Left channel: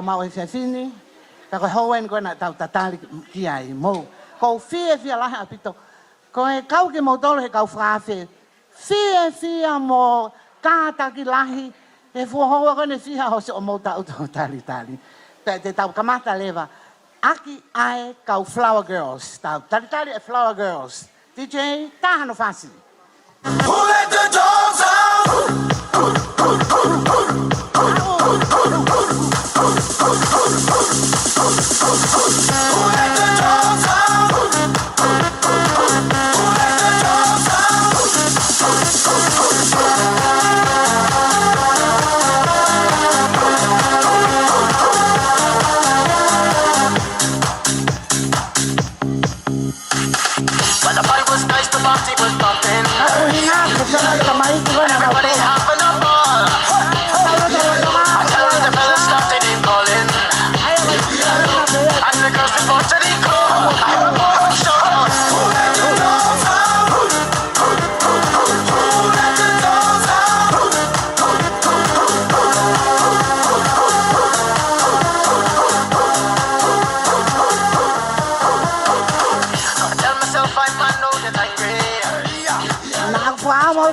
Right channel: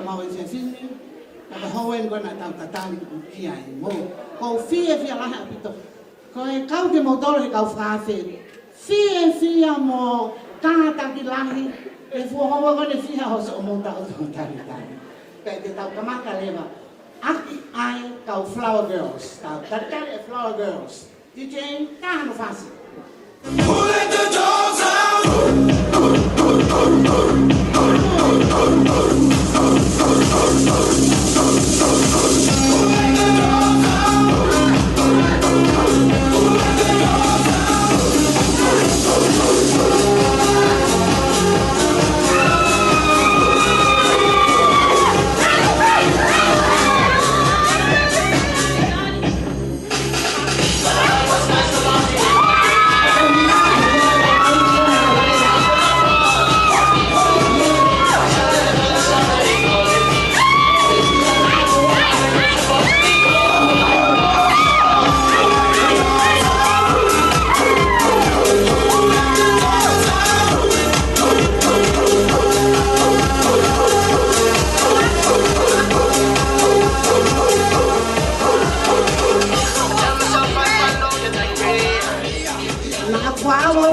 tau mau e sini. Ta ko hoen ko na tau tatali ki ai mo. Ko fie laha apito. Ko e kau ki mo tole kau frafe. Fie mo tata ki lahi. E fu hoa ko ne fia ho se o mo tau tali. Te tau kamata leva. Aki ai kau Flower Girls. Tau tatali e Flower Girls. DJ, tahano fasi. Who let the dogs out?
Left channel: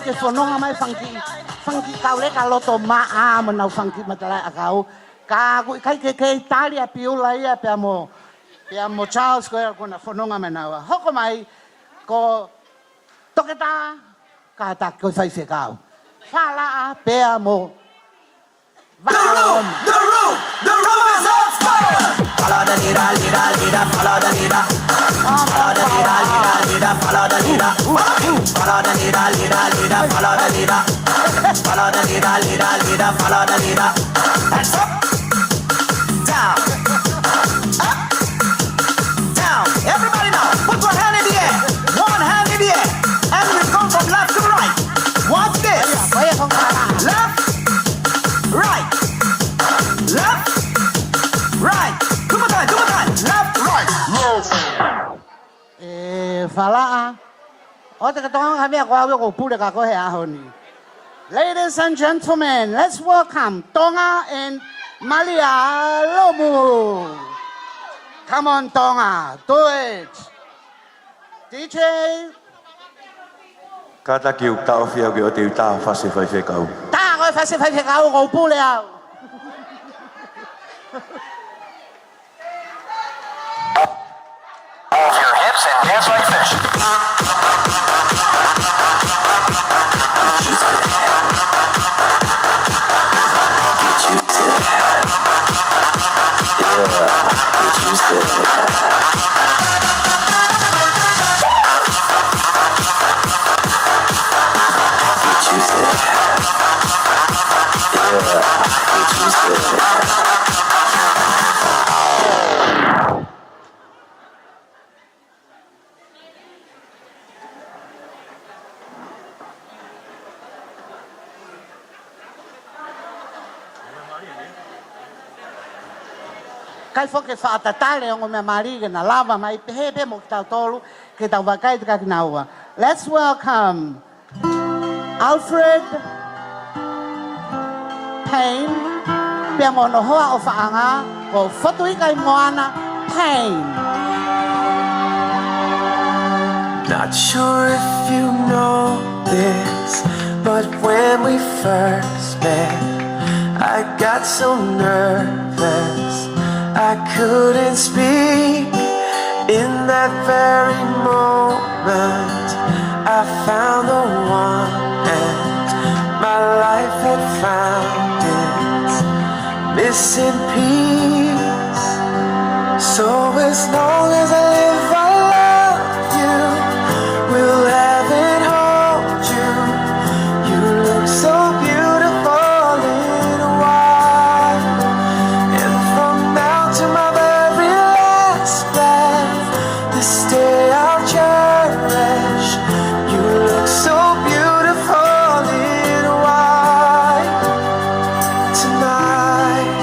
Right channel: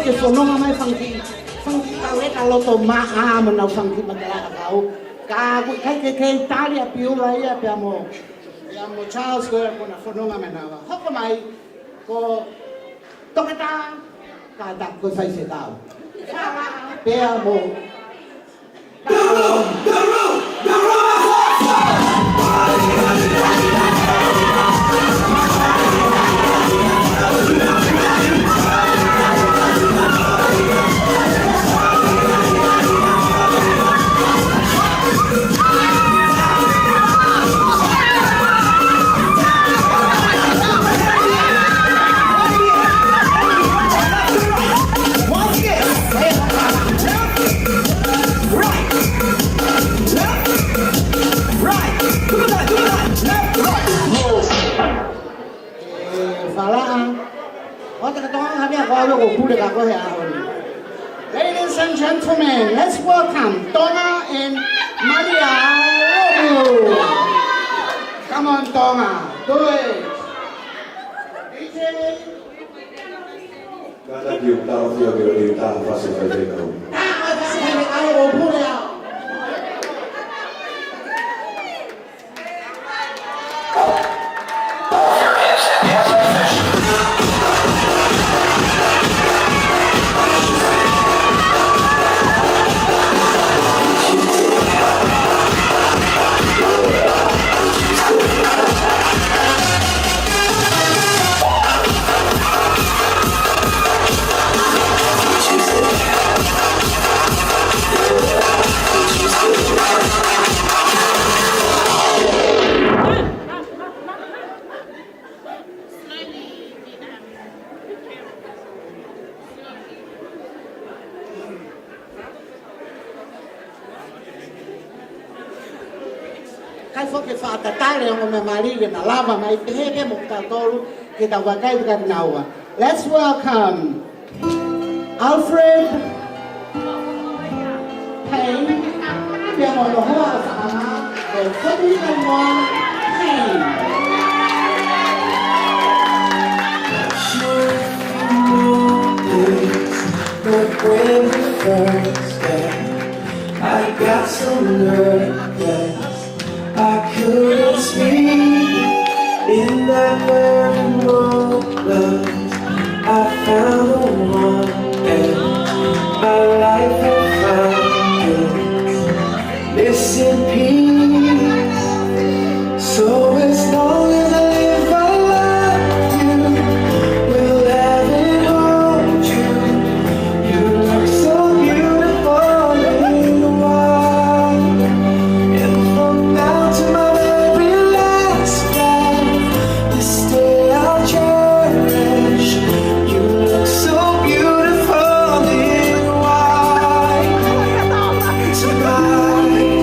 Ke fononga mai fangki kau le kalau to maa menau fangki magala kau ka ke Italia piola ia pe amo Charles ko na fononga menawa hoko mai ko Tongatapu ka ta ko sai se kau fala pe amo The room is on fire. Ladies and gentlemen, let's welcome Tonga and Maria. Love you. Come on, Tonga, do it. DJ. Kata kiu tau fio ki o tiu tau fasi fai te kau. Tau fasi fai te kau ngau pulea. Hands like fish. Kai foke whaatatare o me marige na lava mai te hebe mo tātoro ke ta wakai ka naua. Let's welcome Alfred, Payne, pia mo no hoa o whaanga o Fotuika i Moana, Payne. Not sure if you know this, but when we first met, I got so nervous I couldn't speak. In that very moment I found the one and my life had found its missing piece. So as long as I live I love you, will have it hold you. You look so beautiful in white, and from now to my very last breath, this day I'll cherish. You look so beautiful in white tonight.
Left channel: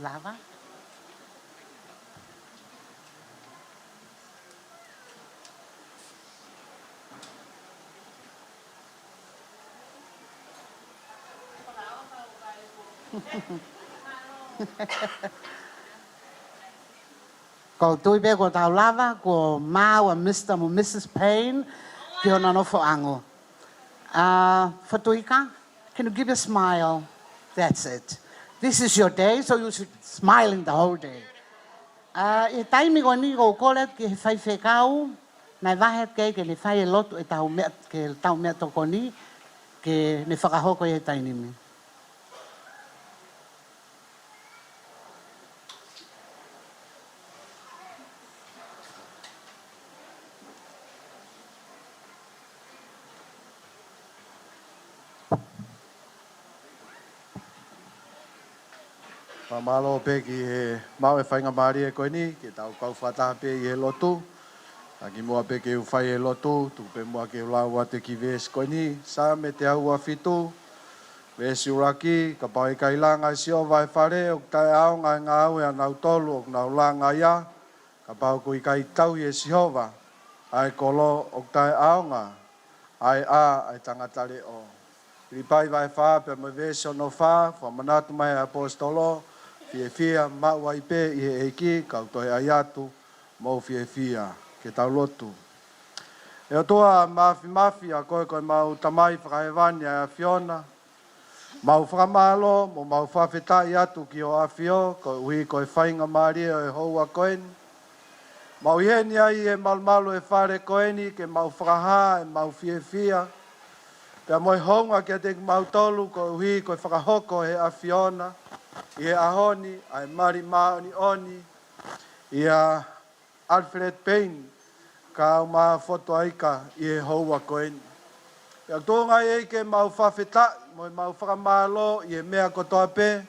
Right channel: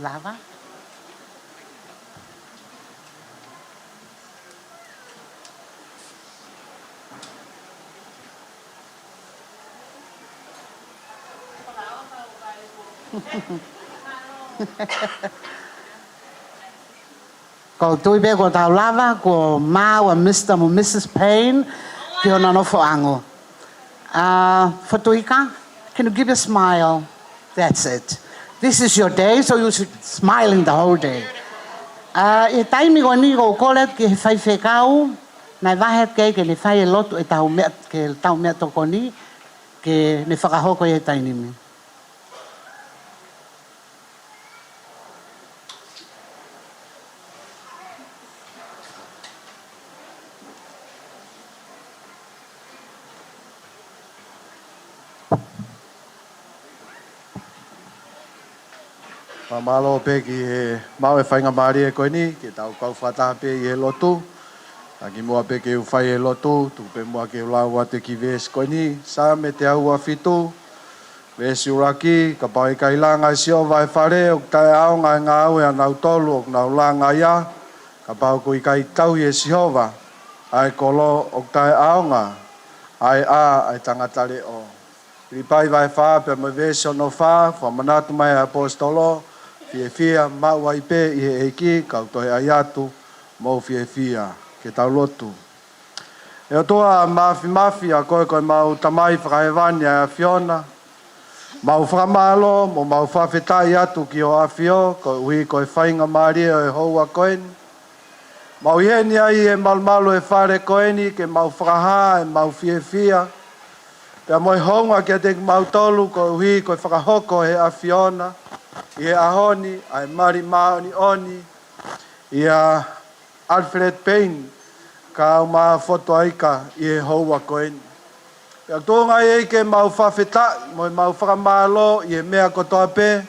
Lava. Ko tui be ko tau lava ko mau a Mr. mo Mrs. Payne ki ona no foango. Fotuika, can you give a smile? That's it. This is your day, so you should smiling the whole day. E taimi ko ni ko kolet ki he whai whekau, nai wahet kei ke le whai e lotu e tau mea, ke tau mea toko ni, ke ne whakahoko e tainimi. Malo pe ki he mau e whainga maari e koe ni, ki tau kau whataha pe i he lotu. Aki mua pe ke u whai e lotu, tu pe mua ke u lau ate ki ves koe ni. Sa me te au a fitu, vesi uraki, ka pau i kailanga i sio vai whare, o tae ao ngai ngā au e anau tolu, o nau langa ia. Ka pau ko i kai tau i e sihova, ai kolo o tae ao ngā, ai ai tangatare o. Ripai vai wha, pe me vesi o no wha, whamanatu mai apostolo, fia mau ai pe i he eiki kau toi ai atu mo fia ke tau lotu. E o toa mafi a koe mau tamai whakahewani a Fiona. Mau whakamalo mo mau whawhetai atu ki o awhio ko ui koe whainga maari o e houa koeni. Mau iheni ai e malmalo e whare koeni ke mau whakaha e mau fia. Pea moi honga ke te mau tolu ko ui koe whakahoko he a Fiona. Ia ahoni, ai mari maoni oni, ia Alfred Payne, ka uma Fotuika i e houa koeni. Pea tōnga e ke mau whawheta, moi mau whakamalo i e mea kotoa pe,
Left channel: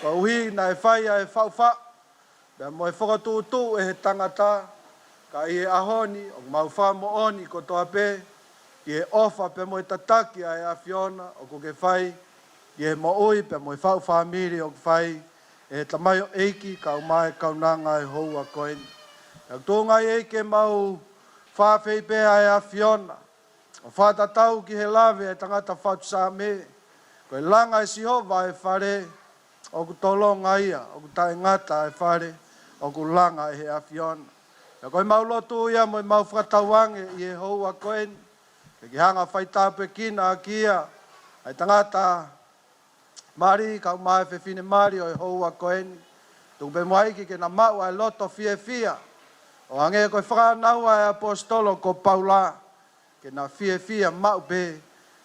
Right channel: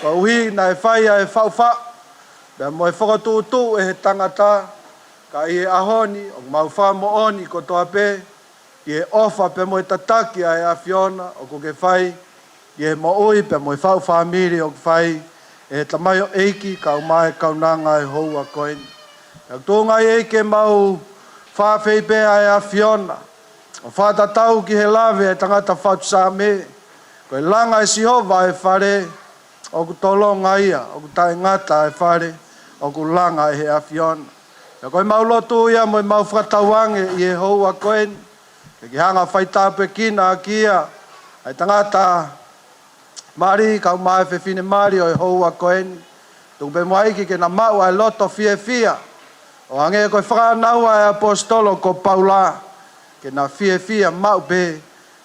ka uhi na e whaia e whauwha, pea moi whakatutu e he tangata, ka i e ahoni, o mau whamo oni kotoa pe, i e ofa pe moi tataki a e a Fiona, o ko ke whai, i mo oi pe mo whau whamiri o whai e tamai o eiki ka umai kaunanga e houa koeni. Ia tōnga eike mau whawhei pe ai a Fiona. O whātatau ki he lawe e tangata whautusa me. Ko e langa e sihova e whare o ku tolonga ia, o ku tae ngata e whare o ku langa e he a Fiona. Ia koe mau lotu ia mo mau whakatauange i e houa koeni. E ki hanga whaitape kina a kia ai tangata Mari, kau mai whewhine mari o e houa koeni. Tuku pe moaiki ke na mau ai loto fia. O hange koe whakanau ai apostolo ko Paula. Ke na fia mau pe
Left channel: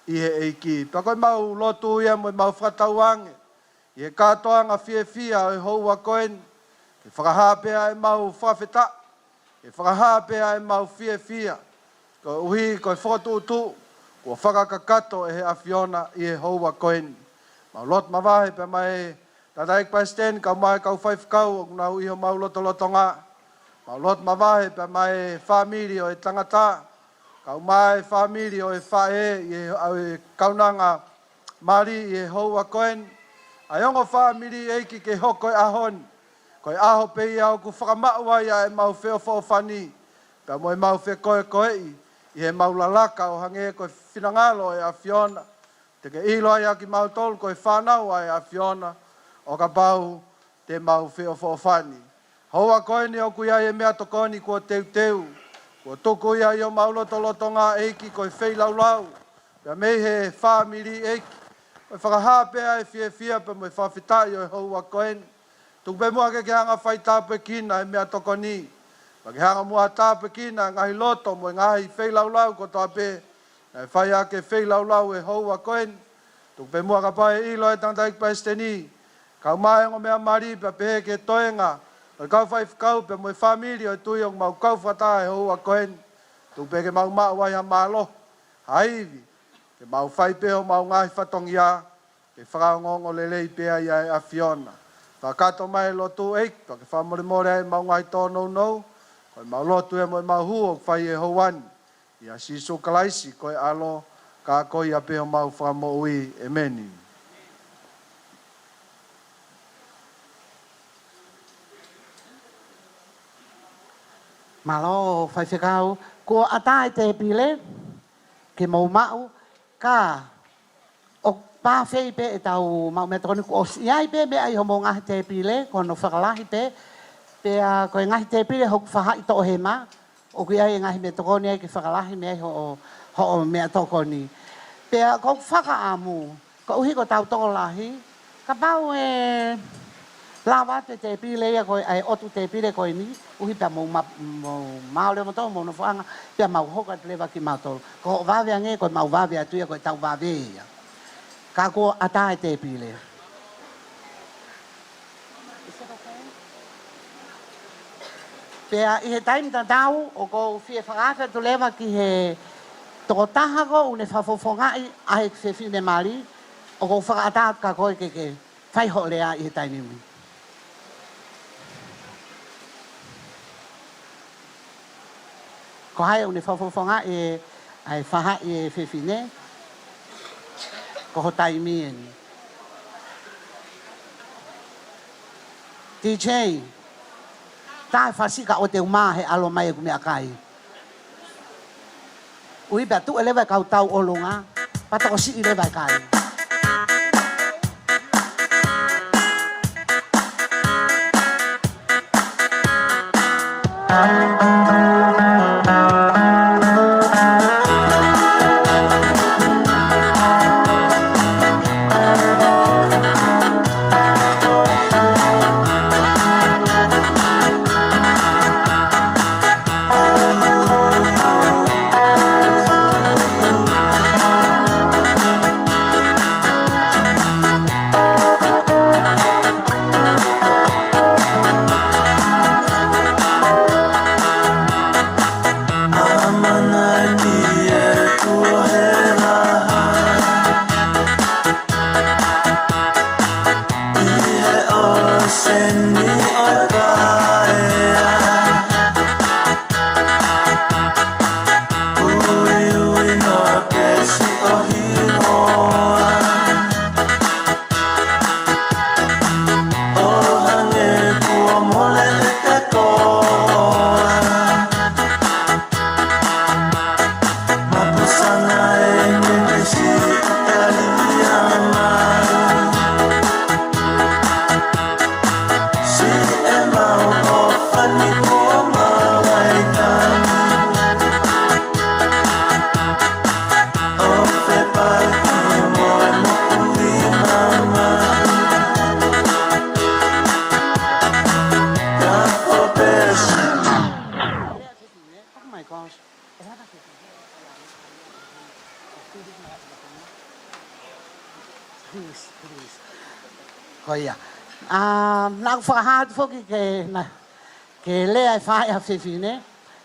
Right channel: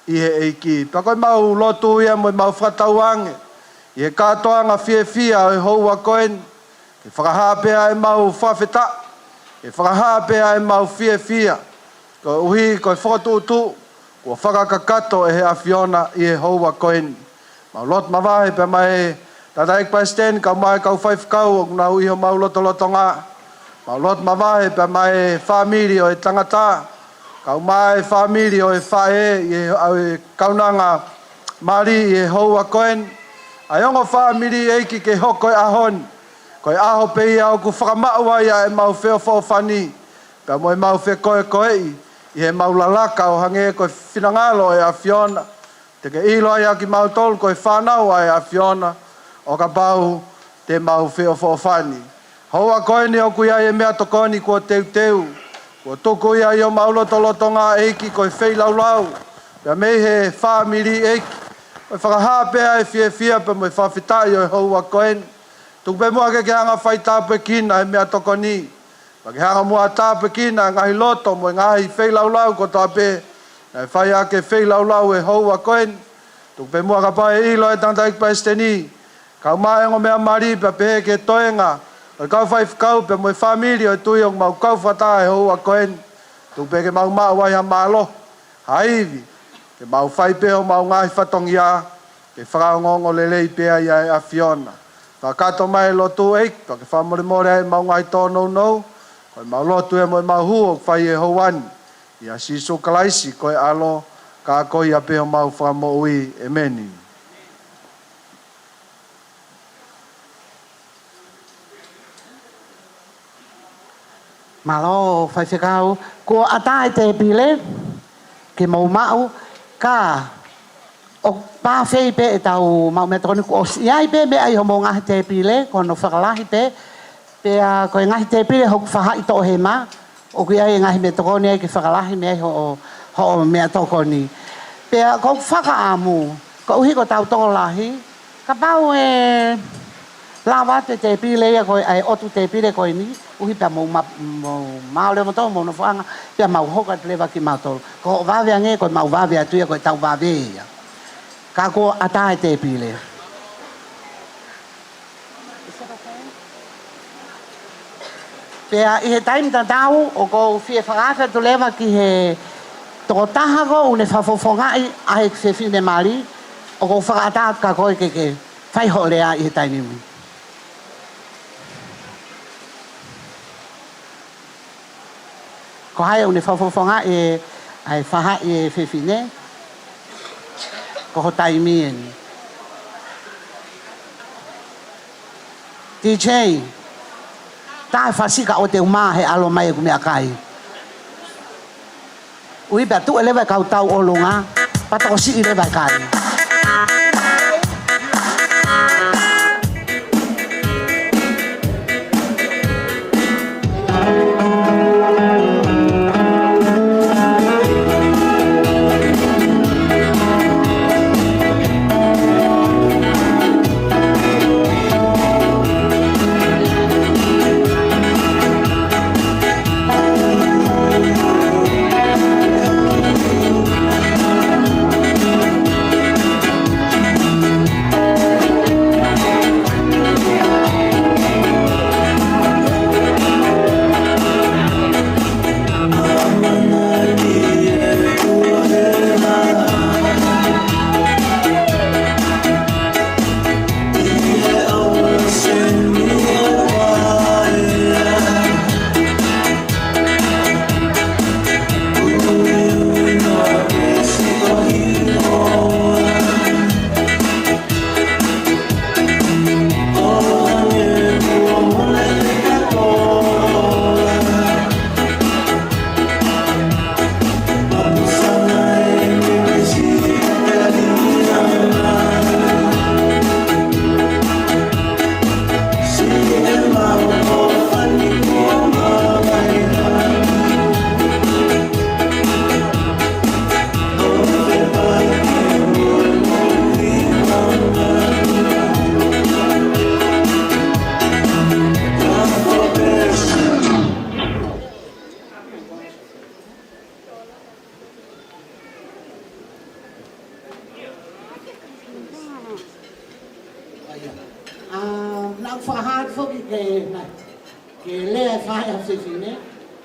i he eiki. Pa koe mau lotu ia mo mau whakatauange. I he katoanga fia o e houa koeni. Ke whakahape ai mau whawheta. Ke whakahape ai mau fia. Ko uhi koe whakatutu. Ko whakakakato e he a Fiona i e houa koeni. Mau lot mawahe pe mai tataik paisten kau mai kau whaifkau o nau iho mau loto ngā. Mau lot mawahe pe mai whamiri o e tangata. Kau mai whamiri o e whae i e kaunanga mari i e houa koen. Ai ongo whamiri eiki ke hoko e ahon. Koe aho pe ia o ku whakamaua ia e mau wheo whawhani. Pe moi mau whe koe i he mau lalaka o hange koe whinangalo e a Fiona. Te ke ilo ai aki mau tolu koe whanau ai a Fiona o ka pau te mau wheo whawhani. Houa koeni o kui ai e mea tokoni kua teu. Kua tuku ia i o mau loto ngā eiki koe wheilau. Pea mei he whamiri eiki. Koe whakahape ai fia pe moi whawhitai o e houa koeni. Tuku pe mua ke hanga whai tāpe kina e mea tokoni. Pa ke hanga mua tāpe kina ngahi loto moi ngahi wheilau ko tāpe. E whai ake wheilau e houa koeni. Tuk pe mua ka pae ilo e tangtaik paesteni. Kau maengo mea mari pe pehe ke toenga. O kau whai whakau pe moi whamiri o e tui o mau kau whata e houa koeni. Tuk pe ke mau wai ha malo. Haivi. Ke mau whai pe o mau ngahi whatongia. Ke whakaongongo lelei pea ia e a Fiona. Whakato mai lotu eik. Pa ke whamore e mau ngahi tōnou nou. Koe mau lotu e moi mau huo whai e houani. Ia siso kalaisi koe alo ka koi a peo mau whamo ui e meni. Malo fai whekau. Ko ata e te pile, ke mau mau, ka o pāwhei pe e tau mau metroniku o iai pe me ai homo ngahi te pile, ko no whakalahi pe, pe a koe ngahi te pile hoku whaha i tō he ma, o kui ai ngahi metroni ai ke whakalahi me ai ho mea toko ni. Pe a kou whaka amu, ko uhi ko tau tō lahi, ka pau e lawa te pile ia koe ai otu te pile koe ni, uhi pia mau leo matau, mau no whaanga, pia mau hoka te lewa ki matau. Ko wawea nge koe mau wawea tuia koe tau wawea ia. Ka ko ata e te pile. Pea i he taim tatau, o ko fie whakawha tu lewa ki he toko taha ko, une whafofongai a he se fine mali, o ko whakatat ka koe ke whaiho lea i he taimimi. Ko hai une whafofonga e ai whaha e whiwhine, ko ho taimien. DJ, tae whasika o te umā he alo mai e kumea kai. Ui pia tu e lewa kau tau o lunga, patako si i lewa kai. Hoia. Nau whakahat whoki ke lea e whae a whiwhine.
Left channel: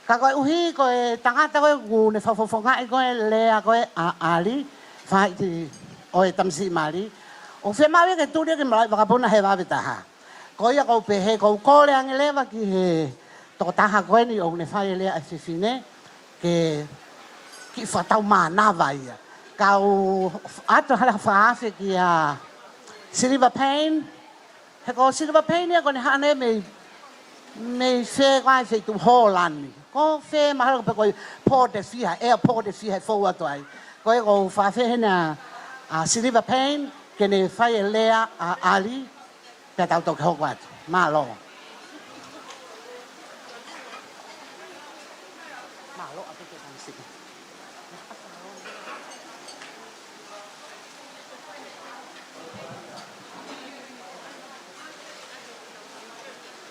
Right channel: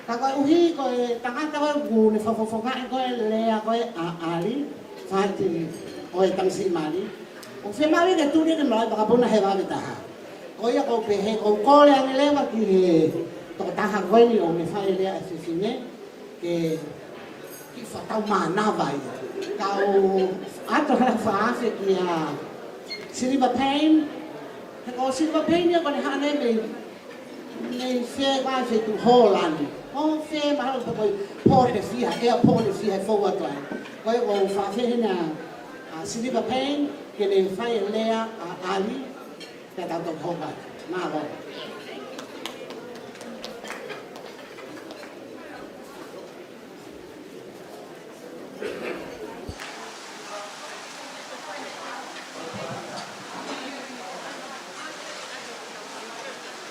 Ka koe uhi koe tangata koe ngūne whawhawhonga e koe lea koe a ali. Whae te oe tamsi mali. O whemawi ke tūria ke malai pakapuna he wawe taha. Koe a kou pehe kou kore ange lewa ki he toko taha koe ni o ne whae lea e whiwhine. Ki whatau mana vai. Kau ato hala whaafe ki a Silver Payne. He ko Silver Payne ia ko ne hane me fe vai fe tu Holland. Ko fe mahalo pe ko port de fia, airport de fia fo wa toi. Ko ko fa fe na a Silver Payne ke ne fai lea a ali pe tau to ko wat. Malo.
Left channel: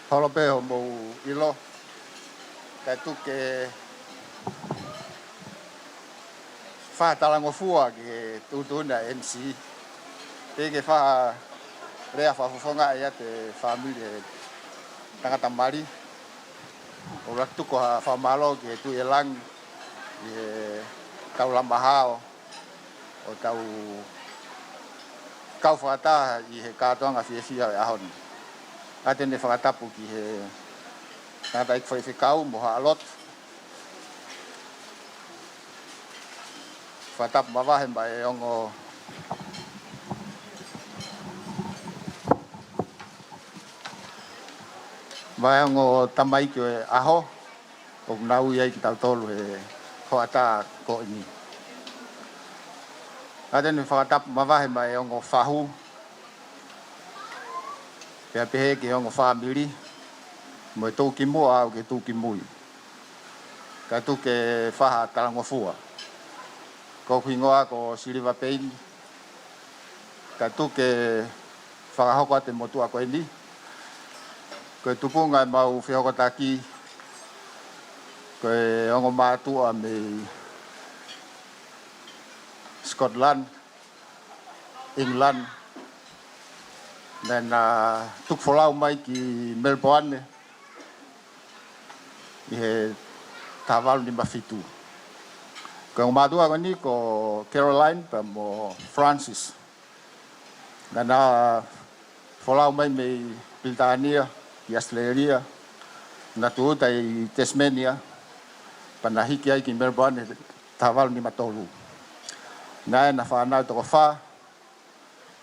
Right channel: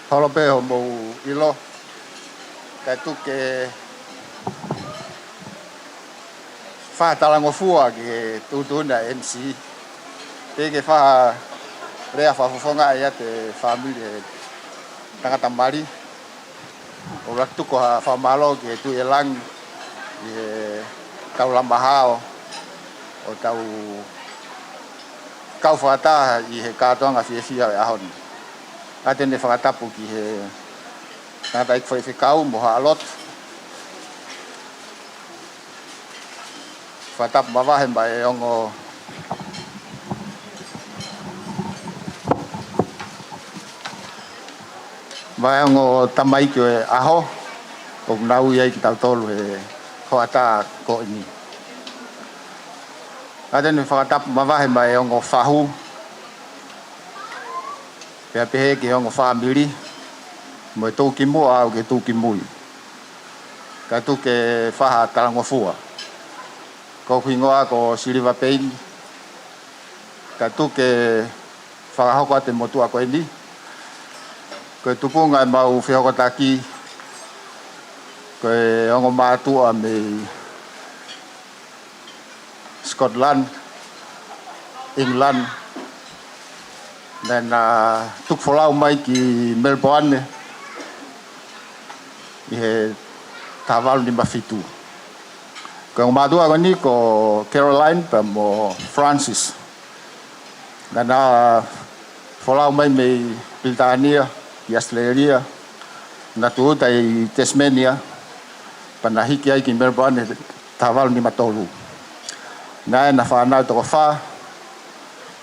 Paula pe ho mo ilo kai tu ke fa talango fua ke tu na MC te ke fa rea fa fonga ia te family Tongatapu mari o raktu ko fa malo ke tu elang e tau lambahao o tau kau fata i he katonga fia ahon atene whakatapu ki he tangata ik whaiwhikau moha alot. Whakatapu mawahe mai ongo mai ongo tamaikio e aho o nau ia ki tau tolu he hoata ko ini. Ada ni whakatapu mawahe mai ongo whahu. Pea pehe ki ongo whamiri. Mo e tūki mua au ke tūki mui. Ka tūke whaha talangofua. Ko whingoa ko siriva Payne. Ka tūke whakahoko ate motua ko ini. Ko e tupunga e mau whihoko taki. Ko e ongo mātua me Scotland, England, dan tuk folau mai ki Melbourne, ihe tavalu ni mafitu. Ko madua ko ni ko Caroline pa mo Francis. Dan folau mai me Britania, ki Australia, na tu tai Tasmania, panahiki ai ki Melbourne tavalu ni matolu. Nai na whanau toko wha,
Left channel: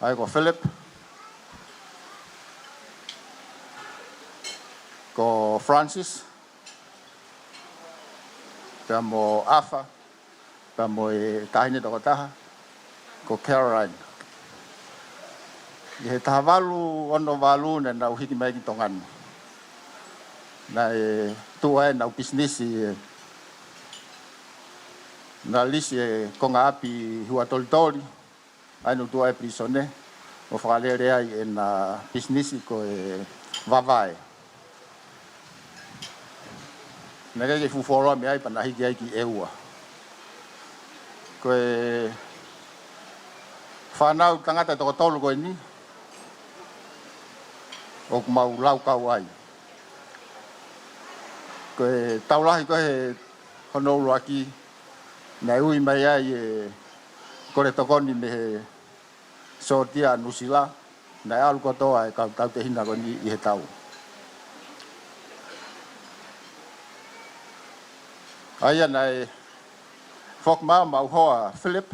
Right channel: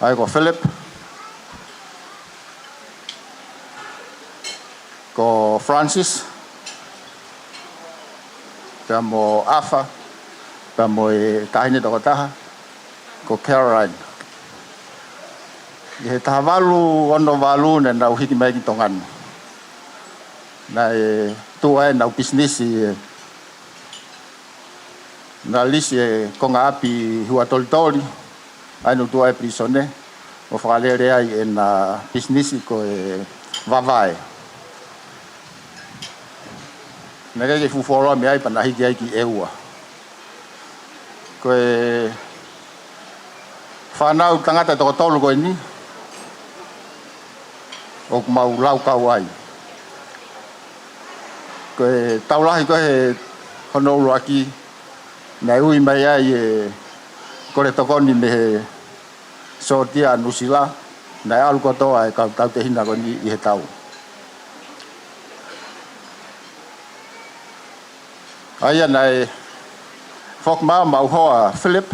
ai ko Philip, ko Francis, pia mo Alfred, pia mo e tahine toko taha, ko Caroline. I he taha walu, ono walu, na nau hiki mai ki tonganu. Na e tua e nau business na lisi e konga api hua tolitori, ainu tua e prisone, o whakalere ai e na business ko e vavae. Nā kei fuforoa me ai panahiki ai ki eua. Ko e whanau tangata toko tolu ko ni, o kumau lau kau ai. Ko e taulahi ko e honoulu aki, nai ui mai ai e kore tokoni me he sotia nusila, nai alu kotoa e kau tau te hina koni i he tau. Aia nai whokmaa mau hoa Philip,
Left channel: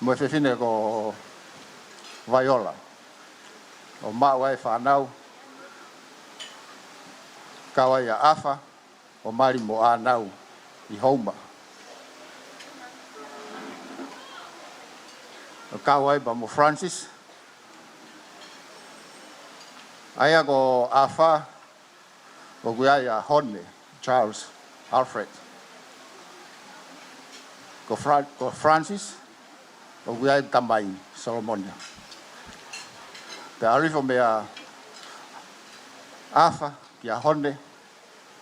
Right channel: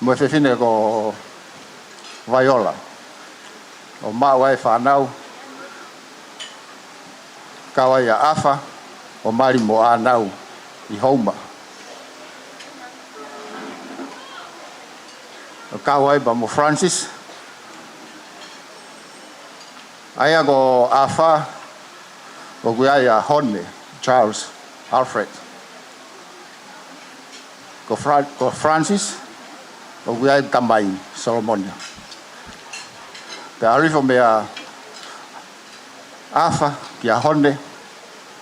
mo e whiwhine ko Viola, o mau ai whanau, kawai a Afa, o mari mo anau i Houma. O kawai ba mo Francis. Aia ko Afa, o guai a Hone, Charles, Alfred. Ko Francis, o guai Tamai, Solomonia. Te arifo mea Afa, ki a Hone,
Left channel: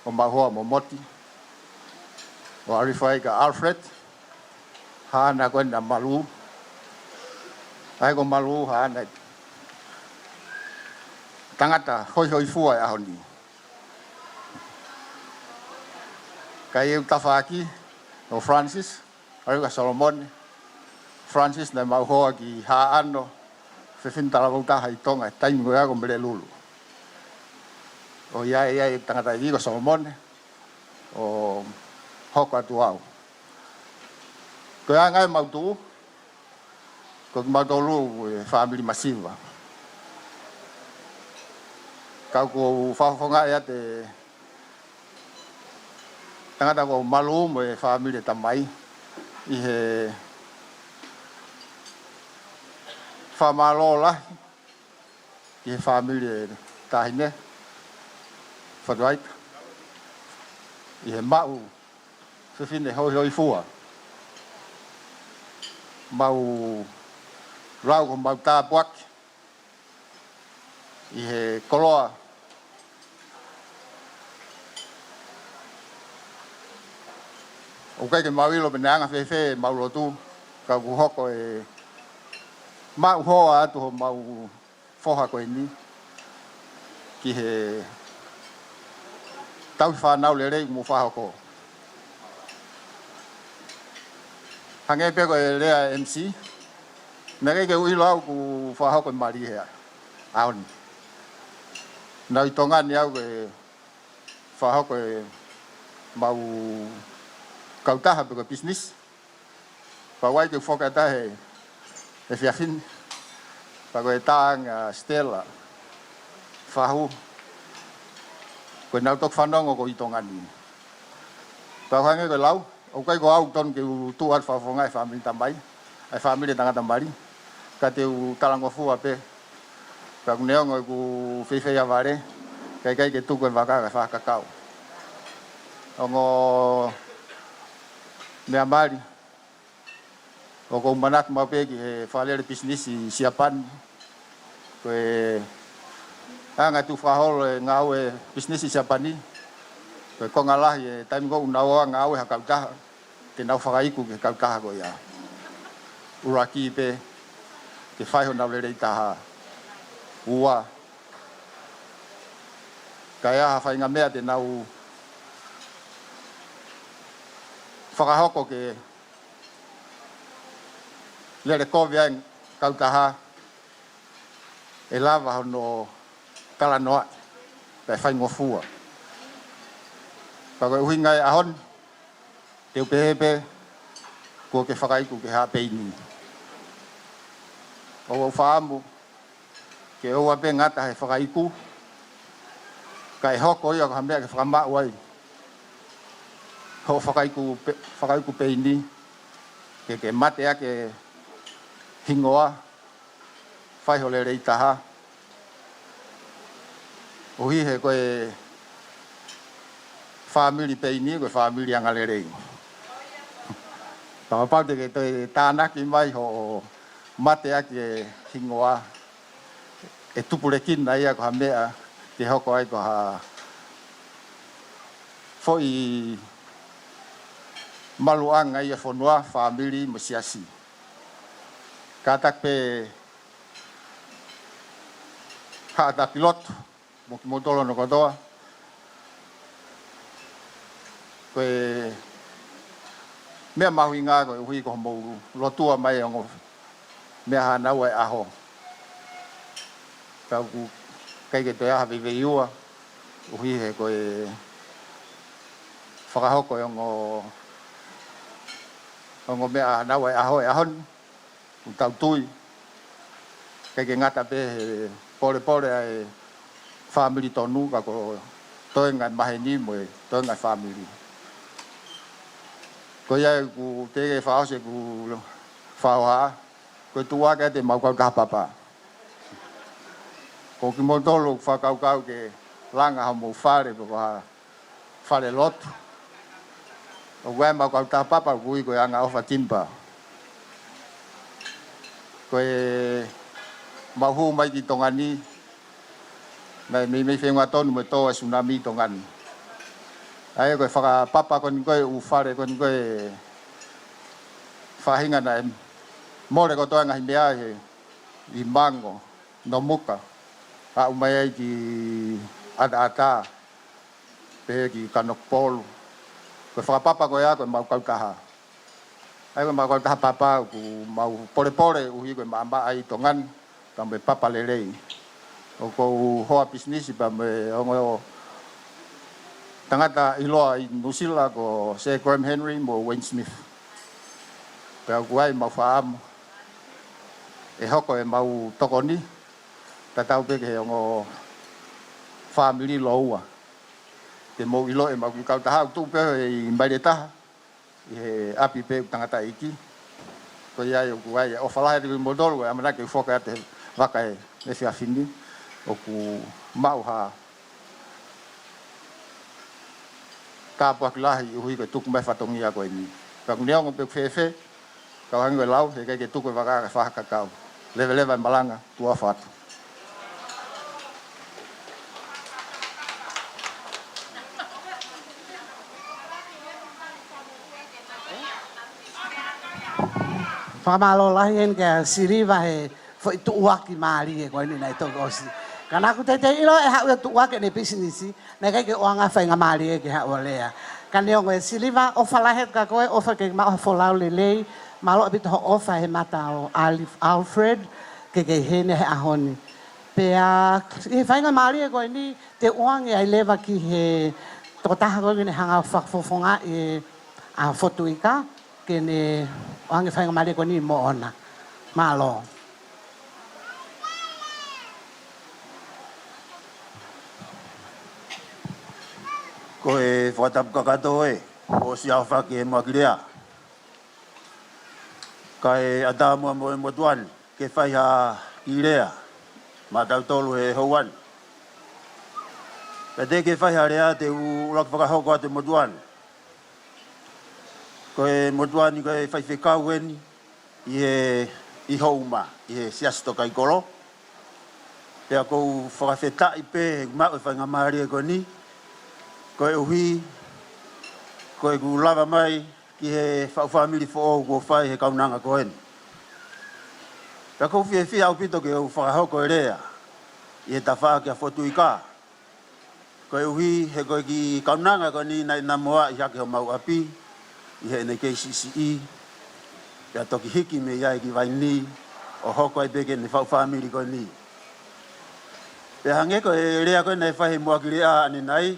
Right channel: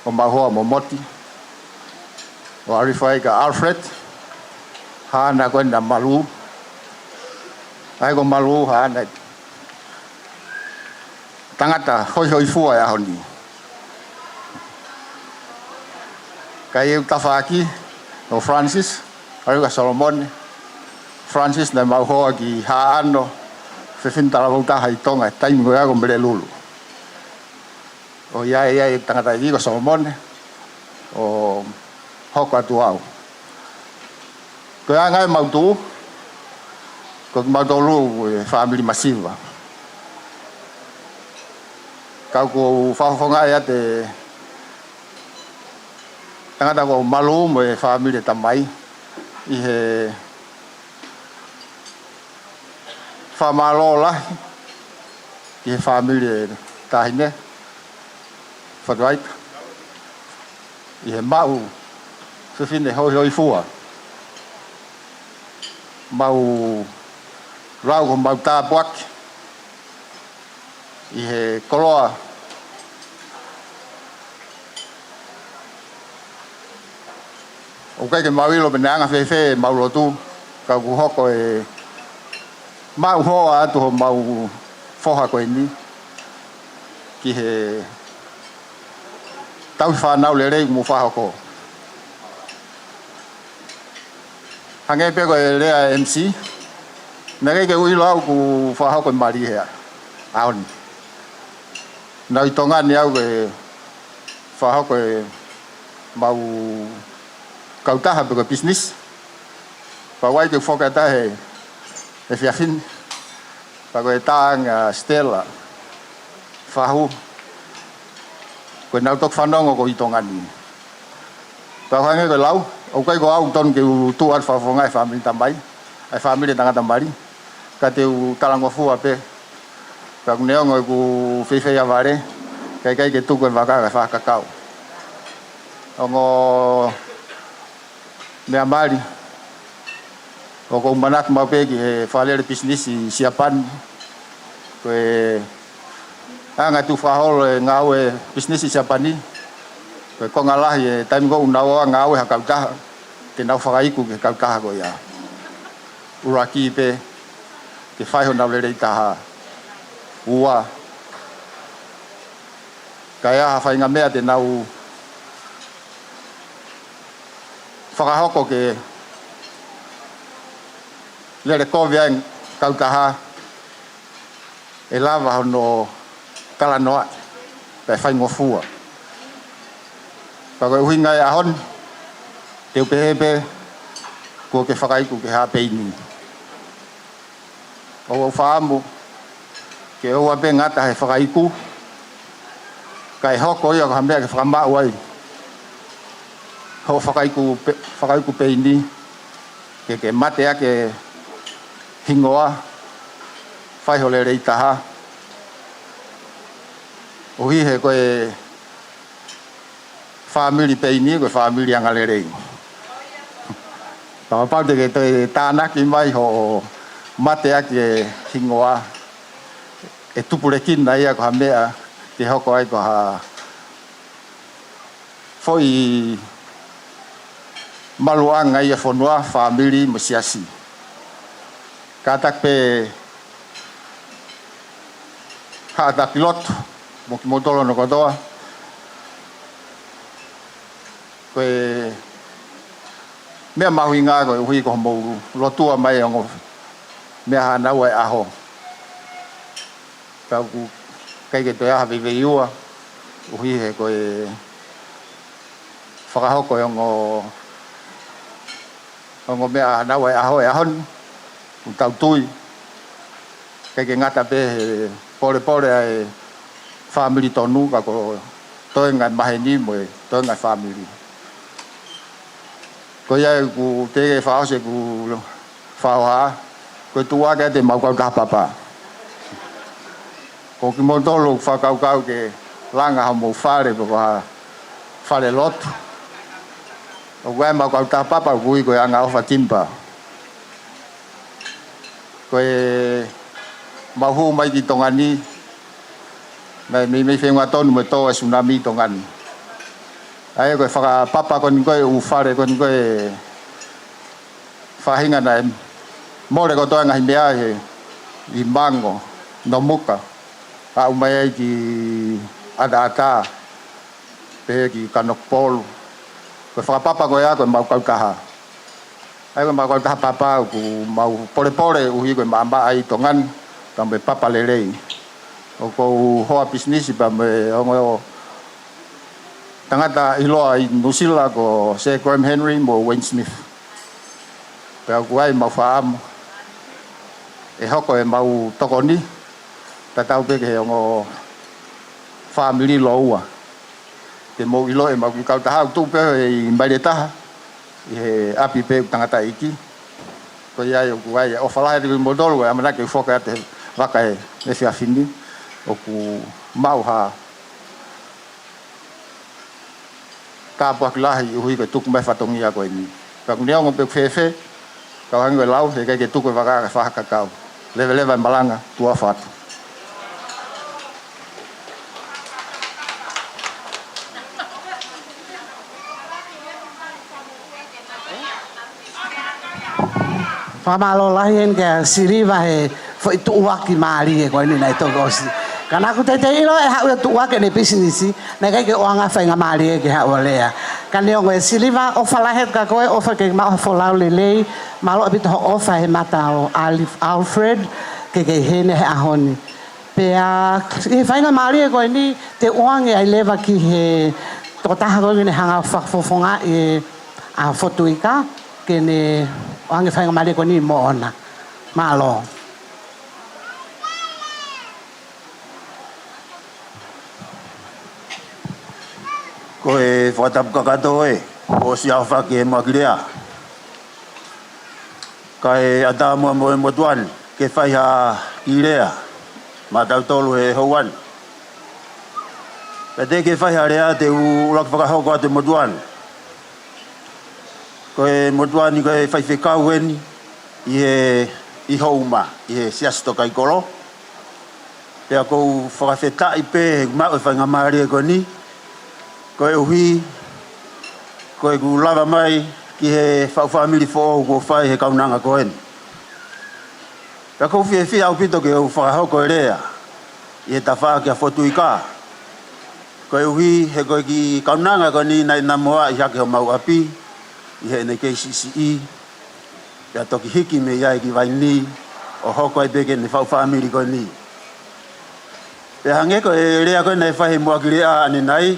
o mahoa mo moti. O arifai ka Alfred, hana koe na malu. Ai ko malu hana. Tangata hoi hoi fua e ahoni. Kai eu tawhaki, o Francis, arika Solomon. Francis na mahoa ki haano, whiwhintara wautaha i Tonga, taimi koe ako mbele lulu. O iai tangata i ko Solomon, o hoko atu au. Koe a ngai mautu, ko ki mautolu e family masiva. Kau ko whawhonga e ate tangata ko malu mo e family tamai, i he whamalo lahi, i he family tahine, Fotuika. I he mau, whiwhine hoi hoi fua. Mau rau ko mau tāpuaki. I he koloa. O kai ke mawilo me neanga whewhe mau lotu. Kau ku hoko e mau hoa atu ho mau whoha koe ni. Ki he tau whanau le rei mu whahoko. Hange pe koe rea MC. Nere ke uilo au ku whahoko i mari hea. Aoni. Nau i tonga ni au ke whahoko e mau kautaha pe koe business. Pawai ke whokata he whiawhin. Pa koe tāng Stella. fahu ko nau tok fanong ko itongani ta hange ko lau o kai ko au ton ke tu ar fa fonga family tambai ai family tanga tambari ka te u talango fu ape ka neo ngo ku fefe ya vare kai kai ke tu ko vaka ka fa kakao ongo me amari o ko manak ma pe ki fa le business siapan ko anga tu fa hol ngawe business siapani ko ngalah ye time ko unawa ngawe hakauta te nau fa iku ke kauta ko ya uraki pe ke fai hona le ta ua kaya fa inga mea te nau whakahoko ke lere koviang kautaha e lava hono kalanoa pe whai ngofua ka koe uhinga e ahon te upehepe kua ke whakaiku ke ha Payne o whaamu ke oa pe ngata he whakaiku kai hoko ia ka hamea ke whakamau ai ho whakaiku Payne ke mate ake hingoa whai hole rei taha o hi he koe family Payne koe family angale rei pau te ke te tānaki mai ho mate ake hingoa e tupureki na ia ko hamea te hoko ai ko ha foi maluanga ia fonua family masiasi katak pe hata pilot mo ki motolo no kotoa ko me mahuinga ko hui ko mo lotua mai ngo me hana wa aho ka ku kai ke to ya vive iua hui he ko whakaho ko ngo me hana wa aho e ahon tau tui kai ke ngata pe pore ai family tonu ka ko toi ngan maheni mo toi ngan family ko ya ku te fa se ku fa ha ko tua ke te mau ka papa ko ki mo tolo fa ka ke langa mo fare ko ha fare lot o wa mau ka papa ku ko anga o fatimpa ko mahu mai ki tongani mai me fenga ton mo to tsunami tongan ai ko fa papa kon ko u fare kon ko fa hinga na mo le ko to nga himea he I mango no muka a umai ki ada pe ki kanok pol ko fa papa ko ya ko mau ka ai ko mau ka papa ku mau pore u hi ko mama ai tongan tambe papa lelei o ko ho business ba me o tangata iloa I Nusila ko se Graham Henry mo Wayne Smith pe ko ai mau faam e hoko e mau tokoni tatau pe ke ngo family loa te mo ilo e mau ka ta tu pe I mbaleta e api pe tangata iki ko ia yo ko ai o fala de modol ko amana ke foka te vaka e se afini o ku mau ha ka pak lahi hui ko tuk mai fatongi ya ko ni ka neo ngo pe fefe ka hang we lau he ke tuk vaka fa ka ka leve malanga tua fat Pamalo lahin ke siriva he foi tuaki mari ko ni nai to gosi kana ku te ilo e ha tuaki ne business na kai ke oanga fainga mari ke ha olea kan yo ngue siriva o fala het ka ko o fa ke ma fo la lele malo bit ho fa he mata o Alfred ke he ne ha honi pe a e fainga mari ko ni te oanga ai leva ki he to ta ha ko ni hanga fa fo fonga e a Fotuika ke ne oanga fainga mari ko ni Moana malo Ko e whatapu kakato e, o si au whake e makirea. Ka e ata mua mo e motuan, ke whaiha ki rea, ma tau tolu e houan. Ka te ke whaiha rea te ulak whakahoko a te motuan. Ko e motuan i ko e whaiwhekau eni, i houma, i he siasto kai kolo. Pea kou whakawhetai pe, he kumau e whainga maari e ko ni, ko e uhi, ko e ku lava mai ki he whauwhamiri fo ko whai he kaunanga ko en. Pea kou whie au pito ke au whakahoko e rea, i he tawha ki a Fotuika. Ko e uhi he koe ki kaunanga ko ni nai na moa i hake ho mau api, i he nei KCCE, pea toki hiki me iai ki vai ni, o hoko e peke ne whauwhamiri ko ni. Pea hange ko e rea koe nei whahe mua ki rea ane nai,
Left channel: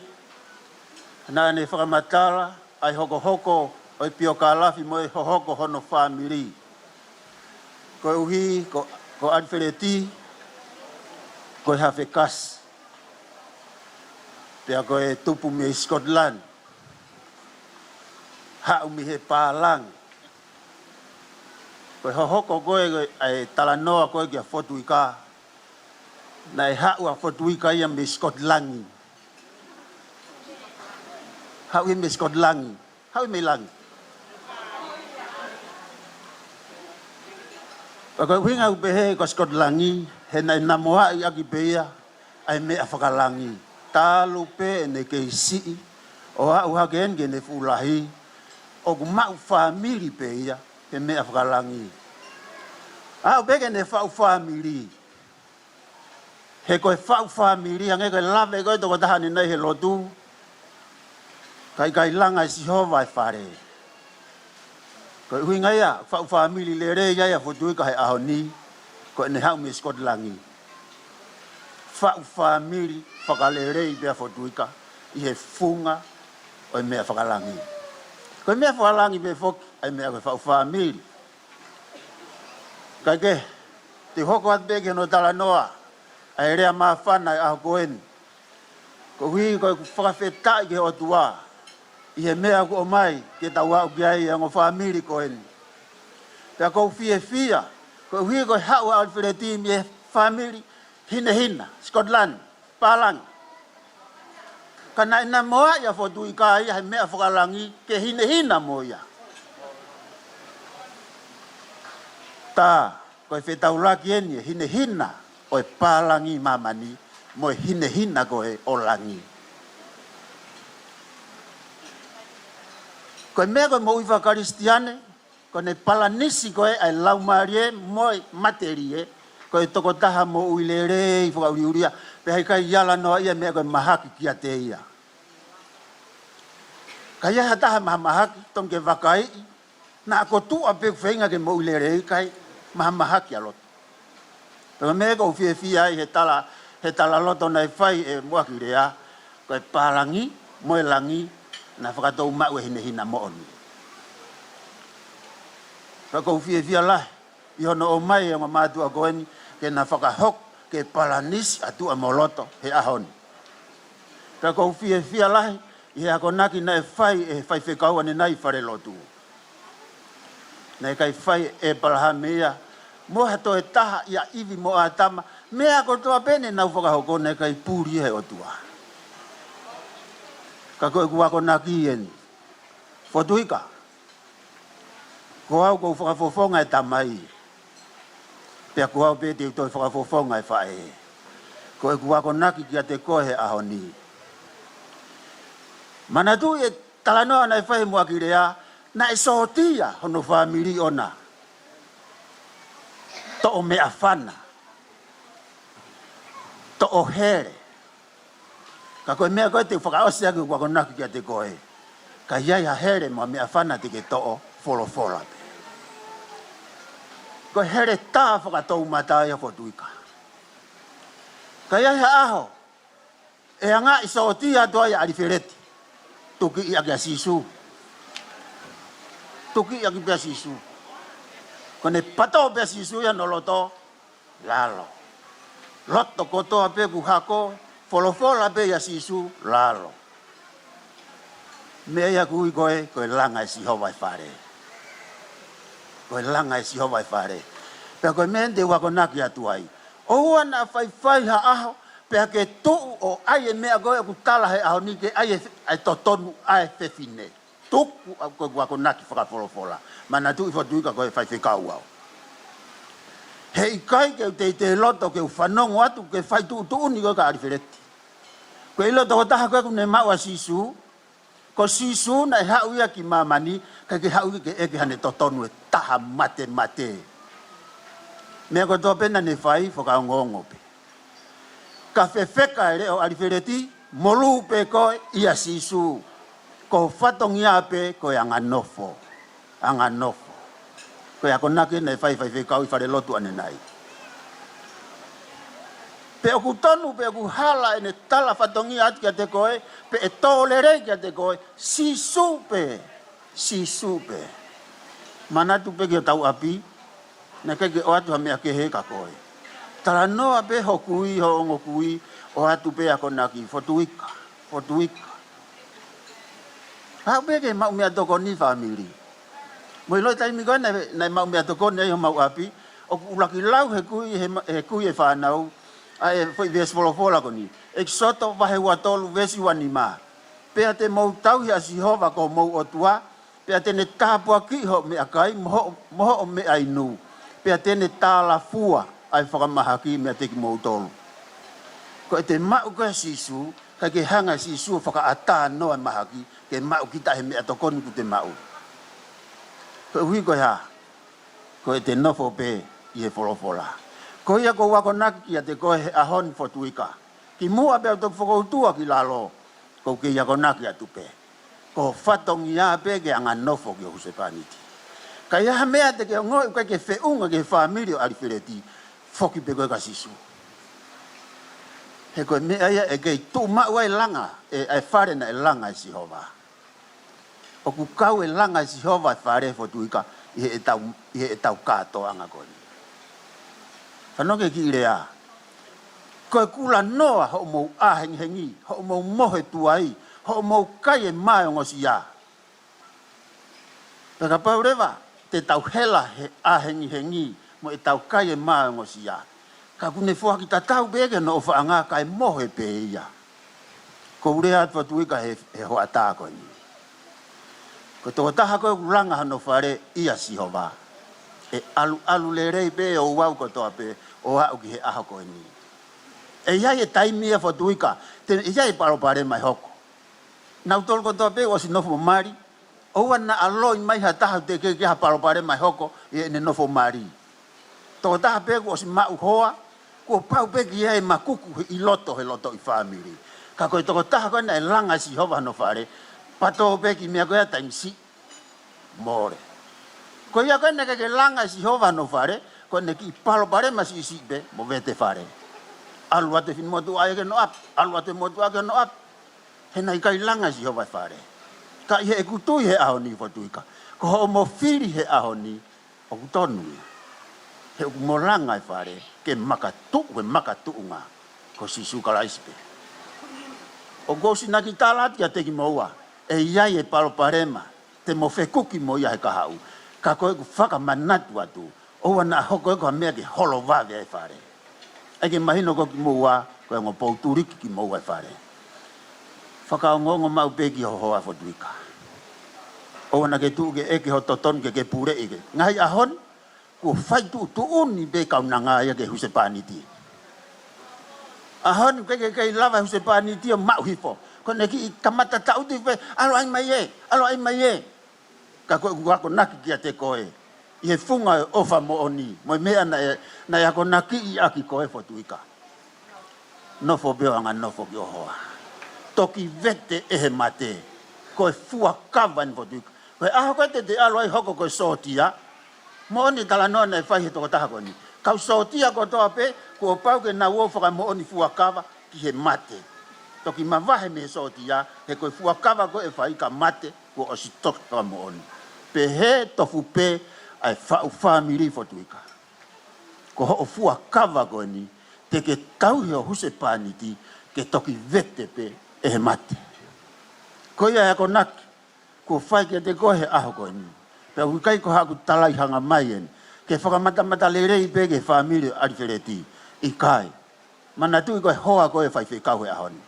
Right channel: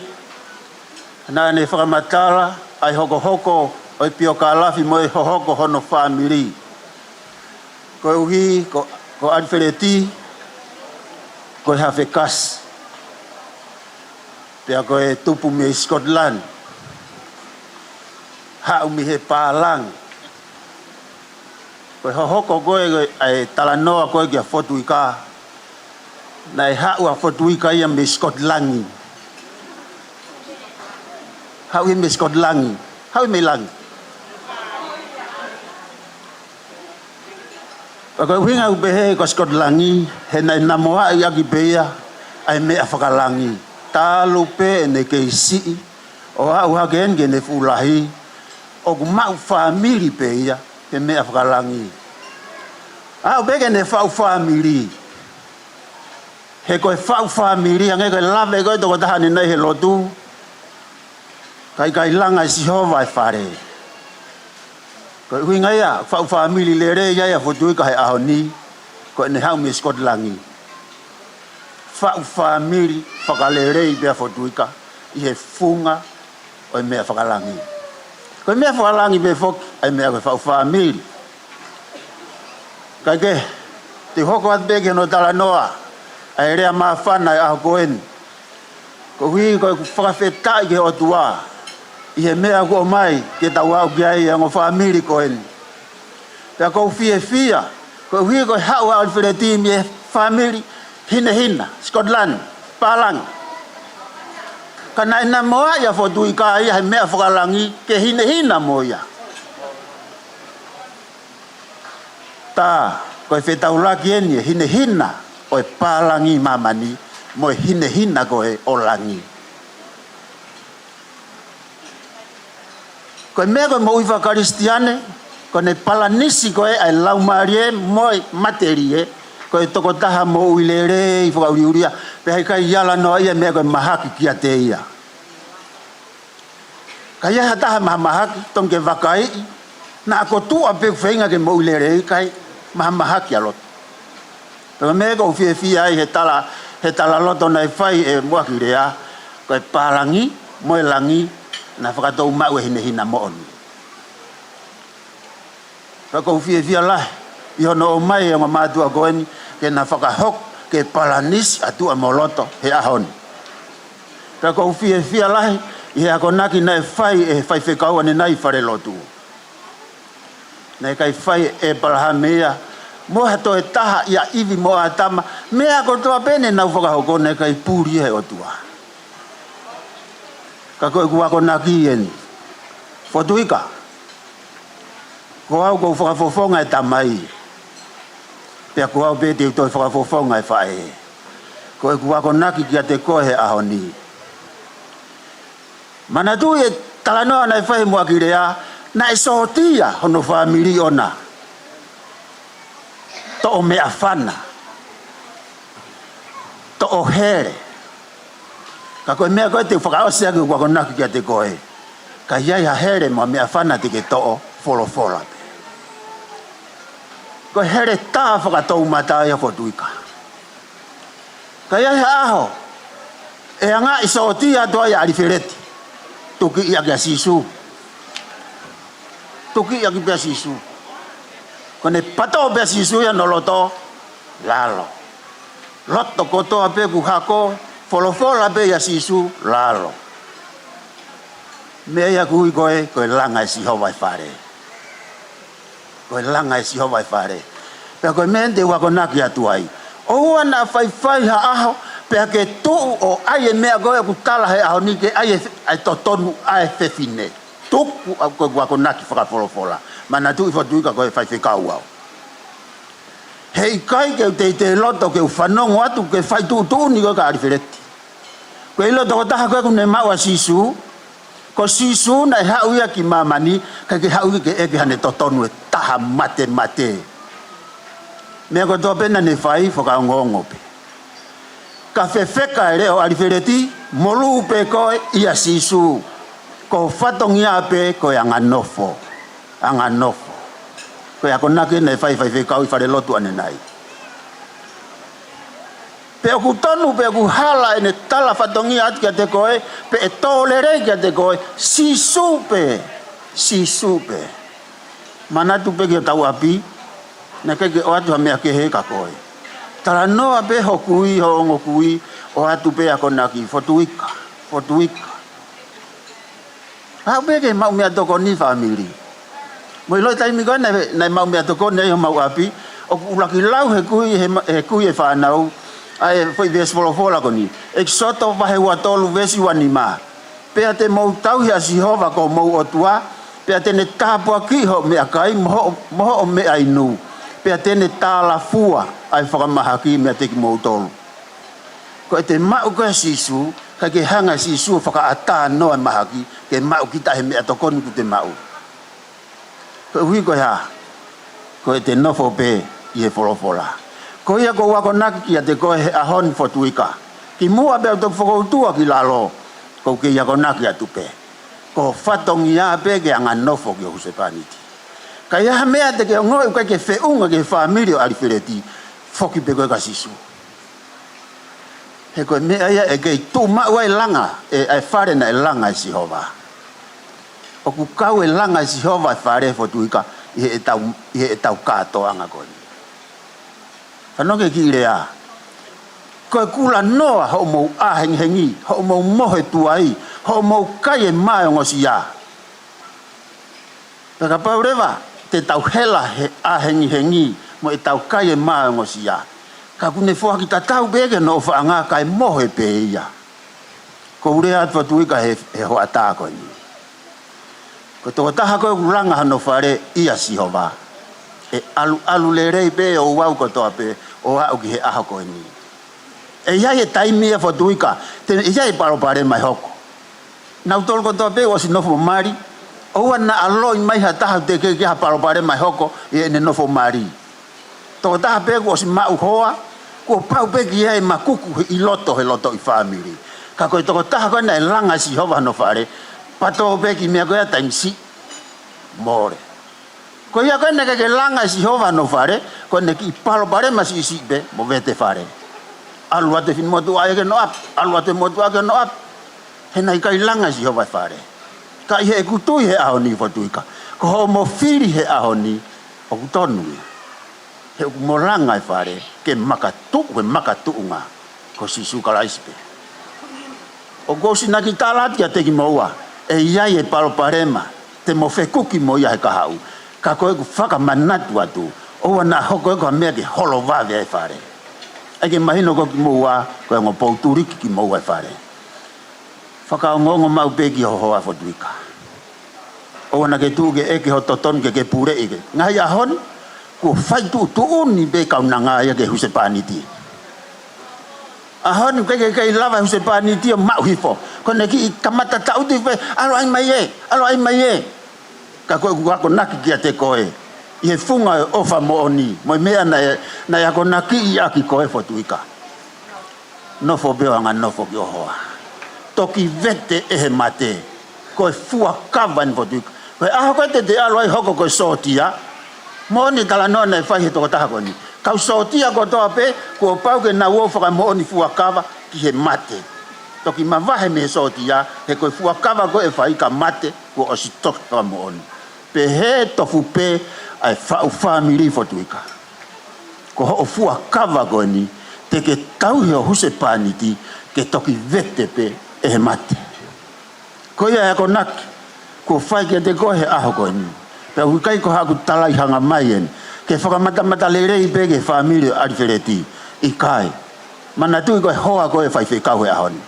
nā ne whakamatala, ai hoko hoko, oi pio ka lafi mo e hoko hono whamiri. Ko e uhi, ko Alfred, ko e hawhe kas. Pea ko e tupu me Scotland. Hau mi he pālang. Ko e hoko koe ai talanoa koe ki a Fotuika. Na e hau a Fotuika ia me Scotlangi. Hau i me Scotlangi. Hau i me langi. Ko e winga upehe ko Scotlangi, he nai namoa i aki peia, ai mea whakalangi. Tālu pe e ne kei sii, o hau hake enge ne fulahi, o ku mau whamiri peia, he mea whakalangi. Hau peke ne whau whamiri. He koe whau whamiri, ange koe lawe koe toko tahani nei he lotu, kai langa i sihova e whare. Ko hui ngai a, whau whamiri le re iai a Fotuika he aho ni, ko ne hau me Scotlangi. Whau whamiri, whakale rei bea Fotuika, i he funga o mea whakalangi. Ko mea whakalangi be foki, ai mea koe whau whamiri. Kai ke, te hoko at beke no tala noa, ai rea maa whana i aho koen. Ko hui koe whakawhetai ke o tua, i he mea ko mai ke tau au ki ai ango whamiri koen. Pea kou fia, ko hui koe hau a Alfred mi e whamiri, hina, Scotland, Palang. Ka nai na moa ia Fotuika ia he mea whakalangi ke hina moia. Tā, koe whetaulaki eni e hina o e Palangi mamani, mo e hina koe o langi. Koe mea koe mo uiwa karistiane, koe ne palanisi koe ai laumarie moi materie, koe toko taha mo uilere i whakauriuria, pe hei kai iala noa ia mea koe mahaki kia te ia. Kai ia taha maha mahaki, tonke wakai, na ako tua pe whainga ke mo uilere i kai maha mahaki alot. Pero mea koe fia ai he tala loto nei whai e muaki rea, koe Palangi, moe langi, na whakatou mau e hina mooni. Whakau fia lahi, i hono o mai e mātua koeni, ke na whakahok ke palanisi atua moloto he ahoni. Whakau fia lahi, i he ako naki na e whai whekau ane nai whare lotu. Nei kai whai e palahamea, moha to e taha ia iwi mo a tama, mea ko toa pene nau whakahoko nei kai pūri he otua. Ka koe kuako naki eni. Fotuika. Ko au kou whakafofonga e tamai. Pea ko au pete utoi whakafofonga e whae. Koe kuako naki kia te koe he ahoni. Mana tu e talanoa na e whae mua ki rea, na e sohotia hono whamiri ona. To o mea whana. To o here. Ka koe mea koe te whakaosea ki kuako naki kia te koe. Ka iai ha here mua mea whana te ke to'o wholofola. Koe here tā whakatou matai a Fotuika. Ka iai ha aho. E anga i sooti atua i Alfred. Tuki i ake sisu. Tuki i ake pia sisu. Kone pato pia sisu ya noloto. Lalo. Loto kotoa pe ku hako. Folofola be ya sisu lalo. Me ia kui koe langa e siho vai whare. Koe langa e siho vai whare. Pea koe mente wako naki atu ai. O ana whai ha aho, pea ke tuu o ai e mea koe ku tala he aho ni ke ai e totonu ai whewhine. Tuku au koe wako naki whakawholofola. Mana tu i Fotuika koe whai whekau au. Hei kai ke te loto ke whanongo atu ke whai tuu ni koe ka ariwhereti. Koe loto ko taha koe kune maua sisu, ko sisu na hau ia ki mamani, ka ke hau ke eke hane totonu e taha mate. Mea ko tō pena ne whai whakaongongo pe. Ka whewheka e reo ariwhereti, molu pe koe ia sisu. Ko whatongia pe koe anganofo. Koe ako nake ne whai whekau i whare lotu ane nai. Pe aku tonu, pe aku hala ene tala whatongia ati kia te koe, pe e tōlere kia te koe, sisu pe. Manatu pe kia tau api, na keke o atu ha mea ke he ka koe. Tara noa pe ho kui, ho ongo kui, o atu pe ako naki, Fotuika. Hau pe ke mau mea toko ni family. Moi loi taimi koe nei mau mea toko nei ho mau api, o ulaki lau he kui e whanau, ai foi ves fola koni ek soto vahe wa tolu vesi wanima pe ate mo tau ya Jehova ko mo otua pe ate ne tapo ki ho me akai mo me ainu pe ate ne tala fua ai faka mahaki me ate ki mo tolu ko ate ma ko sisu ka ke hanga sisu faka ata no mahaki ke ma kita he me atokon ku te mau ko wi ko ya ko ate no fo pe ye fola ko ia ko wako naki kia te koe he ahon Fotuika. Ki mua bea to whakoutua ki lalo. Ko ke ia ko naki atu pe. Ko whatongi a pe ke anga nofo ki o husepaniti. Ka ia mea te ke ngoi ukai ke whiunga ke whaamirio ariwhereti. Whoki pe koe ka sisu. He koe mea ia e kei tū mau e langa. E whare na e langa e Jehova. O ku kau e langa e Jehova e whare Fotuika. I he tau kātoa anga koe. Whanoke ki rea. Koe kula noa ho mou ahengi, ho mou mohe tuai, ho mou kai e mai o ngosi ia. Peka paurewa, te tau hela he ahengi, mo e tau kai e mai o ngosi ia. Ka kune fua ki ta tau bege no whaanga kai mohe pe ia. Ko urea at Fotuika he hoa tāko ni. Ko tō taha koe kuranga hano whare ia Jehova. E alu le rei pe o wau kotoa pe o au ki he aho koe ni. E iai e taimi e Fotuika, te iai paro pare mai hoko. Nau tolu kotoa pe o si nofo mari, o ana aloi mai ha taha te ke ha paro pare mai hoko e ne nofo mari. Tō taha pe o si mau hoa, ko pau pe ki iai makuku i loto i family. Ka koe toko taha koe na e langa Jehova no whare, pato pe ki mea koe a taimsi, more. Ko ia koe neke ke langa Jehova no whare, ko neki palo pare masi isi be, mo vete whare. Alu ate fin motu ae ke no ap, alu ate motu ae ke no ap. He nai kai langa Jehova whare. Ka ihe e kutui he aho ni Fotuika. Ko ho mo whiri he aho ni, o kutonui. He uku mo langa e whare, ke makatu unga, ko sisu kalaispe. O gosi naki talati a teki moua, e iai e palo parema, te mo whekuki mo ia he kahau. Ka koe ku whakamanatu atu, o wana hoko e koha mea ke holo wawe e whare. Eke mahino ko ki moua, koe ngo pouturiki ki moua e whare. Whakaongongo mau pe ki hohoa Fotuika. O wana ke tūke eke ho toton ke pure ike. Ngai ahon, ku whaitu tuuni pe kaunanga ia ke husepaniti. Ahon ke lava husepaniti o mau hifo. Kone ki kamata tauti pe, alo ai mai e. Ka koe kuako naki kia te koe. I he funga e ofa mo oni. Moi mea na ako naki i aki koe Fotuika. Nofo beo anga nofo ki ohoa. Toki vete ehe mate. Koe fua kava ni Fotuika. Koe aho koe te alo ai hoko koe sotia. Mo oni tala noa na e whai he toko taha koe ni. Kau sotia ko toa pe, kua pau ke na uofaka mo oni fua kava ki he mate. Toki mawahe me he sotia, he koe fua kava koe e whai ka mate, kua osi toka mo oni. Pe he tofu pe ai whau whamiri Fotuika. Ko ho o fua kava koe ni, te ke tauhi o husepaniti, ke toki vete pe e he mate. Ko ia e ako naki, ko fai ke te koe aho koe ni. Pea hukai ko haku talai hanga mai en. Ke whakamata lerei pe ke whamiri arifereti i kai. Mana tui koe hoa koe whai whekau he aho ni.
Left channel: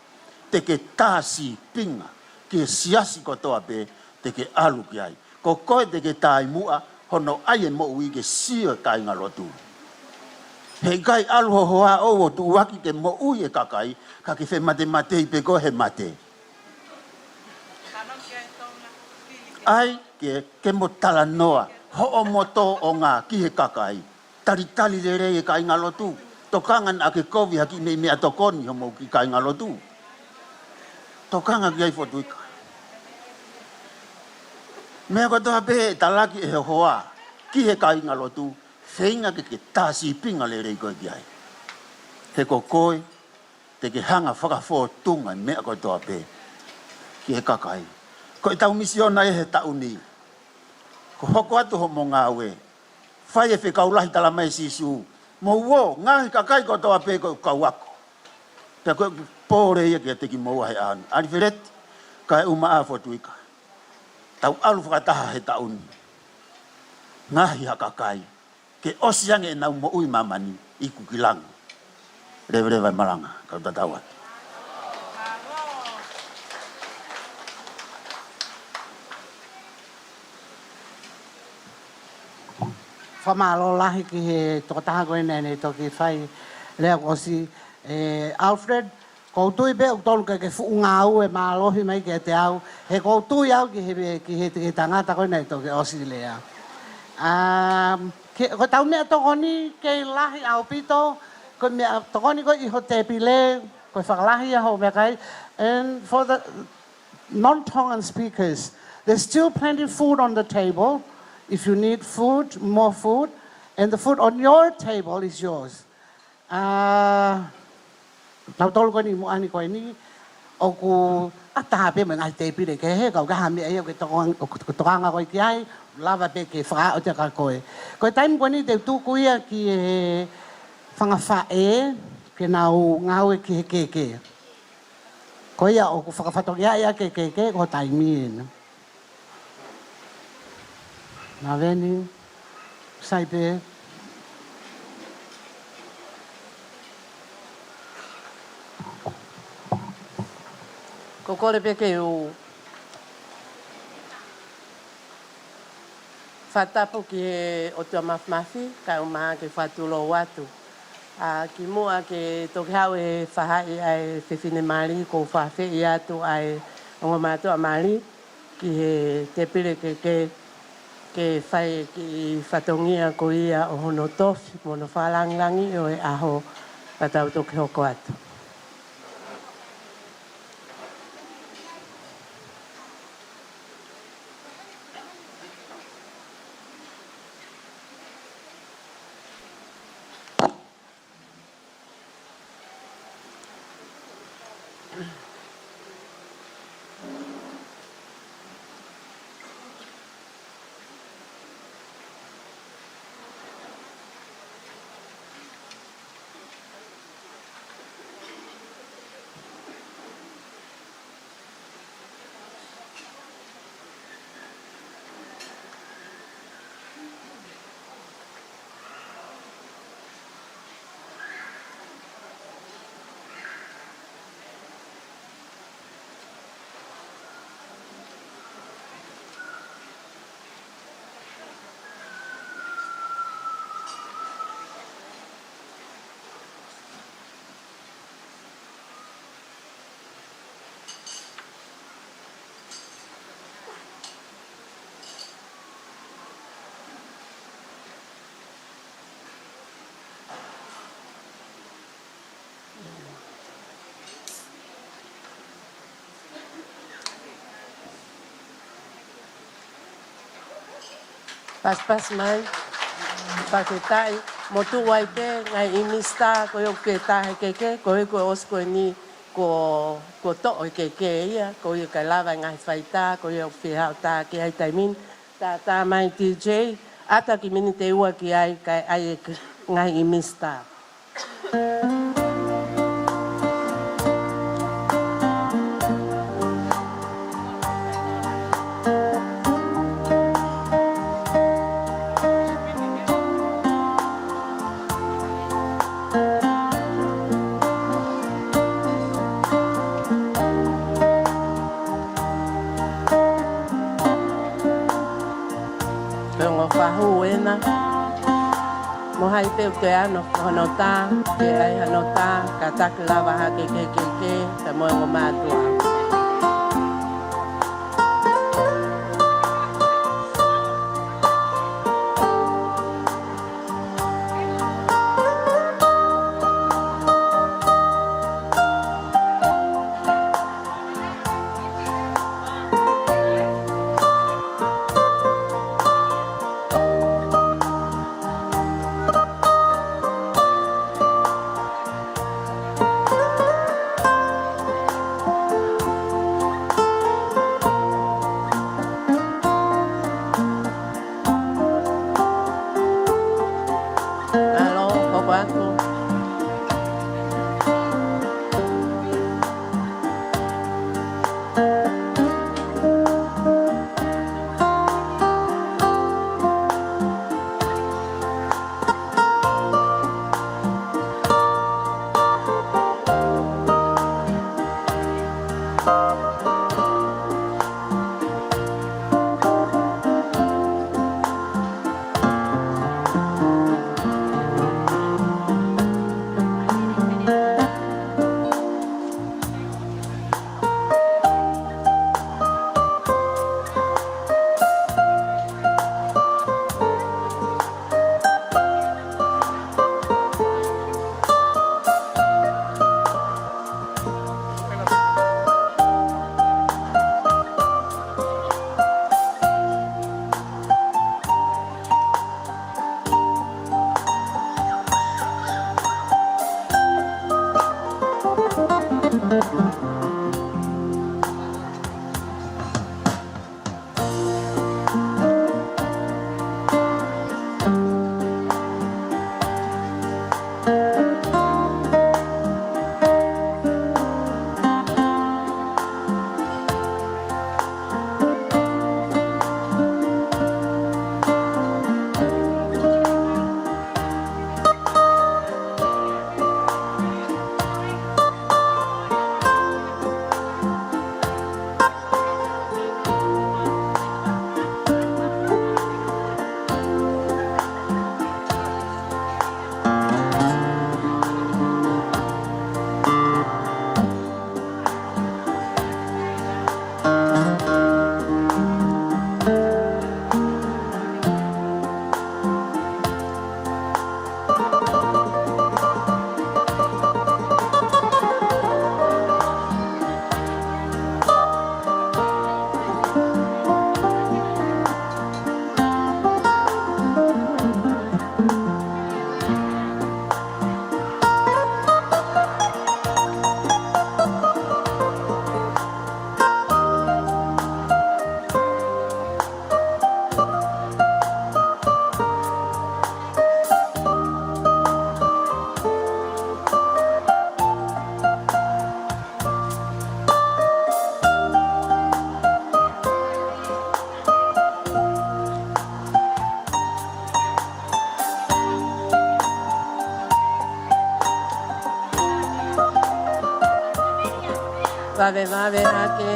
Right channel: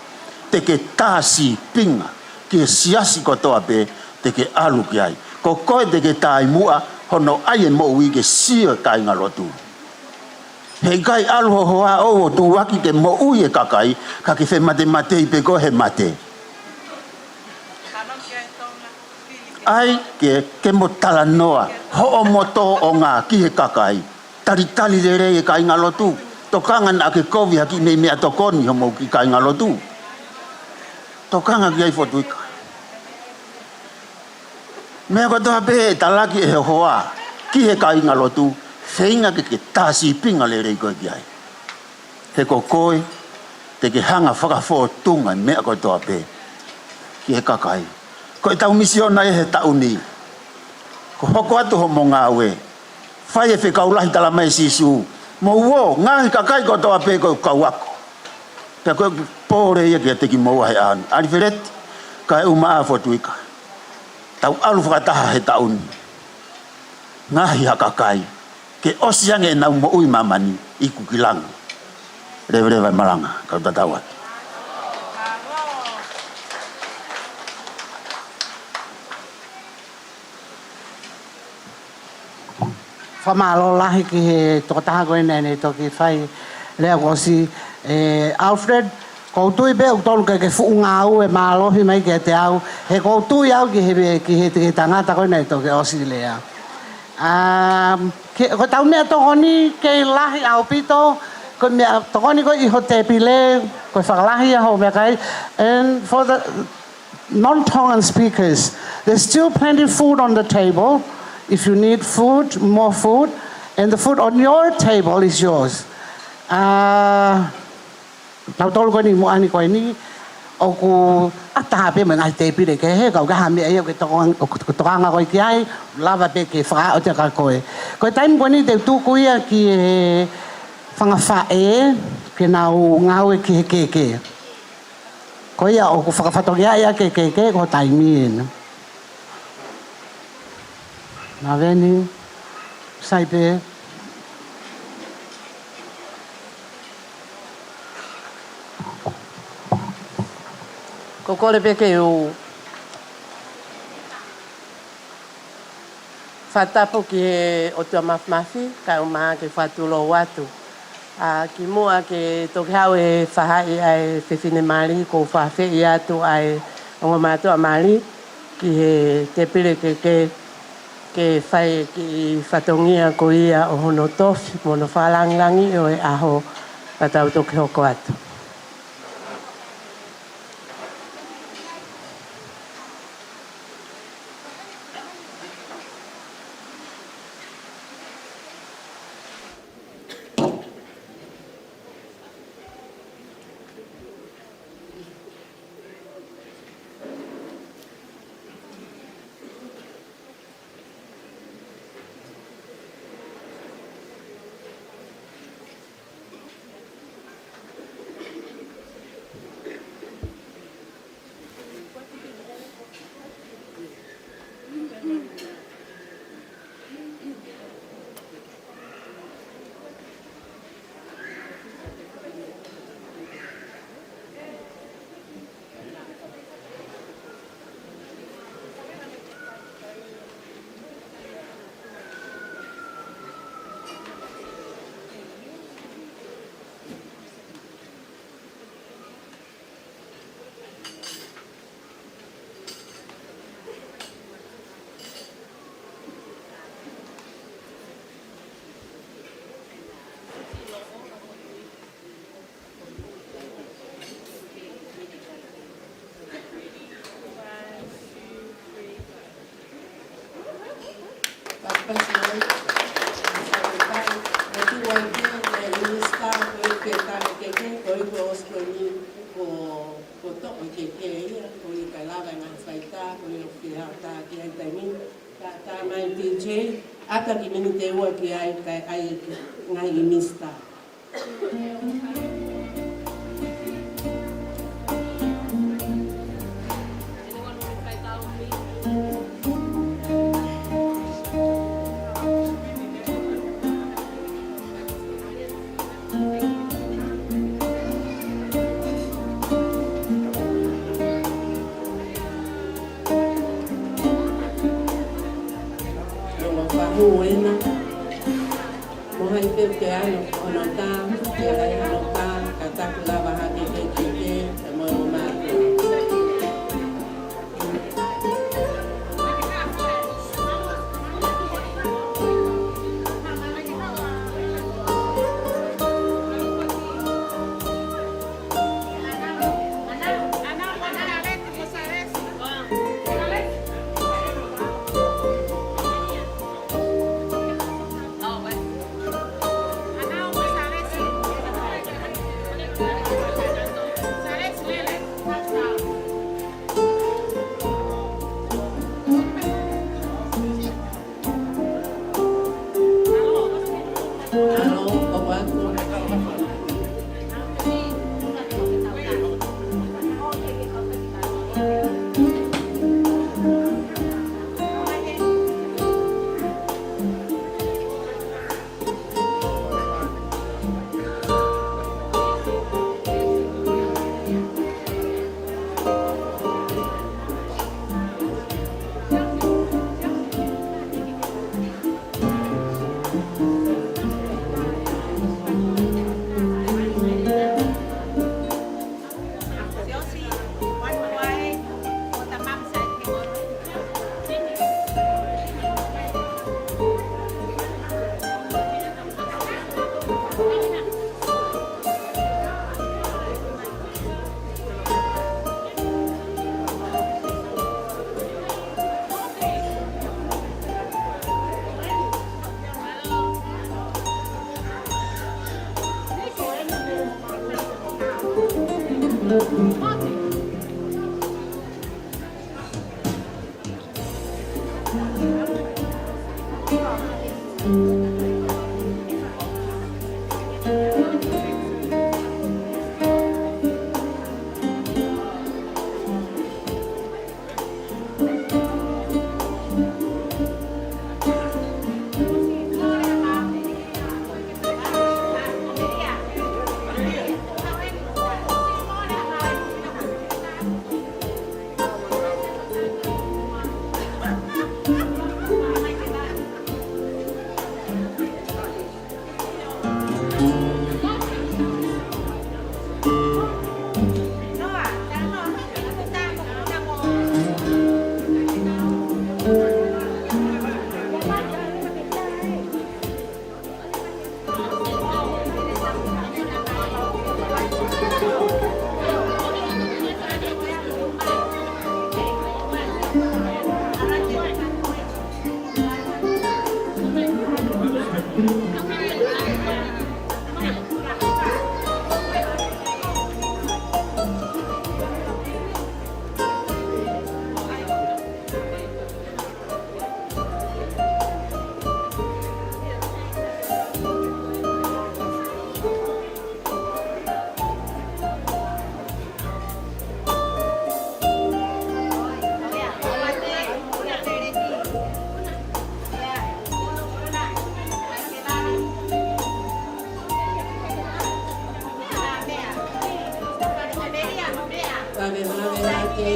Te ke tāsi pinga ke siasi kotoa pe te ke alu ki ai. Ko koe te ke tai mua hono ai e mo ui ke sia kai ngalotu. Hei kai alu ho hoa o tu waki ke mo ui e kakai ka ke whe mate i pe koe he mate. Ai ke mo tala noa ho o moto o ngā ki he kakai. Tali le rei e kai ngalotu. Tokangan a ke kovi haki me mea tokoni ho mo ki kai ngalotu. Tokanga ki ai Fotuika. Mea katoa pe talaki e hoa ki he kai ngalotu. Whainga ke tāsi pinga le rei koe ki ai. He ko koe te ke hanga whakawhotunga mea katoa pe ki he kakai. Ko e tau misiona e he tau ni. Ko hoko atu ho mo ngā ue. Whai e whekaulahi tala mai sisu. Mo uo, ngāhi kakai kotoa pe ko kauako. Pea koe pōre ia ki a teki moua he anu. Alfred, ka e umaa Fotuika. Tau alu whakataha he tau ni. Ngāhi ha kakai. Ke osiange e nau mo ui mamani i kukilangu. Rewe malanga, kau tatawat. Whamalo lahi ki he tokotaha koe nene toki whai lea kosi Alfred, koutui pe utolu ke fuu ngā au e mālohi mai ke te au, he koutui au ki he tangata koe nene toki osi lea. Ko tau mea tokoni ke lahi au pito, ko mea tokoni ko iho te pile, ko whakalahi a ho mea kai, and for the non-Tongan speakers, there's still plenty of food on the table. If you need food, more food, and the food on your table is yours. Nau tolu koe ni moani koe ni, o ku ataha pe mga te pire ke he, kau kaha mea eo ke tokanga koe ki ai, lava pe ke whaka o te ka koe. Koe taim koe ni te tūku ia ki he whangawhae, ke nau ngau e ki he keke. Koe ia o ku whakawhatokia ia ke keke, ko taimi ena. Nā veni, saipe. Ko kore pe ke u whatapu ki he o tua mawmafi, ka umaha ke whatulo watu. Ki mua ke toki hau e whahai ai whiwhine mari, ko whawhi atu ai ongo mātua mari, ki he te pire ke whai ki whatongia ko ia o hono tofi, mono whalangilangi o e aho patau toki hoko atu. Pas mai, paketai, motu wai ke, nai inista, ko yo ke tahe keke, ko yo os ko ni ko to o keke ia, ko yo kai lava ngai faita, ko yo whihau ta ki ai taimin, ta mai DJ, ata ki mini te ua ki ai kai ai ngai inista. Vuna. Mohai te ke ano honota, ke ai honota, ka taka lava ha ke te mo o matua. Vale, aquí.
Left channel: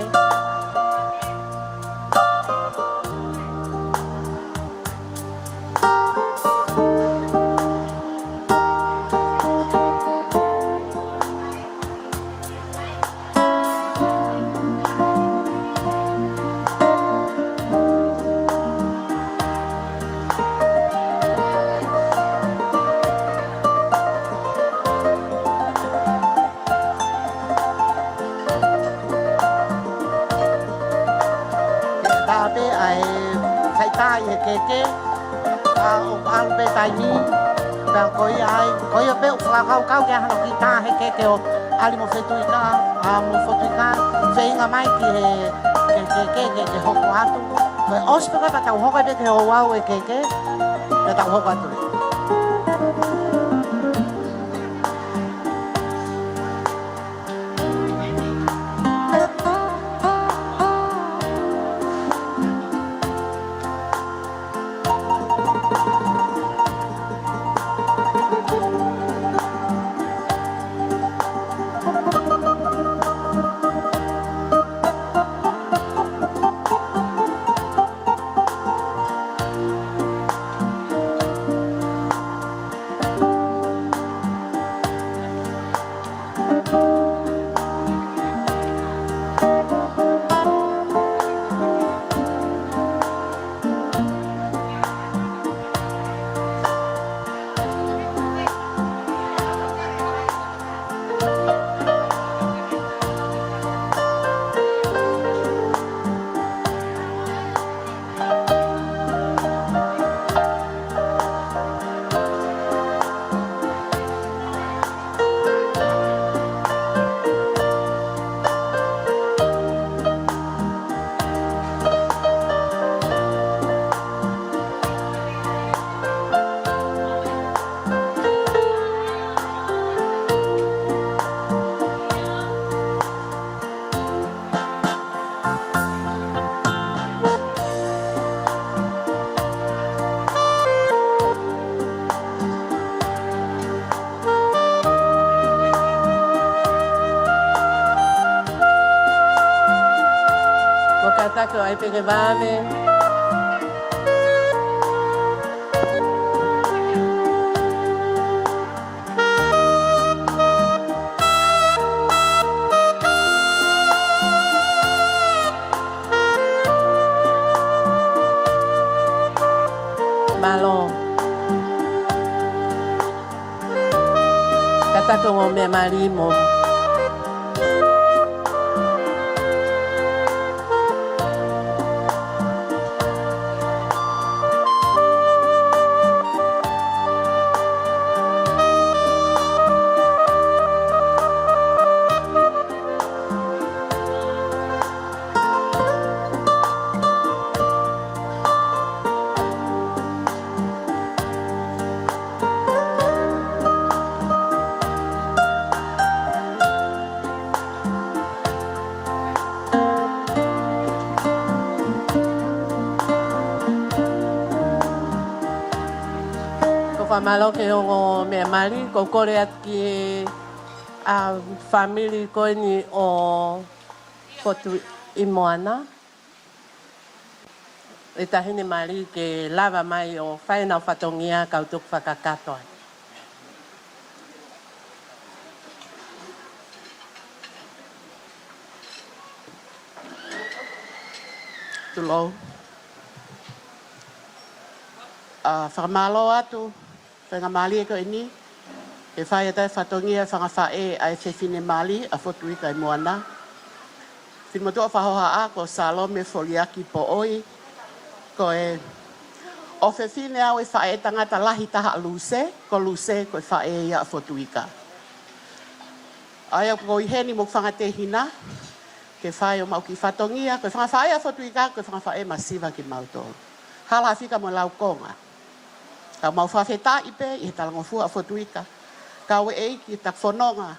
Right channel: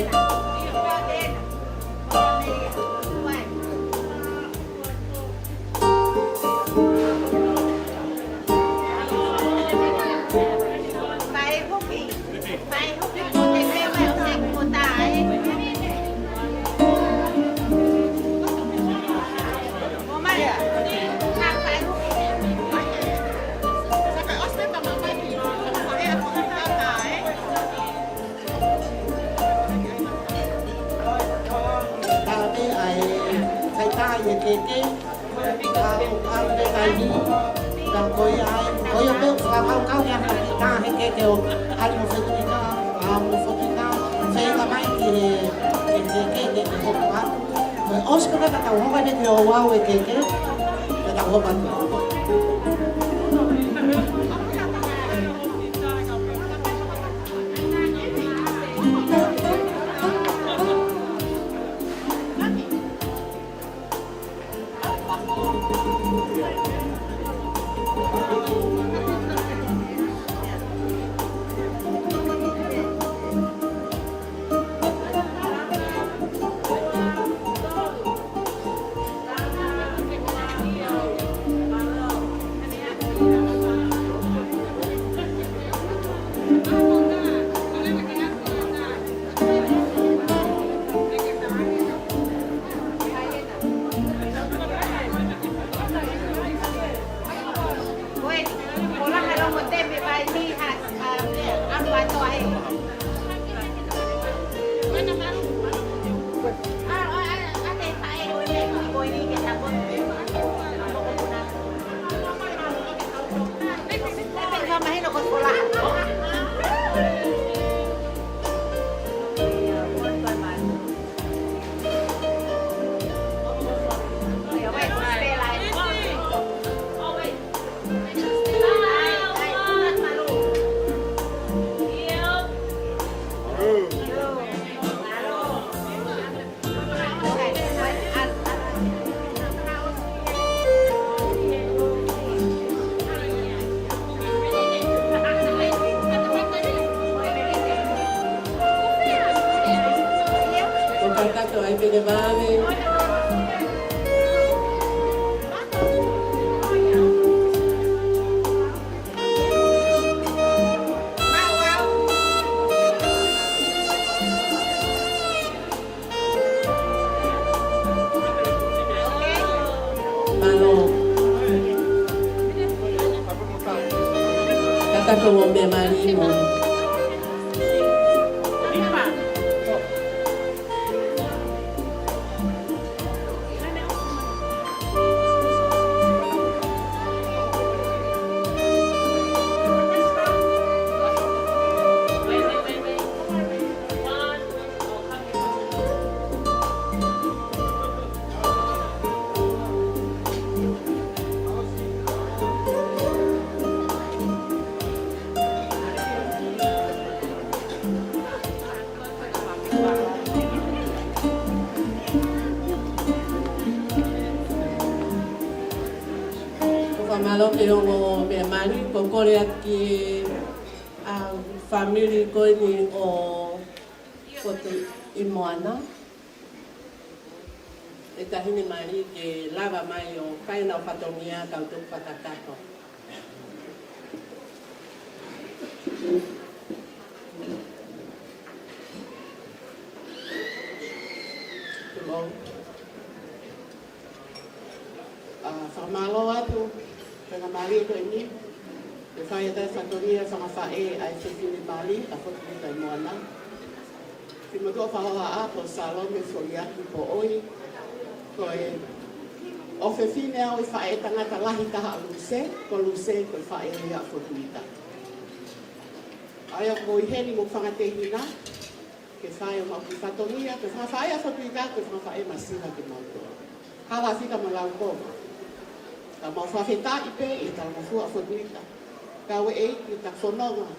Koia peu whakau kia hana ki tā heke ke o ali mo Fotuika, mo Fotuika, whenga mai ke hoko atu. Ospeka ka tau hoka ne te o wau e ke tau hoka atu. Ai pene vale. Malo. Kata ko mo me mari mo. Malo ke o me mari ko kore ati a family ko ni o Fotuika i Moana. E tahini mari ke lava mai o whaena whatongia kautuk whakakatoa. Tulo. Whakamalo atu. Penga mali ko ini e fai tai fatongia fanga fae ai se fine mali a Fotuika i Moana. Fi moto fa hoa a ko Salome foliaki po oi ko e o fe fine au e fae tangata lahi taha luse ko e fae ia a Fotuika. Ai ko i heni mo fanga te hina ke fai o mau ki fatongia ko fanga fae a Fotuika ko fanga fae masiva ke mauto. Hala fika mo lau konga. Ka mau whawheta ipe i talango fua a Fotuika. Ka ue e ki tak whanonga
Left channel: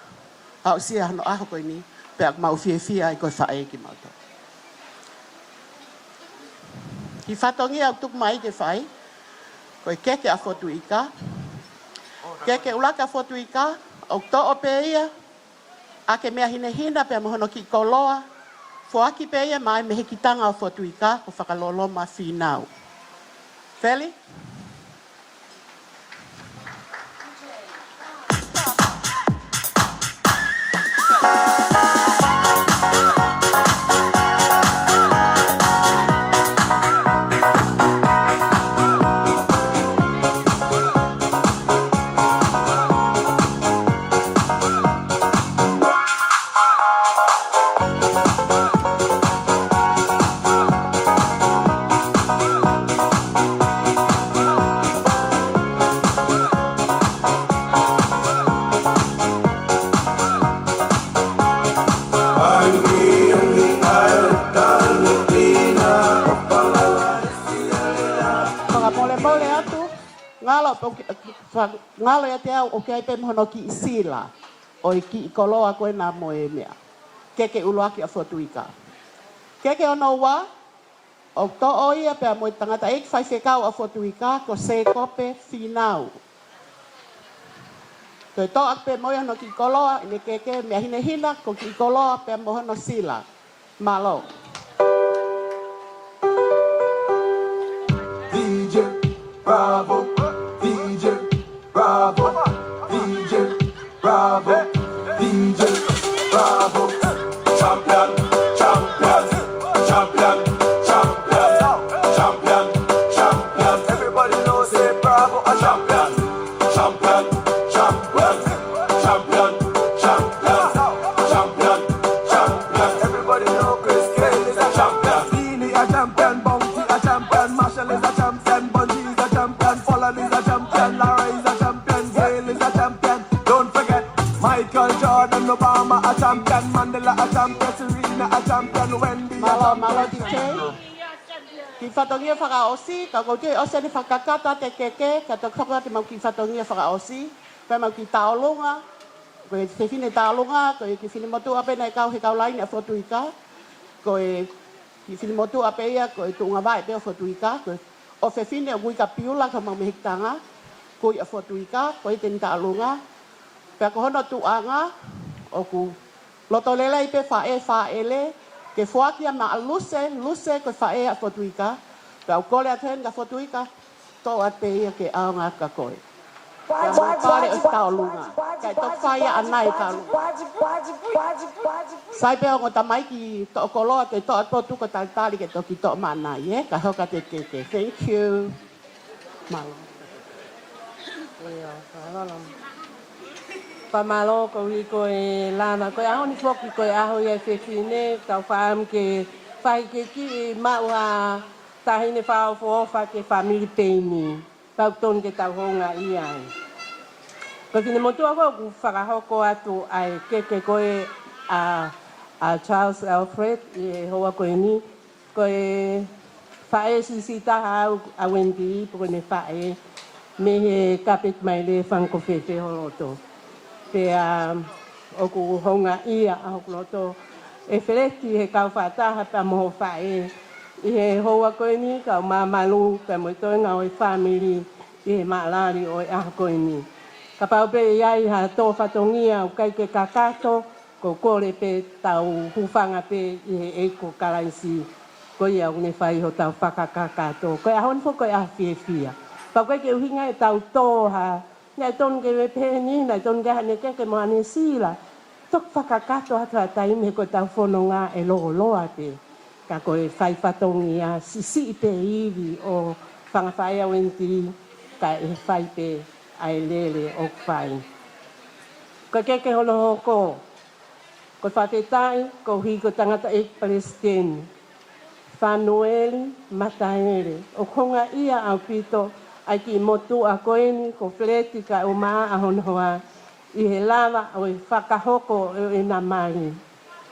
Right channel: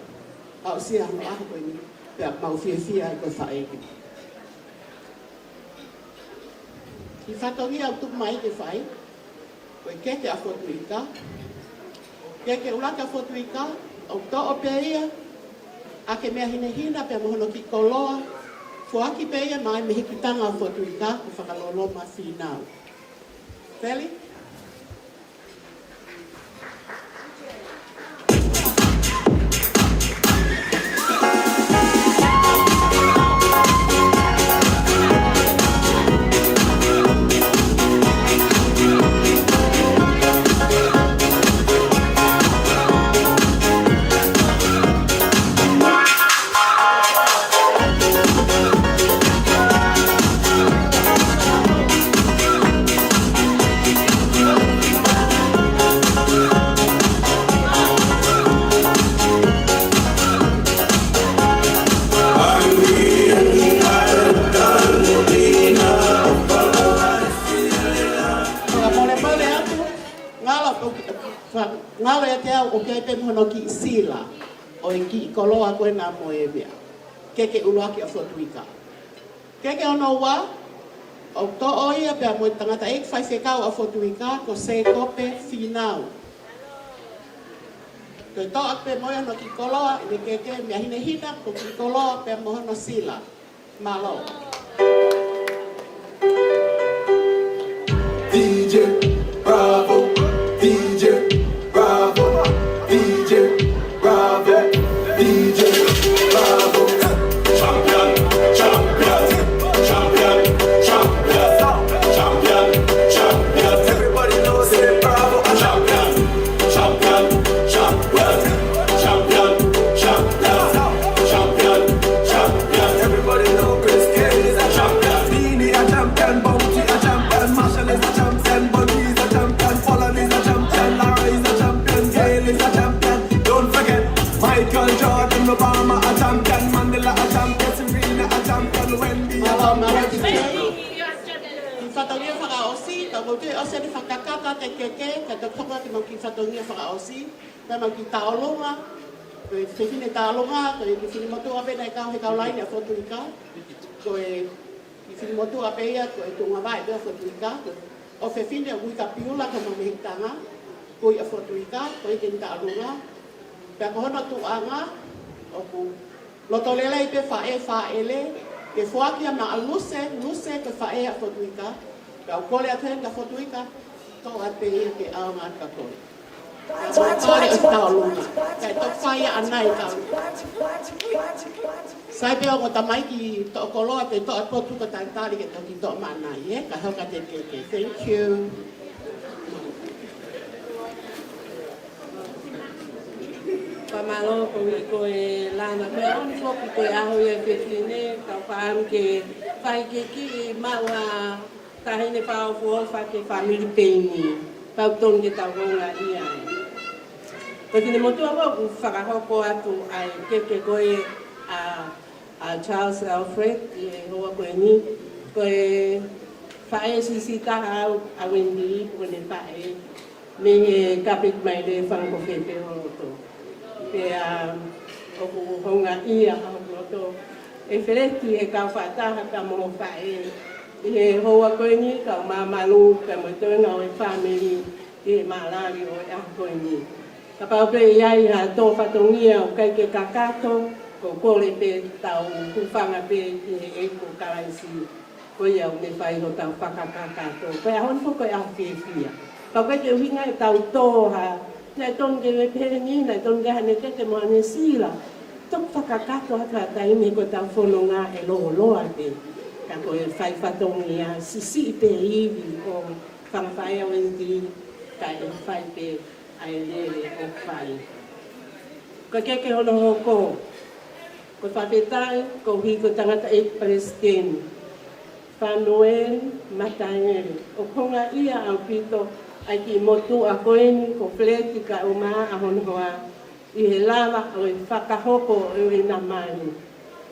au sia hano aho koe ni pe ak mau fia i koe whae ki mauta. Ki whatongi au tuk mai ke whai koe keke a Fotuika. Keke ulaka a Fotuika au to o pe ia a ke mea hina pe mohono ki koloa fuaki pe ia mai me hikitanga a Fotuika ku whakaloloma whinau. Feli? Ngalo e te au o kei pe mohono ki sila o i ki koloa koe nā moe mea. Keke uluaki a Fotuika. Keke ono wa o to o ia pe a moe tangata e whai whekau a Fotuika ko se kope whinau. Koe to ak pe moe ono ki koloa i keke mea hina ko ki koloa pe a mohono sila. Malo. DJ Bravo, DJ Bravo, DJ Bravo, DJ Michael Jordan, Obama a champion, Mandela a champion, Serena a champion, Wendy a champion. Ki whatongia whakaosi, ka mo te ose ni whakakata te keke, ka te kapa te mau ki whatongia whakaosi, pe mau ki taolonga, ko e te whine taolonga, ko e ki whine motu ape nei kau he kau laini a Fotuika, ko e ki whine motu ape ia, ko e tunga vai pe a Fotuika, o whi whine a wui ka piula ka mau mehitanga, ko i a Fotuika, ko e te ni taolonga, pe ko hono tuanga, o ku loto lele i te whaele, ke fuakia ma luse ko fae a Fotuika, ka kole a tenga Fotuika, to a te ia ke aonga ka koe. Ka mo kare o taolunga, ka to whaia anai ka. Sai peo ko tamai ki to koloa te to a potu ko talitari ke toki to manai, ka hoka te kete. Thank you. Pamalo ko i ko e lana ko a oni foki ko aho e fefine ka fam ke fai ke ki maua tahine pa fo fa ke family Payne ka ton ke ta honga ia ko tine motu ko fa ho ko atu ai ke ko e a Charles Alfred e ho ko ni ko e fa e si ta a Wendy ko ne fa e me kapit mai le fan ko fe ho to pe o ku honga ia a loto e feleti he ka fata ha mo fa e ho ko ni ka malu ka mo to nga o family e malari o a ko ni ka pa pe ia ha to fatongia o kai ke kakato ko ko le pe tau ku fanga pe e ko kalaisi ko ia une fai ho tau fakakakato ko a hon ko a fia pa ko ke hinga tau to ha na Tonga le Payne na Tonga ne ke mo ane sila tok whakakato hata taimi ko tau whanonga e loa te ka ko e whai whatongia sisi pe iwi o whangawhai au enti ka e whai pe ai lele o whai ko keke hono hoko ko whapetai ko hi ko tangata e president Whanoel Mataere o konga ia au pito ai ki motu a koeni ko fleti ka o maa a honoa i he lava o e whakahoko e na mani.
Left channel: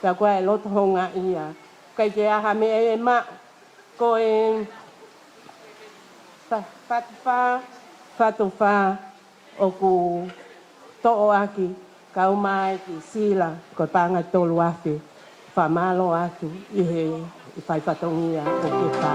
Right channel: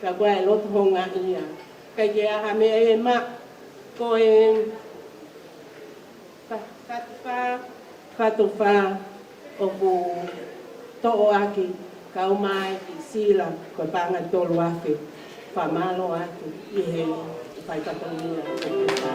Ka koe loto honga ia. Kai ke aha me e ma ko e whatuwha o ku to'o aki ka o mai ki sila ko tanga tolu afe. Whamalo atu i he i whaipatongia o ke wha.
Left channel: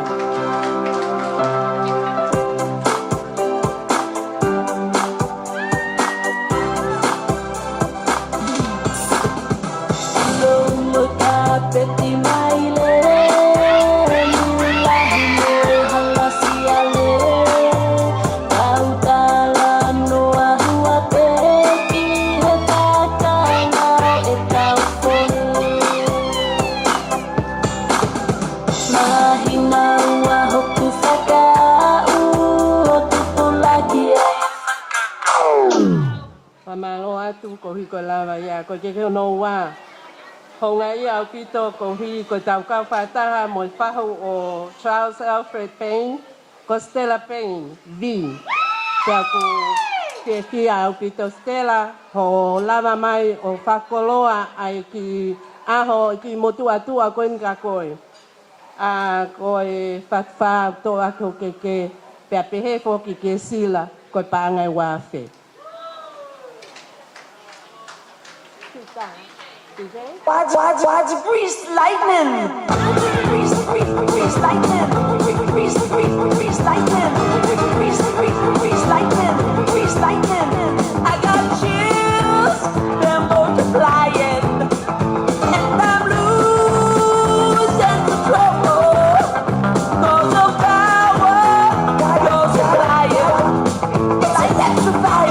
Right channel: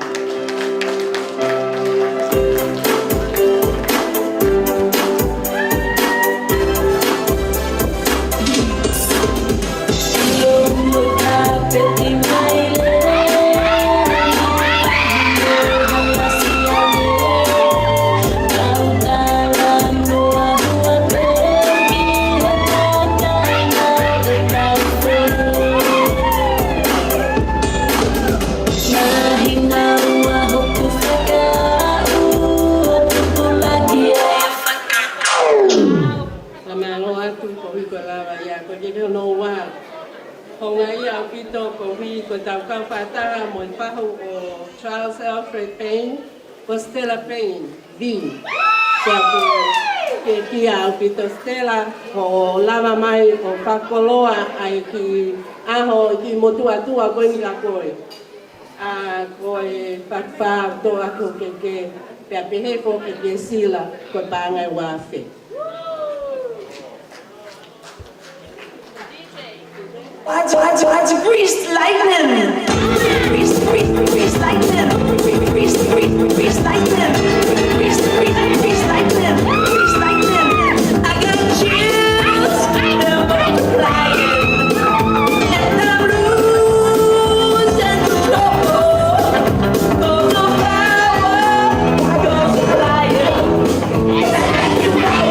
Honga ia au pito ko hui ko tau kau whataha mo i whahu o Charles Alfred Payne ko Stella Payne, B. Kia ko ke kia au pito Stella ko lava mai o whakoloa ai ki aho ki motua tua koe ni ka koe. A koe whatwha to ako ke pia pehe ko ki ke sila ko pangai wafe. Why'd you grease lightning? Grease lightning. Grease lightning. Grease lightning. Grease lightning. I got chills and I'm multiplying. And I'm losing control. Cause the power goes flying. Like that you know.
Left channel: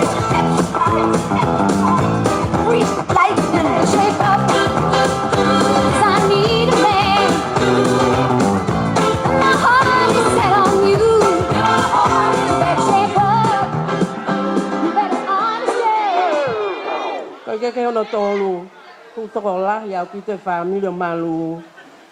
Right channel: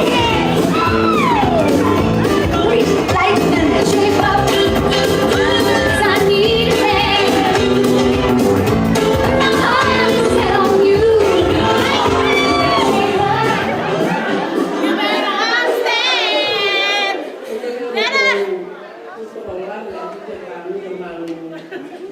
Grease lightning. Shape up. Sekolah yang kita kami yang malu.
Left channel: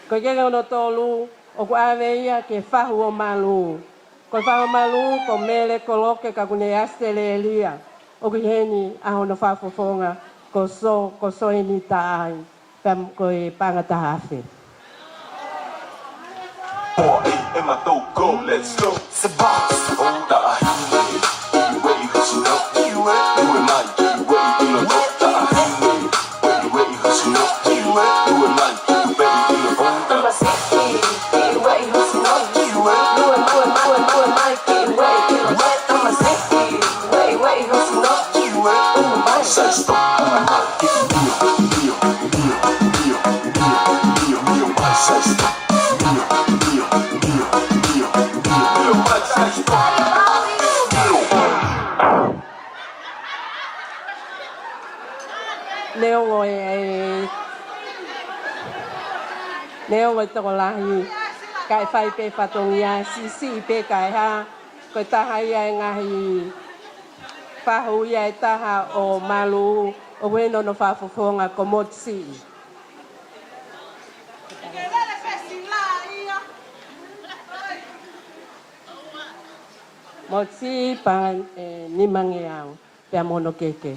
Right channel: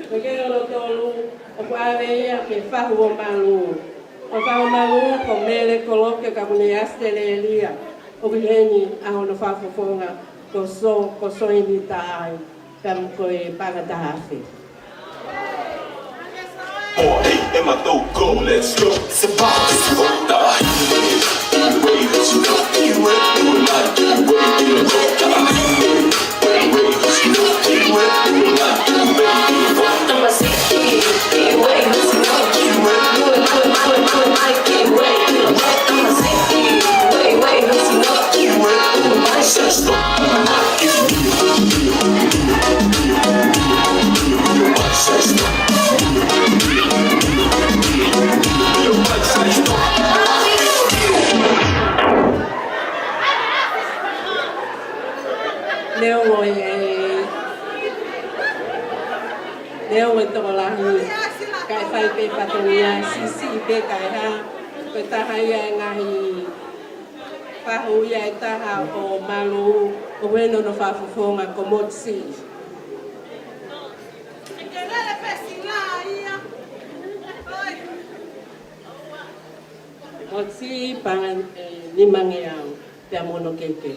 Kau jangan tolu, aku ada ya ke fahu malu. Kau fahu malu, kau mele kolok ke kau ni astelelia. Aku ni, aku nak fahu fonga. Koso ini taai. Pam koi pangata hafe. In my throat, go, let's go. It's a box. Leo ngoi toko lahi kai whai pe whatongia sisi pe kai ha ko tahai e ngahi whahu ia e taha o malu o weno no whafofonga ko motsi. Motsi pa nimangiang te amono keke.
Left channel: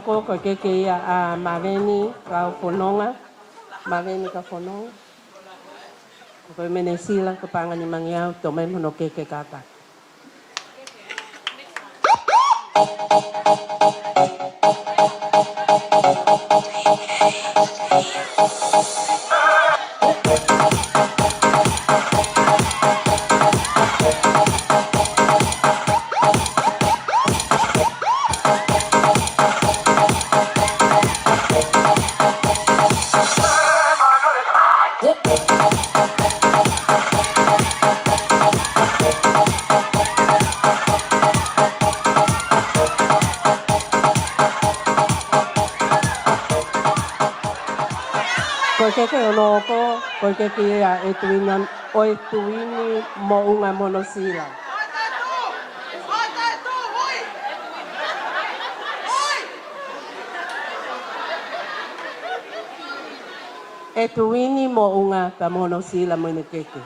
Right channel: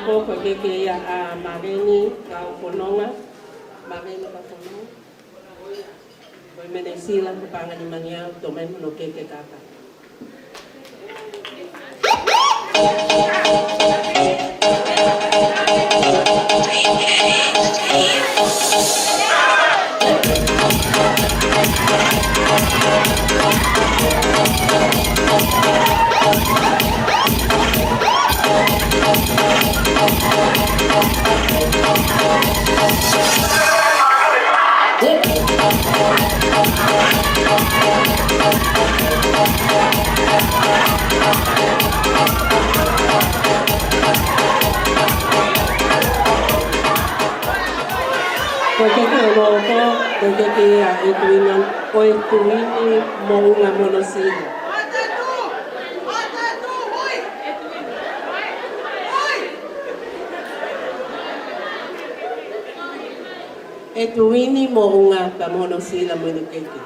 Ko ke ia a maveni ka fononga ko mene sila ko pangani mangiau to me mono ke kaka ko ke ia e tuinan o e tuini mo unga monosina. E tuini mo unga pa monosila mo ni keke.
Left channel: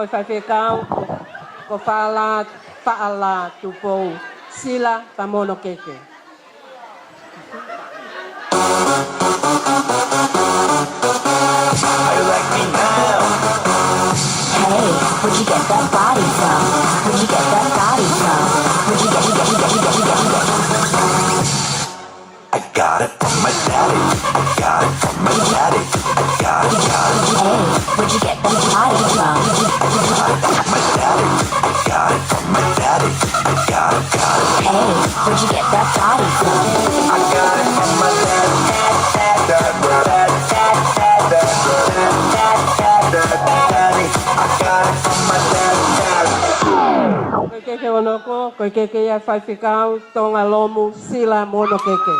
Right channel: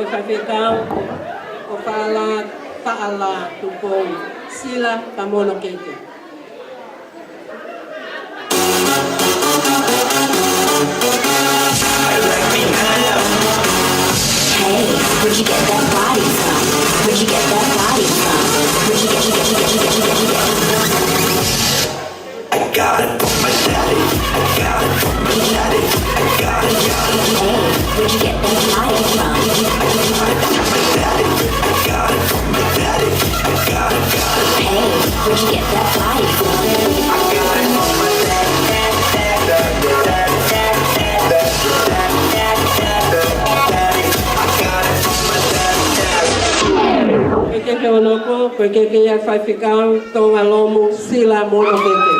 Ko whawhekau, ko Paula tupou sila pamono keke. Hey, where'd you get that body from? Where'd you get that body from? Where'd you get I got it from my daddy. I got it from my daddy. I got it. Hey, where'd you get that body from? My daddy. I got it from my daddy. I got it. Hey, where'd you get that body from? I got it from my daddy. ke onoko, ko ke ia whaiwhikau, Tongalomu, sila mono keke.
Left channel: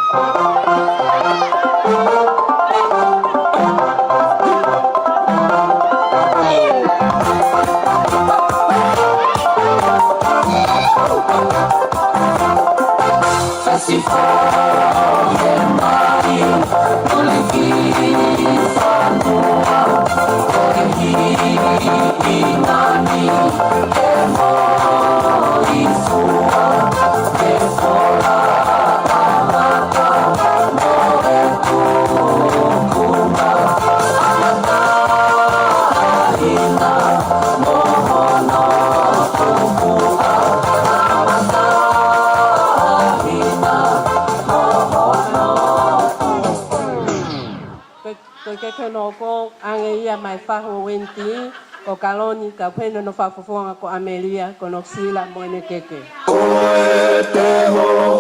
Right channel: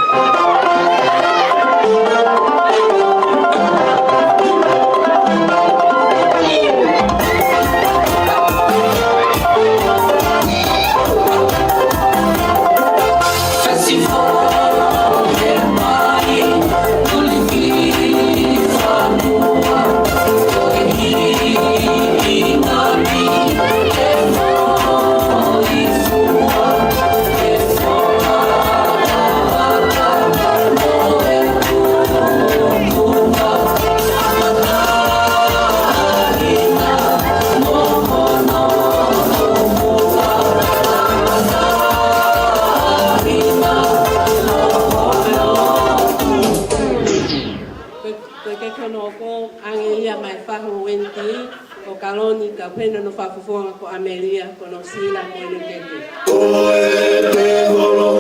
Ko ange ia mai whaho wenti, ko kaloni ka peno no whafufonga ko Amelia, ko no sila mo ne keke. Koe te holo,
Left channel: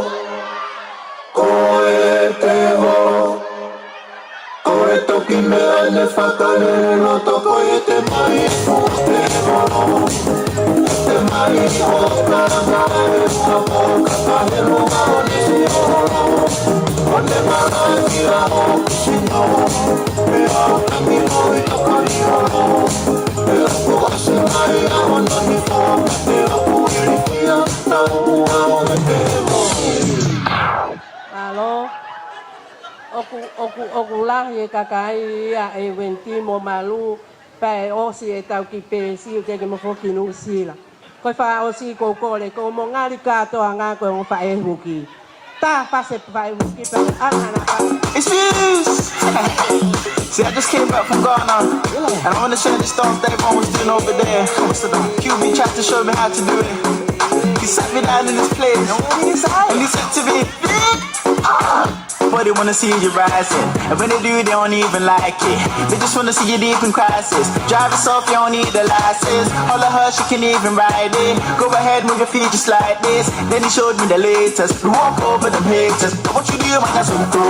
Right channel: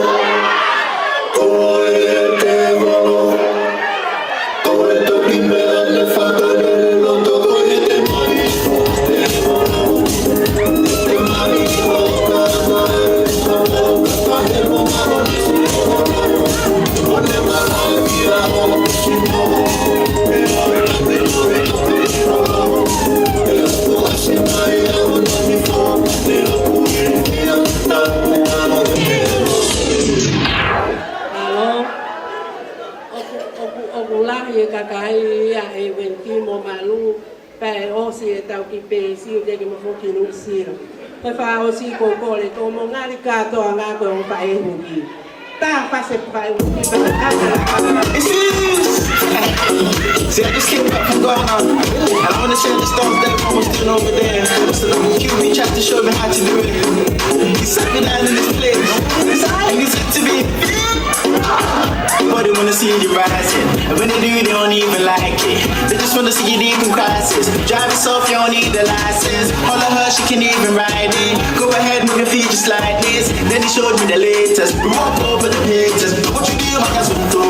koe toki mea ne whatane loto, koe te mai te holo, te mai hoka nare, sa moka tahe rumaro nisi holo, o ne marangi a hoku sino, me aina te lohe no kuri holo, me lapu ase mai a hona mi fo, me lapu irikia, na mua o te holo. Oku lahi e kakai ia e wenti mo malu, pe osi e tau ki pe si o keke mo foki nu sila. Koi wha osi ko kore, ko mo ngari katoa ngā koe o pa e huki. Tā whase pa e huki, pa e kakara. See, I just came back from Ghana, and I want to share the stuff that everyone was doing over there. So the QB tried to show me how to do it. He sat me down in this place, and he said to me, but they want to see you rising, and when they do, they don't even like it. They just want to see you deep in crisis. Drive yourself, you don't need a license. All of her, she can even ride it. Go ahead, move your feet just like this. Then he showed me the latest. We walk over the pages. What you do, my azonto,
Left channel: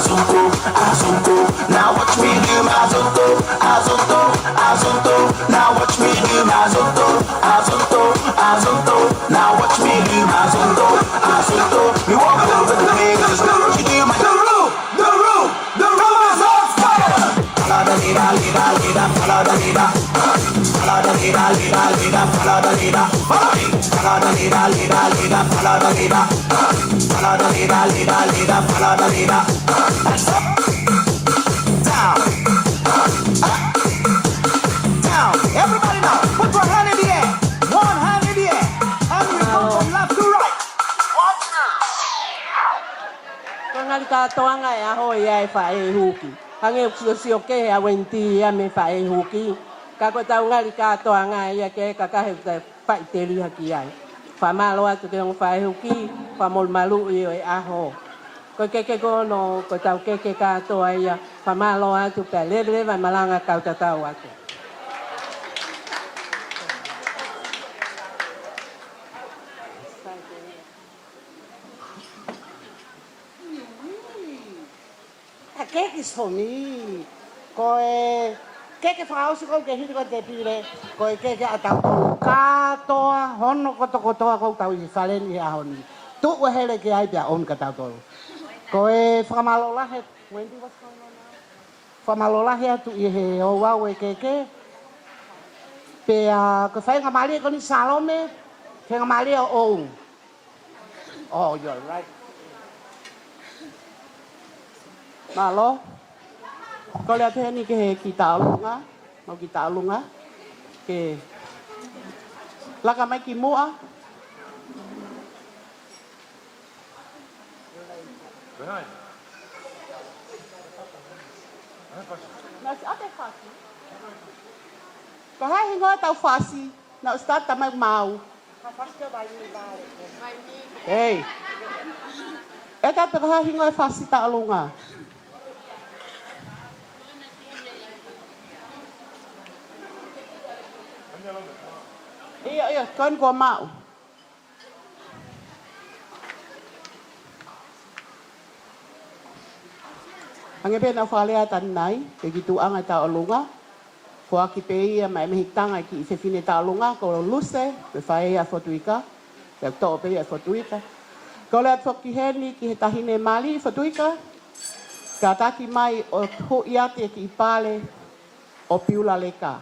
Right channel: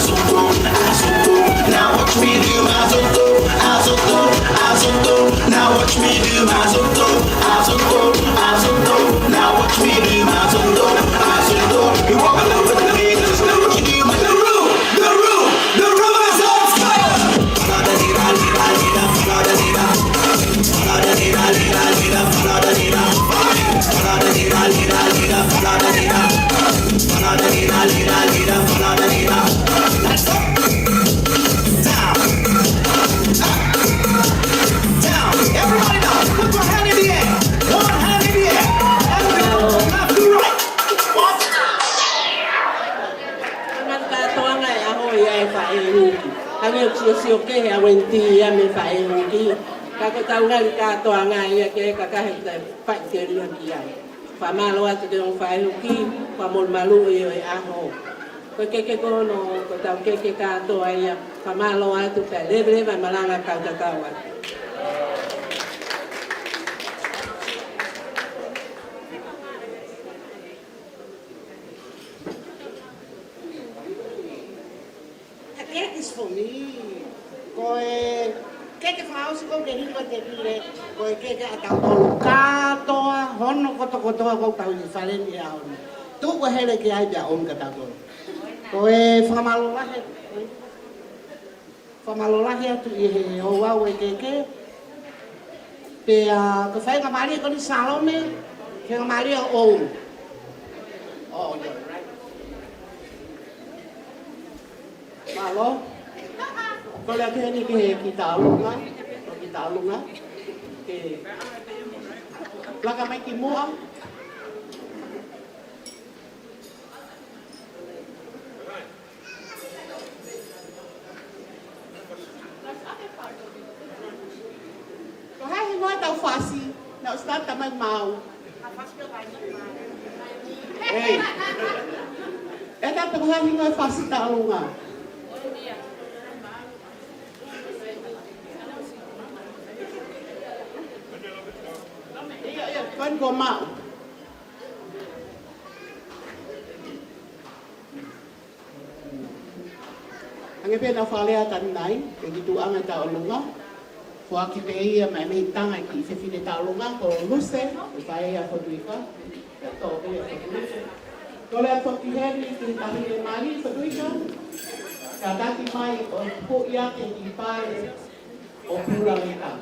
azonto, azonto. Now watch me do my azonto, azonto, azonto. Now watch me do my azonto, azonto, azonto. Now watch me do my azonto, azonto. We walk over the pages. Now what you do, my the room is on fire. Follow the leader, leader, leader, follow the leader. Follow the leader, leader, leader, follow the leader. Follow the leader, leader, leader, follow the leader. Follow the leader, leader, leader, follow the leader. Let's go. Down. Down. Everybody now, put your hand in the air. One hand in the air. And we go left to right. One. Angan katoa ngai aho ia e wha e huki. Ange o si o ke a wenti ia me wha e huki. Kako tau ngai katoa ngai ia ke kakahe tai wha i te rua ki ai. Wha malo atu te on wha e huki, wha mol malu i o e aho. Ko keke kono, ko tau keke katoa ia, wha malo atu pe leve malanga kau tatau atu. Kekis for me. Koe keke whakausi ko ke hiri ko te pire. Koe keke a tau tolu katoa, hono kotokotoa ko tau i whalen i ahoni. Tuko hele ki ai pia on ka tau tolu. Koe whakamalorahe, whakamalorahe atu i he hauau e keke. Pea, ko whainga maria ko ni Salome, whainga maria o. Oh, you're right. Malo, ko le apeni ke ki taulunga, o ki taulunga, ke laka mai ki mua. Ko hai he ngoa tau whasi, na ustata mai mau. Hey, e ta pe ko hai he ngoa whasi taulunga. Iya, kan ko mau. Ang pena whalea tanai, e ki tu anga ta olunga. Ko aki pe ia mai me tanga ki se fine ta olunga ko luse, me whae a Fotuika. Te tō pehi a Fotuika. Tole an toki heni ki he tahine mali Fotuika. Ka taki mai o hoi ake ki pale o piula leka.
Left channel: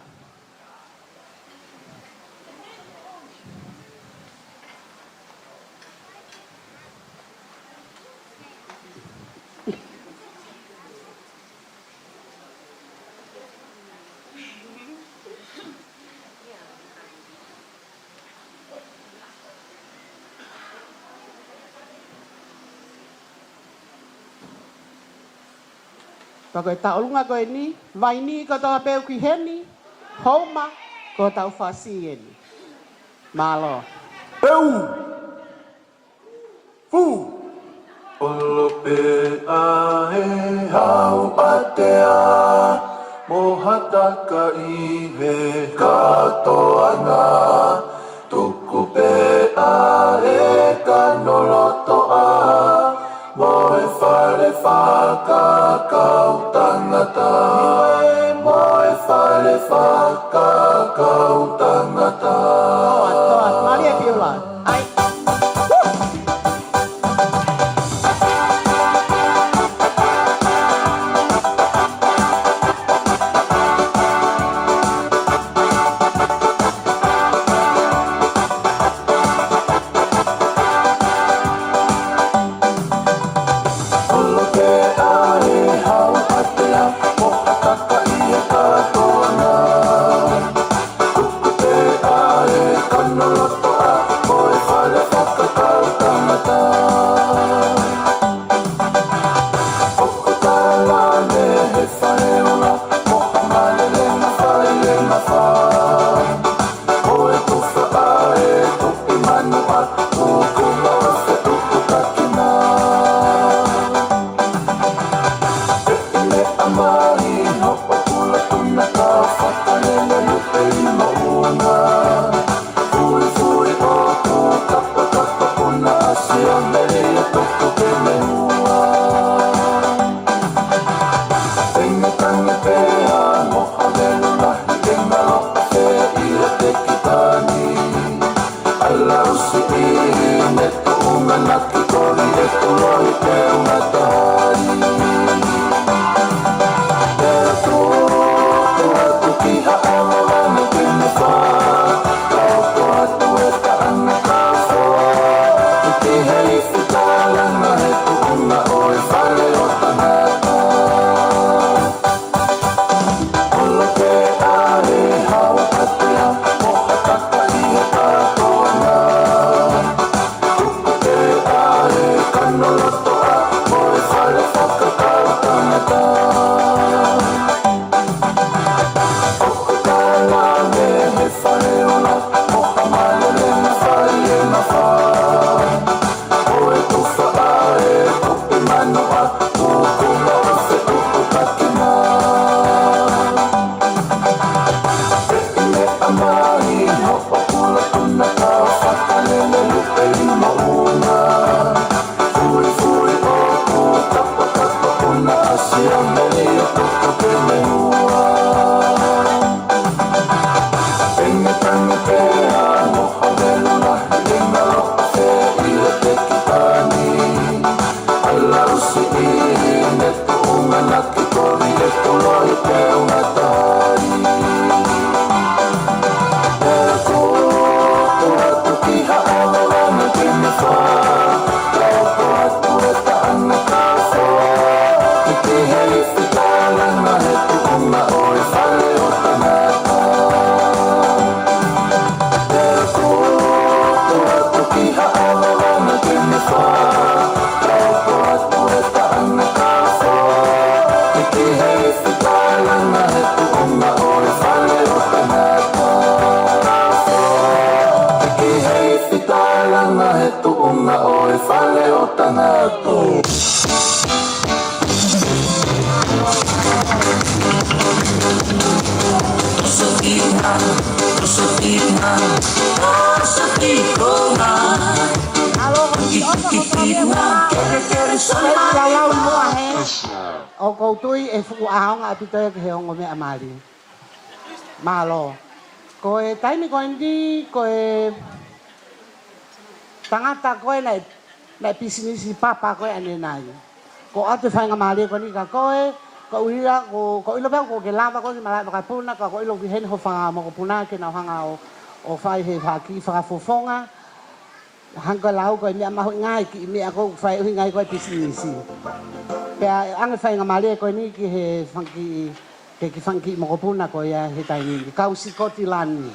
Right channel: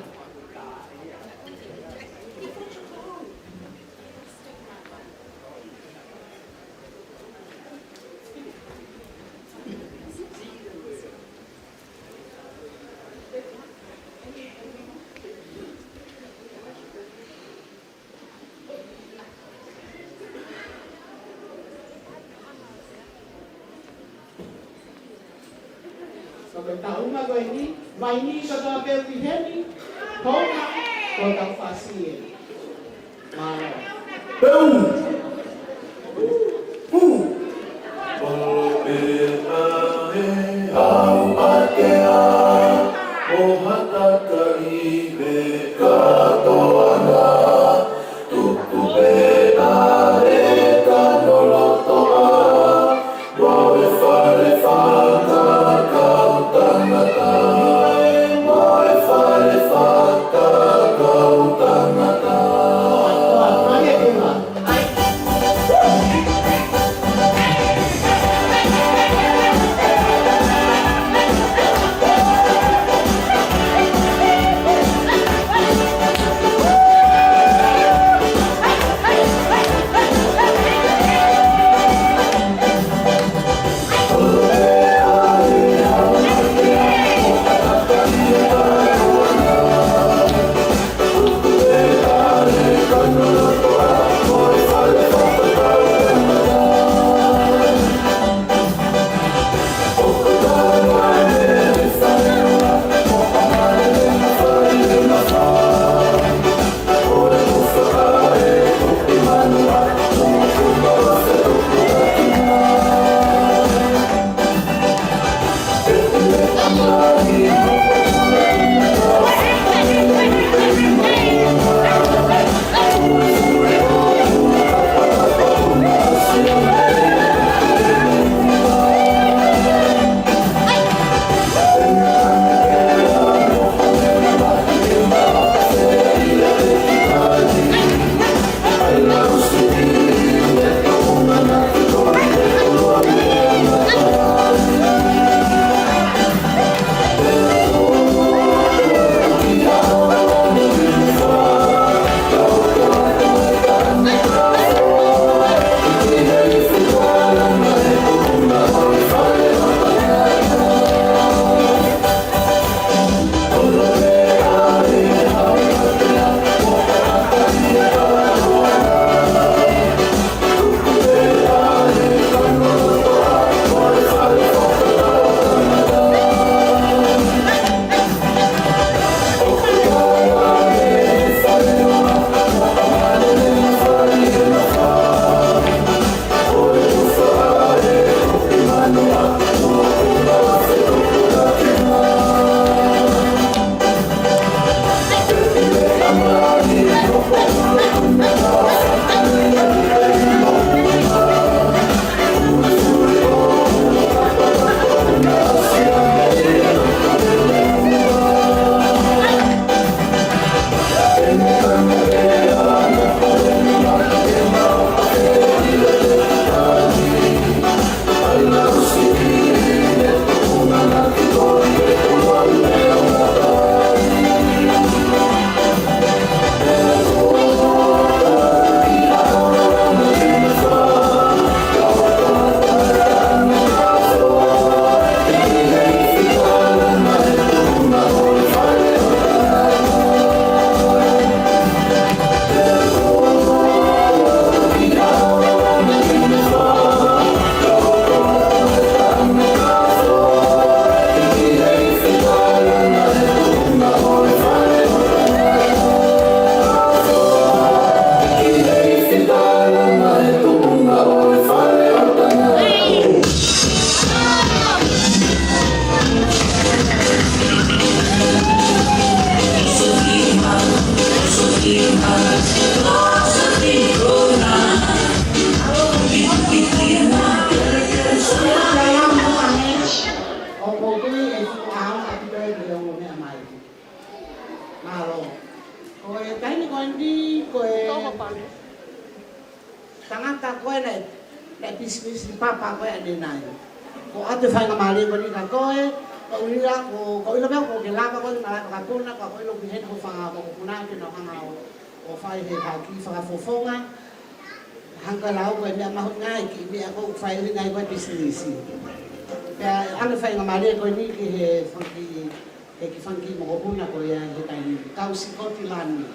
Ka koe taurunga koe ni, mai ni ko toa peo ki heni, homa ko tau whasi ni. Malo. Peu! Pu! Polo pe a he hau patea, o hataka i me katoana, tuku pe a e kanoloto a, mo e whare whaka kau tangata, mo e whare whaka kau tangata. Maria Pilar. O koutui e fuao a pitoe ki he ongo mea mali. Malo. Ko e taini ko ndi ko e tangata koe nei pisinisi papa koe ane nai. Ko ate whainga maari ko ni ka koe, ko uria, ko ilo bea ko ke lava koe ka makapuna, ka ko ilo ki hen ho whanga makapuna ke na hanga o whai he haki whakafofonga. Hanga lau koe mea mahu ngai ki mea ko whai uhi ngai koe pisinisi. Pea ane whainga maari ko ni ki he whanki, he ki whanki makapuna koe he taini, kausi koti lani.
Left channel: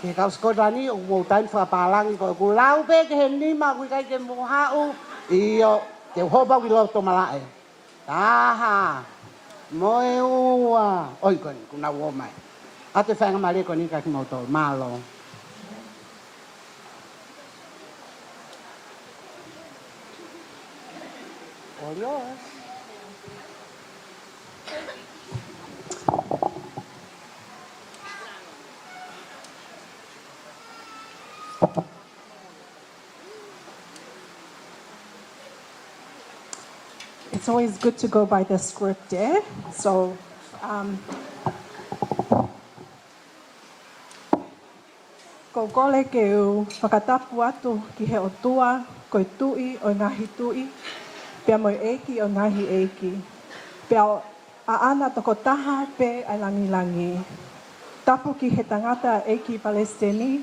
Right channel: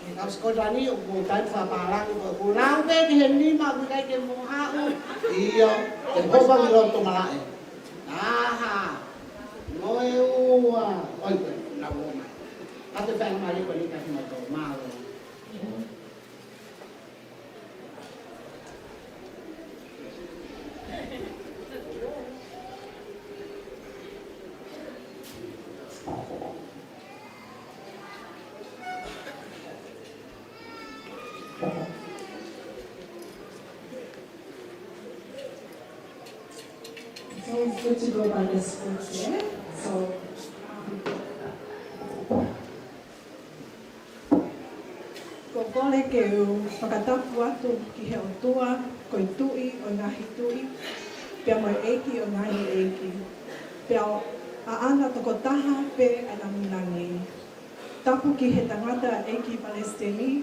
Ke kau sekolah ni mau tan fa palang ko bulau be ke ni ma ku kai ke mo ha u iyo e ho ba lo to malae aha mo e wa oi ko na wo mai ate fa na male ko ni ka ki mo to malo. It's always good to go by the script there. So, ko gole ke u whakatapu atu ki he o tua, ko i tui o ngahi tui, pia mo eiki o ngahi eiki. Pia a ana toko taha pe a langi langi. Tapu ki he tangata eiki Palestini,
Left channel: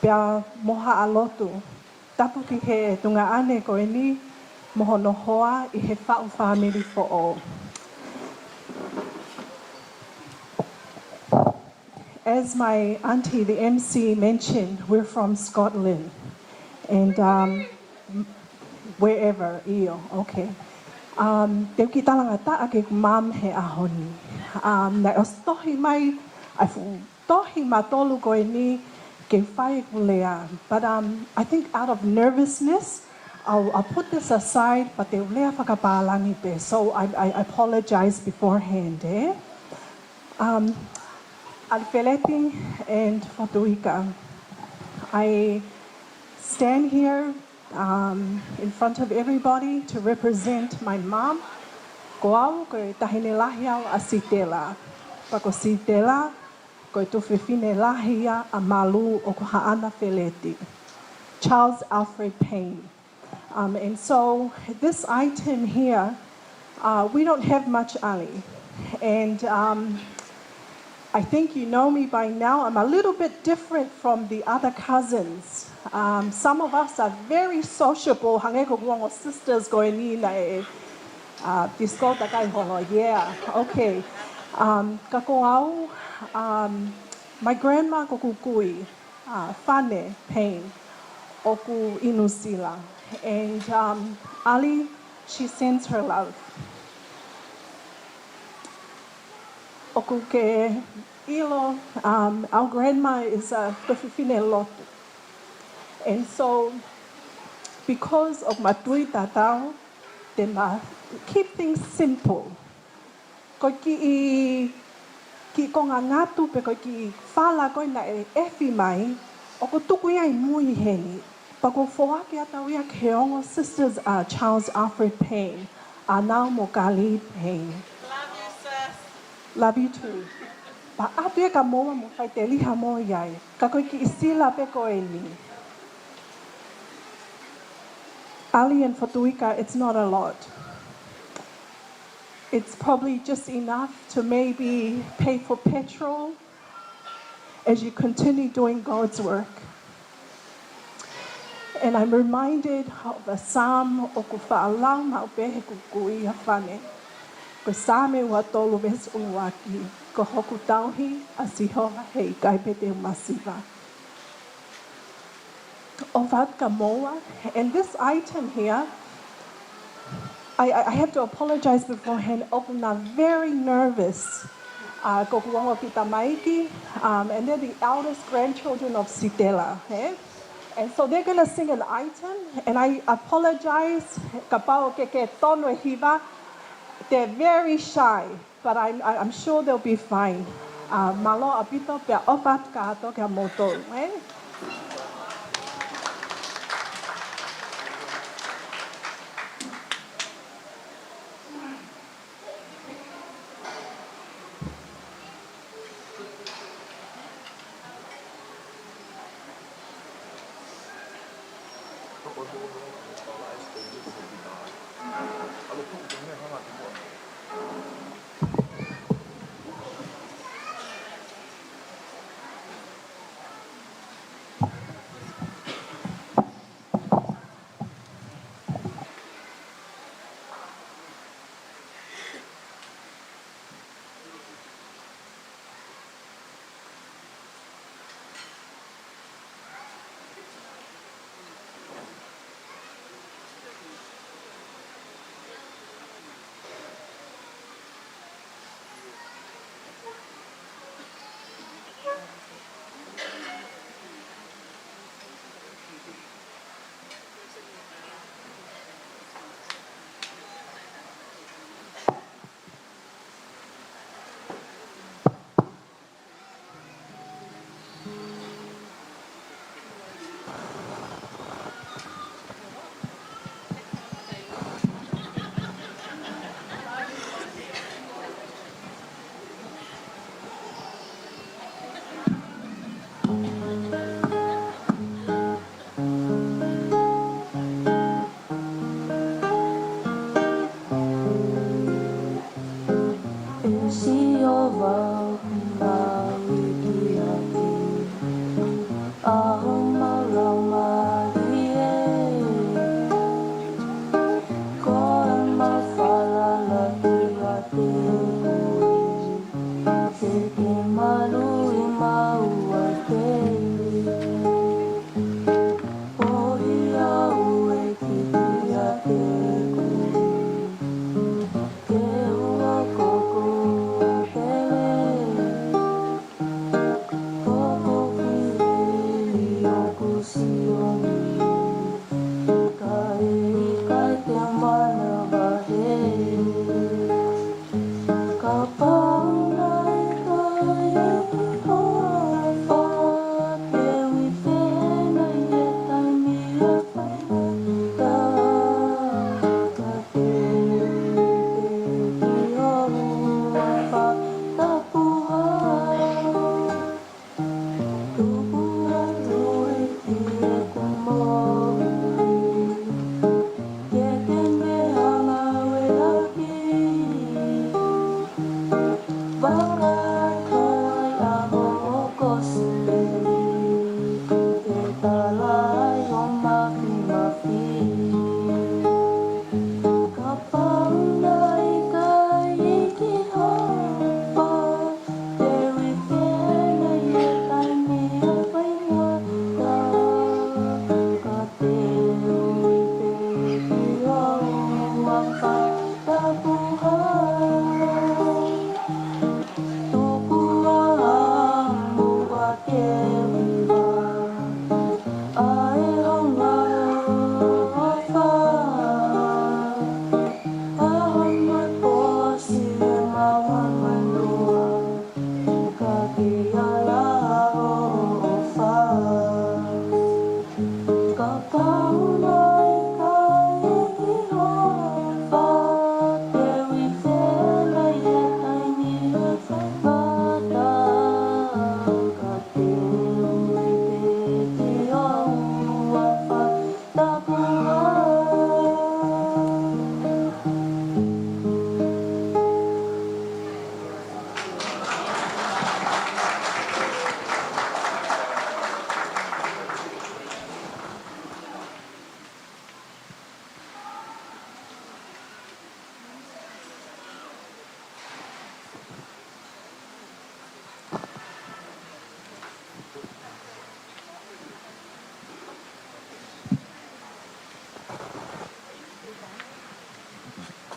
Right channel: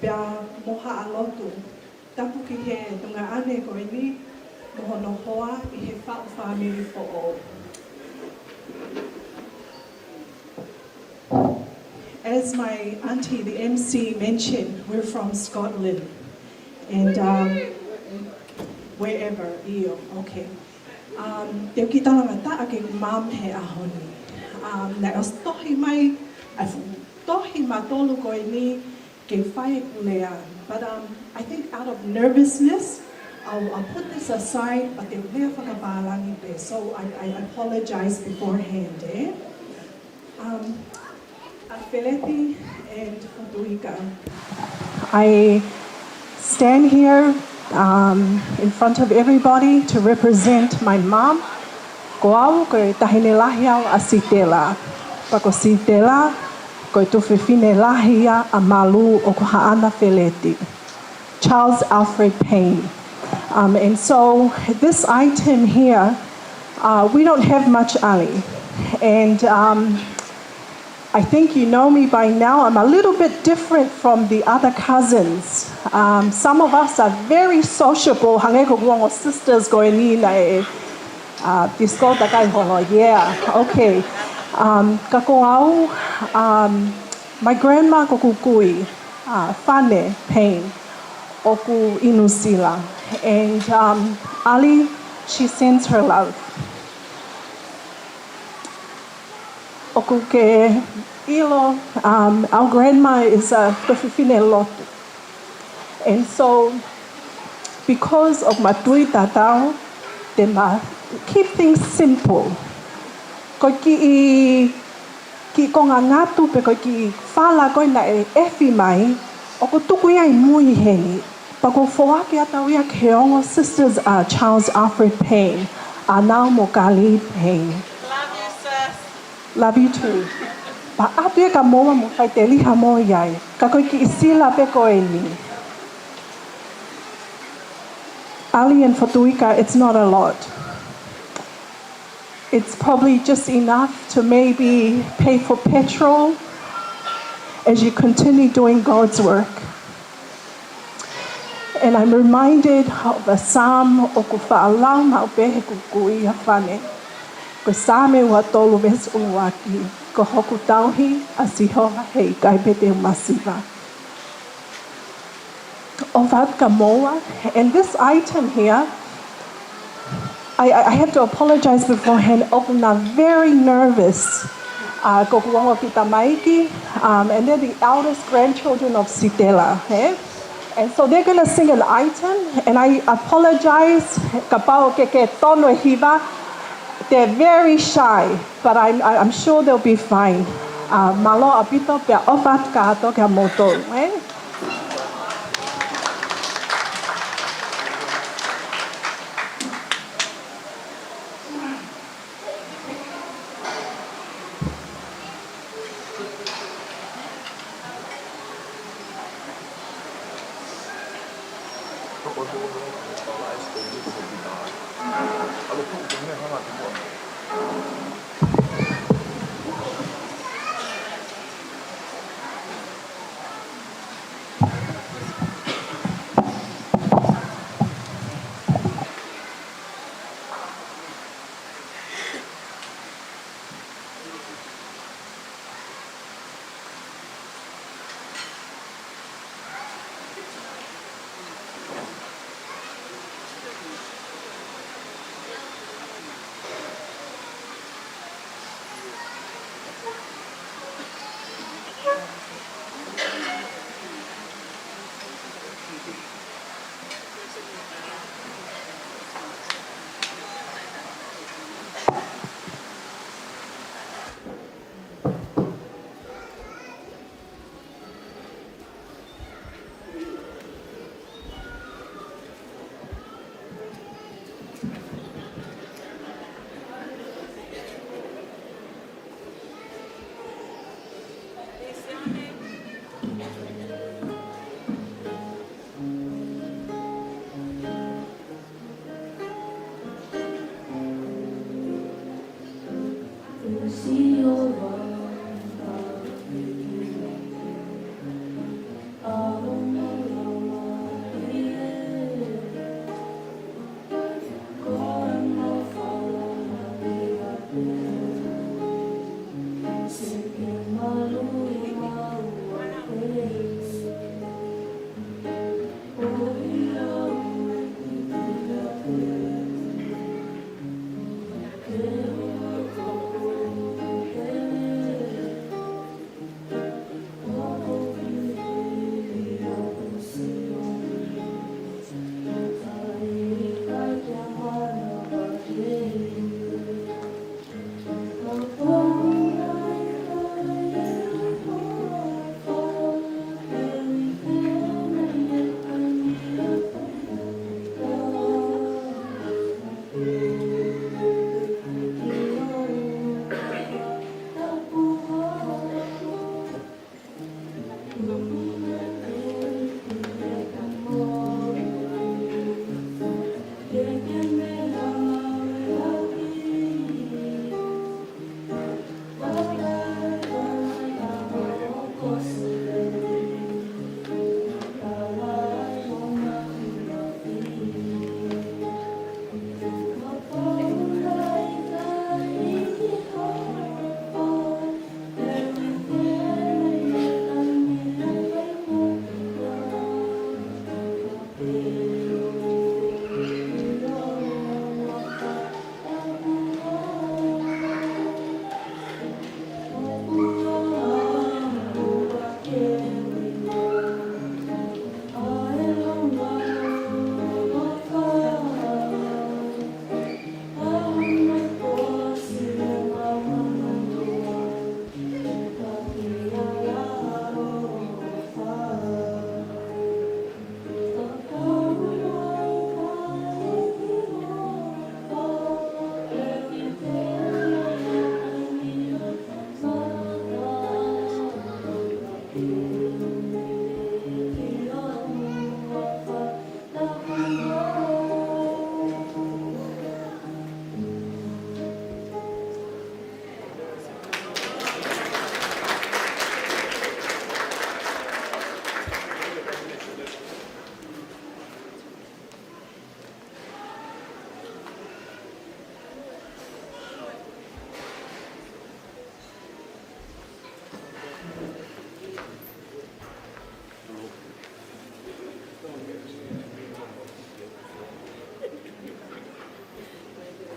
pia moha a lotu. Tapu ki he tunga ane ko e ni, mohono hoa I he whau whamiri po o. As my auntie, the MC, mentioned, we're from Scotland. And wherever, iyo, okay. Te kita nga ta ake mam he ahoni. Na os tohi mai, tohi matolu ko ini ke whai kulea. But I think out of nervousness, I'll put this aside, but they'll never whakapalangi pe. So I apologize beforehand. Alfred and Fotuika. I stand here in front of everybody to represent my mom. Ko au koe tahine lahi au a sitela. Pako sitela, koe tuwhiwhine lahi a malu o ko haana Feleti. Charles Alfred Payne. And so this item here, we don't have much ali. And I think you know me by now. I'm a little bit different from the other cousins. Some of us are very sociable. Hangeko guango sisters going in disco takai holo. Yeah, okay. Kako au, my grandma kokukui, Fane Payne, oku inusila. And Ali, she sends her love. Okuke ilo, our grandma is a Tofifine Lotu. And so, because of my tui tatao, then keep things simple. Ko ki konga ngatu pe ko ki fala ko na e efi mai, o ko tuku ia I mui heni. Pako foaki atawia keongo sisters are Charles Alfred Payne, Anau Mokali Payne. Love you, sis. Love you too. Pa atu e ka moa mo fai te liha mo iai. Ka koe ki isila pe koe ni. Ali and Fotuika, it's not a lot. It's probably just enough to maybe pay for petrol as you continue doing God's work. And I'm reminded of a psalm o ku whaalau ma upehe kukui a whane. Ko same wa tolu ves uwaki, ko hoku tauhi a sihoa hei kaipete masiva. O vatka moa, and this item here, I have to apologize beforehand. I'm very nervous. Ko kuongo kita maiki, and they're the eldest grandchildren of Sitela. And so they're going to sing an item, and I apologize. Kapao keke tono hiva. They're very shy, but I'm sure they'll be fine. Malo apito pe ofat ka ato ka moto.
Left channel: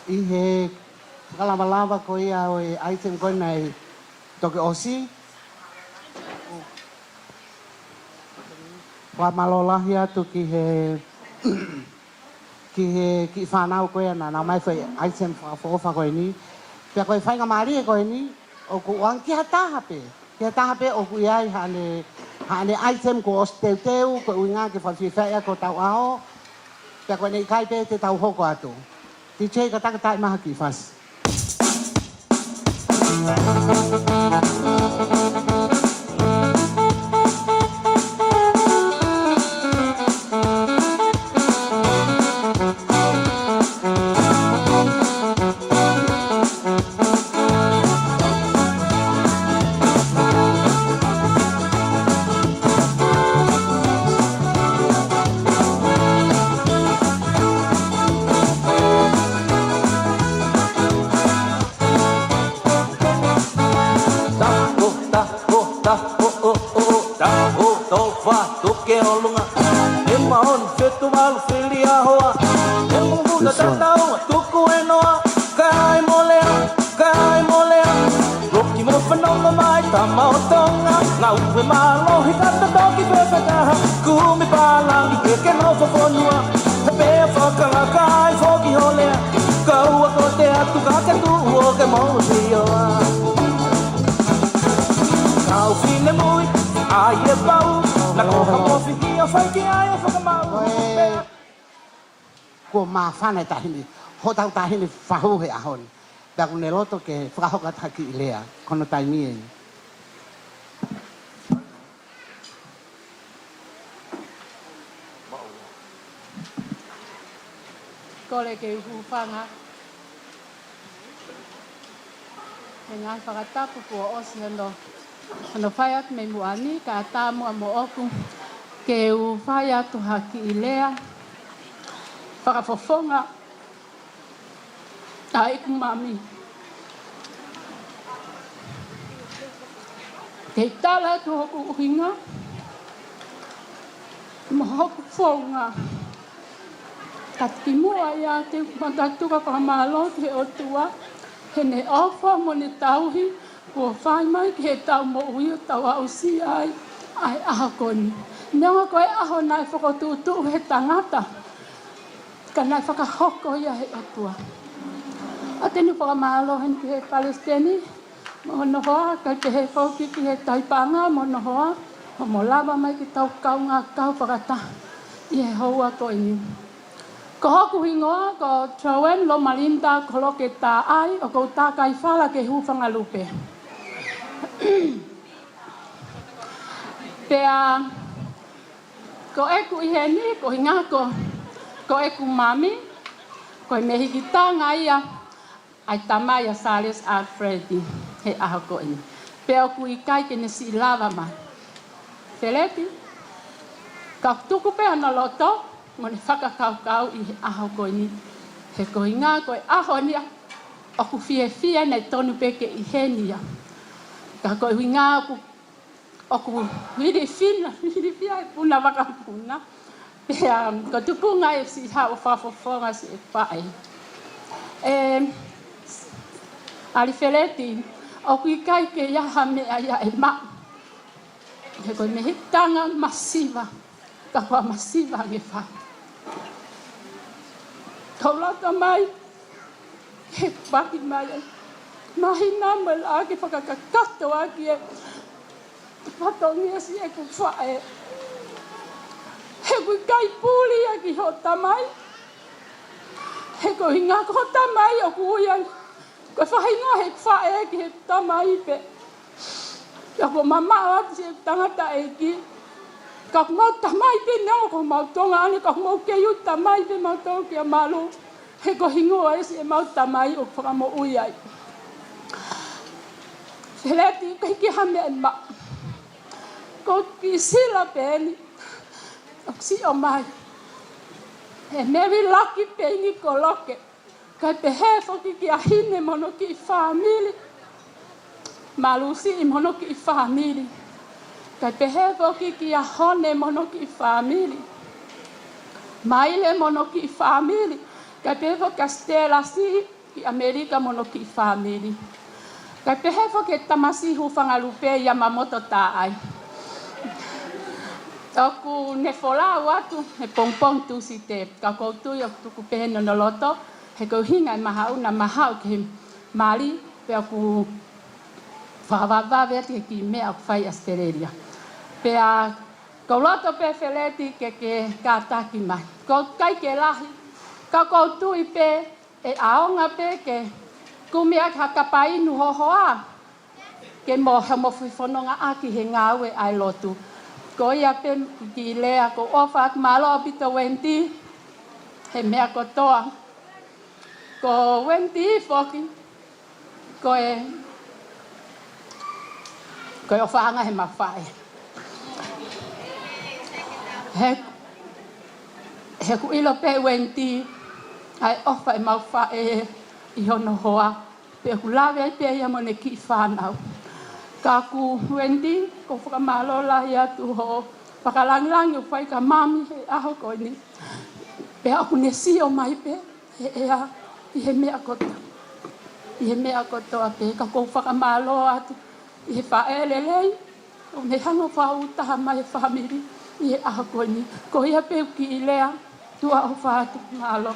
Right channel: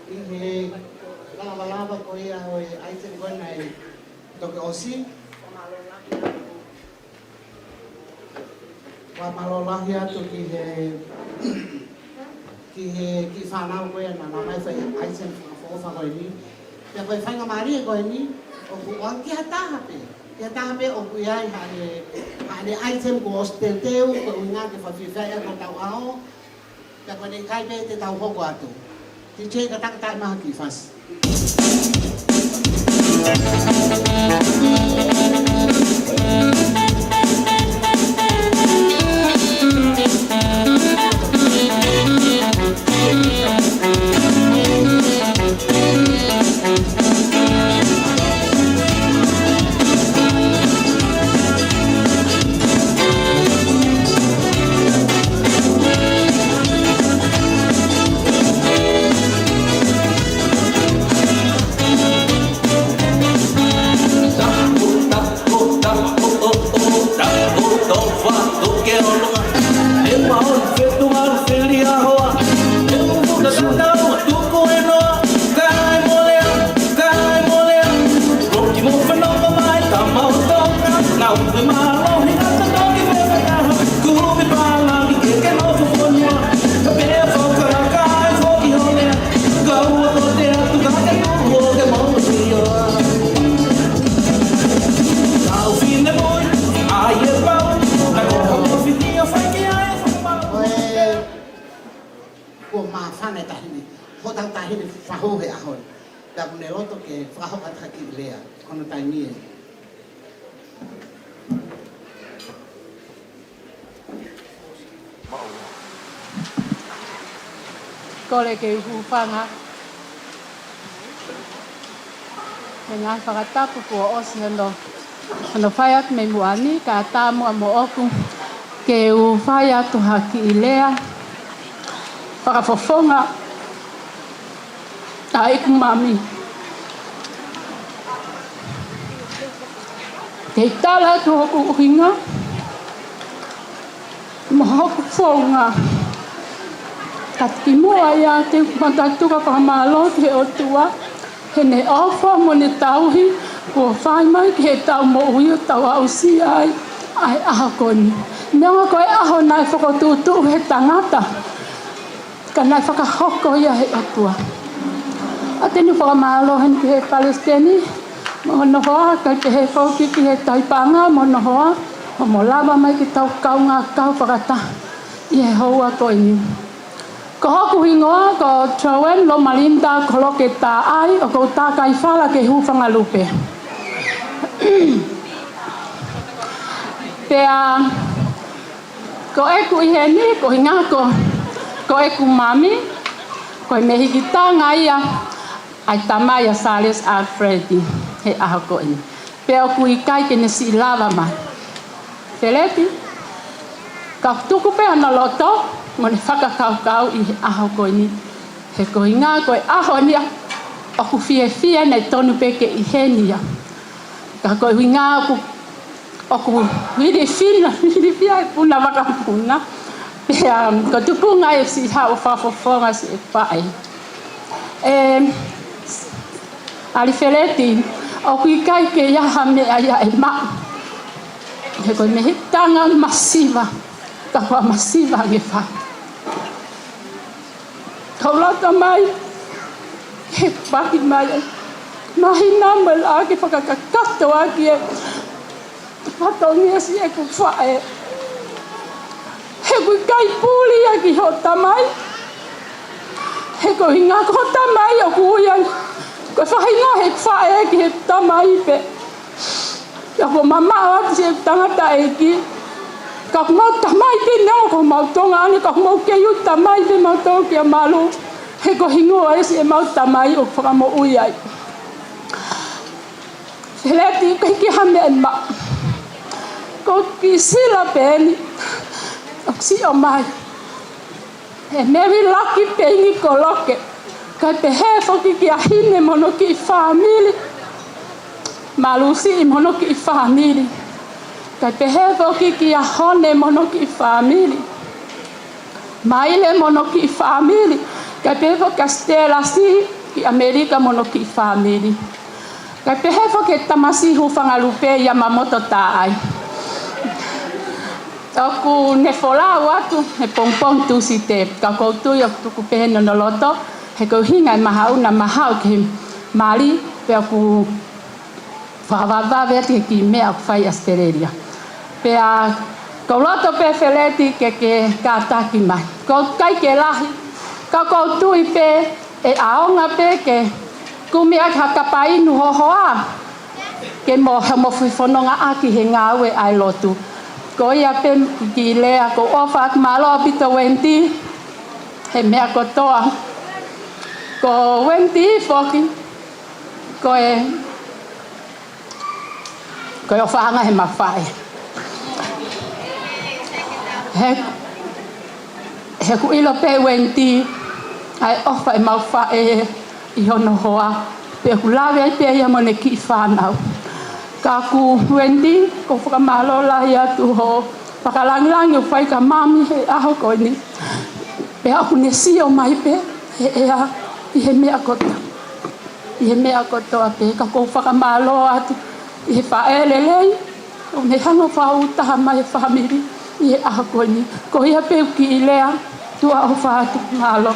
I he lava ko ia o e aiten ko nei toke osi. Wa malolahi atu ki whanau koe na mai whai aiten whakofa koe ni. Pia koe whainga maari e koe ni, o ku wang ki hataha pe. Ki hataha pe o ku iai hane aiten ko os teu teu, ko uinga ki whawhiwhai ko tau ao. Pia koe nei kai pe te tau hoko atu. Ti che ka taka maha ki fas. Ko mafana tahini hotang tahini fahoge ahon ya ko neroto ke fahoga thaki ilea kono taimi Kole ke hufanga Nga whakatapu kua osi ano whai atu me muani ka tāmu a mo oku ke u whai atu haki i lea whakafofonga a iku mami ke tala atu hoku uhinga mo hoku whonga ka timua ia te matatuka whakamalo te otua he ne ofa mo ne tauhi ko whai mai ki he tau mo ui o tau au si ai aho koni. Neonga koe aho nai whakotūtu he tangata ka nai whakahoko ia he atua. A tenu whakamalo hen ki he Palestini mo nohoa kai pe he whauki ki he taipanga mo nohoa mo lava mai ki tau kaunga kau whakata i he hoa koe ni. Ko hoku hingoa ko Troen lo malinda ko loke tā ai o ko tā kai whala ke hūwhanga lupe. Pea ko eku i he ni ko hinga ko eku mami ko me hiki tanga ia ai tamai a Sales Alfred he aho ko ini. Pea ku i kai ke ne si lava mai. Feleti ka tuku pe ana loto mo ne whakakaukau i aho koe ni. He koe ngā koe aho nia o ku fie nei tonu peke i he nia. Ka koe ngā o ku hiri fia e puna wakapuna. Pea ko tupunga e si hao whafofonga si e pae. Ali Feleti o ku i kai ke iaha mea ia e ma. He koe me hitanga masiva. Ka hoa masiva nge wha. Kaulata mai, he paki mai, mahi nama la ke whakakakato aki e whatongia si e ku whae. He kui kai pūli aki ho tamai, he ko hinga ko tamai o kuia, ko whahinga he whae aki he tamai pe. Ia ko mamao ati se tangata eki, ka mau tamai pe neo ko mau tonga ane ka mau keiu tamai pe mau tonga kia malu he ko hingoa esi e mau tamai o whakamo ui ai. Feleti ko hiki hame en ma ko ki sila peni o si o mai he mewi laki Payne ko loke kai pe he whoki ki a hine mono ki i whamili malu si i mono ki i whamili kai pe he whoki ki a hone mono ki i whamili. Maile mono ki i whamili. Kai pe whoki a stela si ki Amerika mono ki i whamili. Kai pe he whoki e tamasi hufanga lupe i a mamoto tā ai. Oku ne wholau atu, he pongpong tu si te kakoutui o tuku pehe no loto, he kou hinga i mahau na mahau ki Mali, pe oku whakawawawe ati ki mea ku whai Australia. Pea ko loto pe Feleti ke kātaki mai. Ko kai ke lahi, ka koutui pe e aonga pe ke kumia ka kapainu hohoa. Ke mo whiwhanonga aki he ngāwe ai lotu. Ko ia pe ki lea ko ofa ak malo apita wenti. He mea kotoa. Ko wenti whoki. Ko e whaanga he mawhae. He ku ilo pe wenti ai ofa e mawhae i hono hoa. Pe ku lawe ai pe ia mone ki whanau. Ka ku wenti ko whakamalo lahi atu ho. Whakalangilangi o whai ka mami he aho koe ni. Pe aku ne sio mai pe he ea i he mea kota. I he mea kotoa pe ka ko whakamalo atu. I he whaelelei O ne hanga whau taha mai whamiri i e aha koe ni. Ko ia peu ki I lea, tua o whātu malo.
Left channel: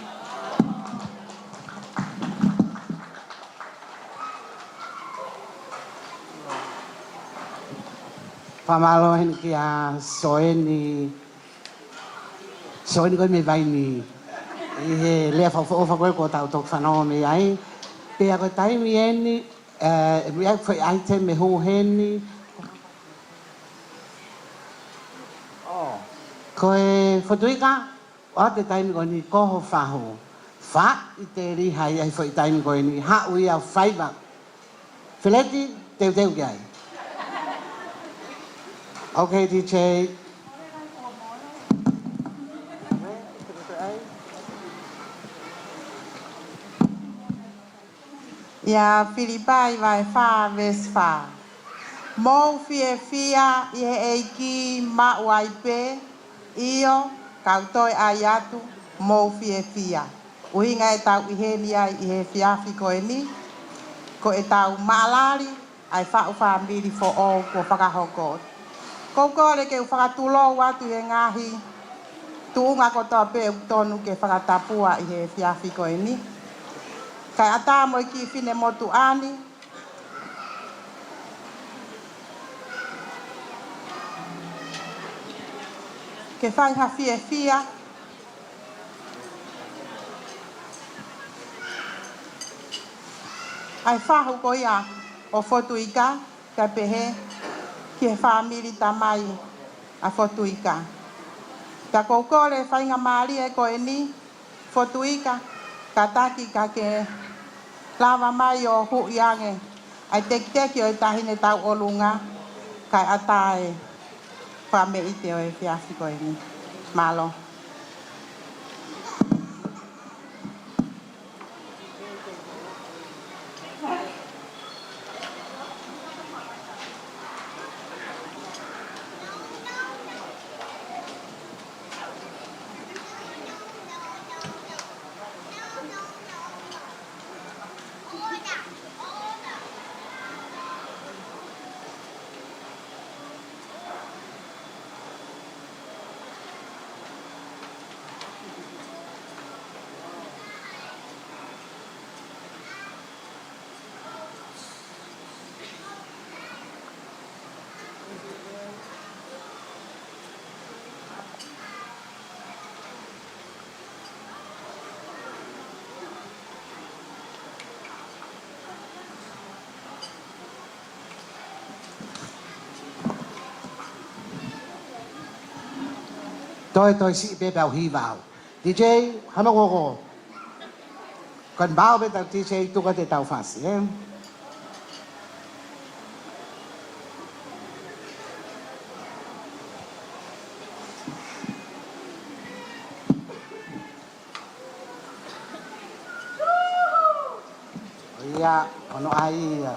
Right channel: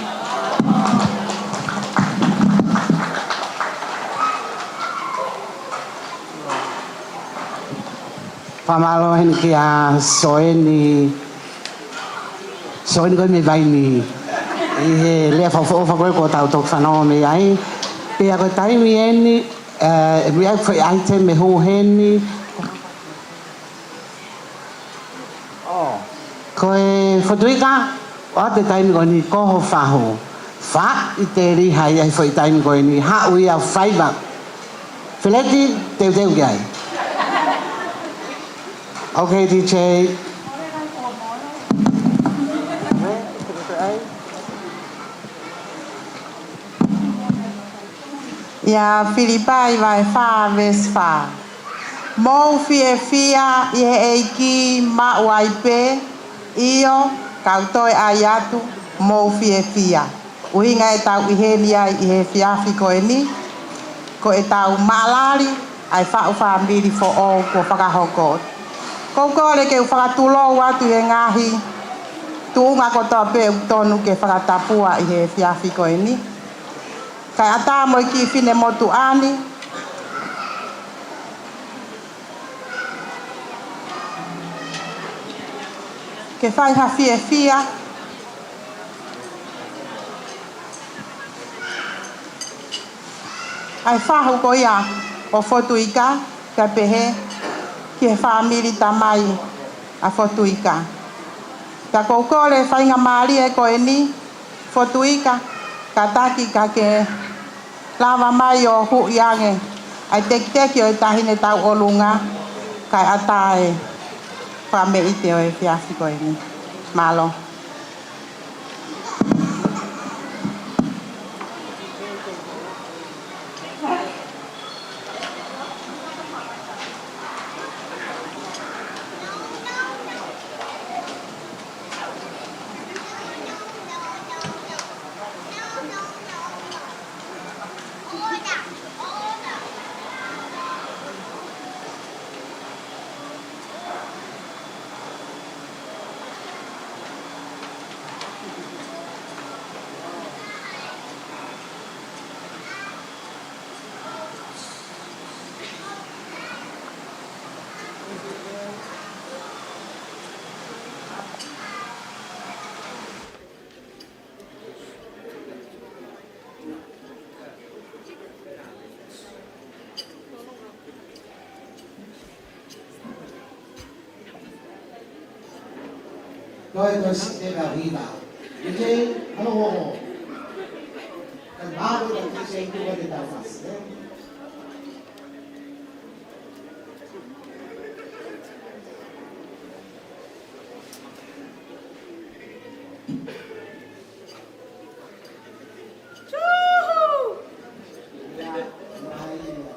Whamalo hene ki a soeni koe me vaini. I he lea whawha koe ko tau tok whanau me ai. Pea koe taimi eni, mi au whai aite me ho heni. Koe Fotuika, o te taimi koe ni koho whaho. Wha I te rihai ai whai taimi koe ni hau I au whaiva. Whileti, teu ki ai. Okay, DJ. Ia Filipai vai wha ves wha. Mou fie fia I he eiki ma waipe io kautoi ai atu mou fie fia. Uhinga e tau I he lia I he fiafi koe ni. Ko e tau maalari ai wha uwha miri fo o ko whakahoko. Kouko le ke whakatulo watu he ngahi. Tuunga ko toa pe tonu ke whakatapua I he fiafi koe ni. Kai ata mo ki fine motu ani. Ke whai ha fie fia. Ai whahu ko ia o Fotuika ka pehe ki he whamiri tamai a Fotuika. Ka koukole whainga maari e koe ni Fotuika ka taki ka ke lava mai o hu iange. Ai teki o e tahine tau olunga kai atae whame ite o e fiafi koe ni. Malo. Tôi xin đi vào hy vọng. DJ, hãy mà ngô. Còn bao bên tầng DJ tôi có thể tàu phản xí em. Dạ, còn nó ai à?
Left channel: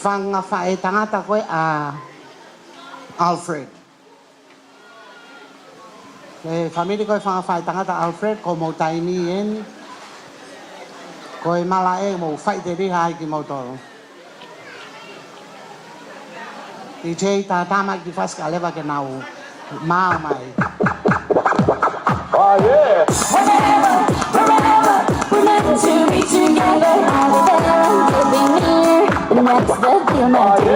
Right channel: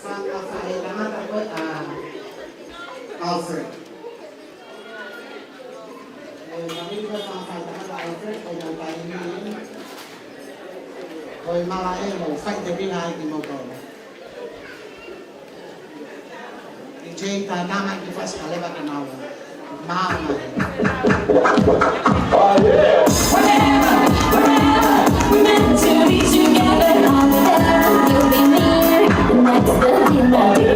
Whanga whae tangata koe a Alfred. Family koe whanga whae tangata Alfred ko mo taini en. Koe mala e mo whae te riha ai ki mo toro. Ki cheng ta tama ki whaska lewa ke nau maa mai. Remember to be together all together. You'll be near the next that you'll not do.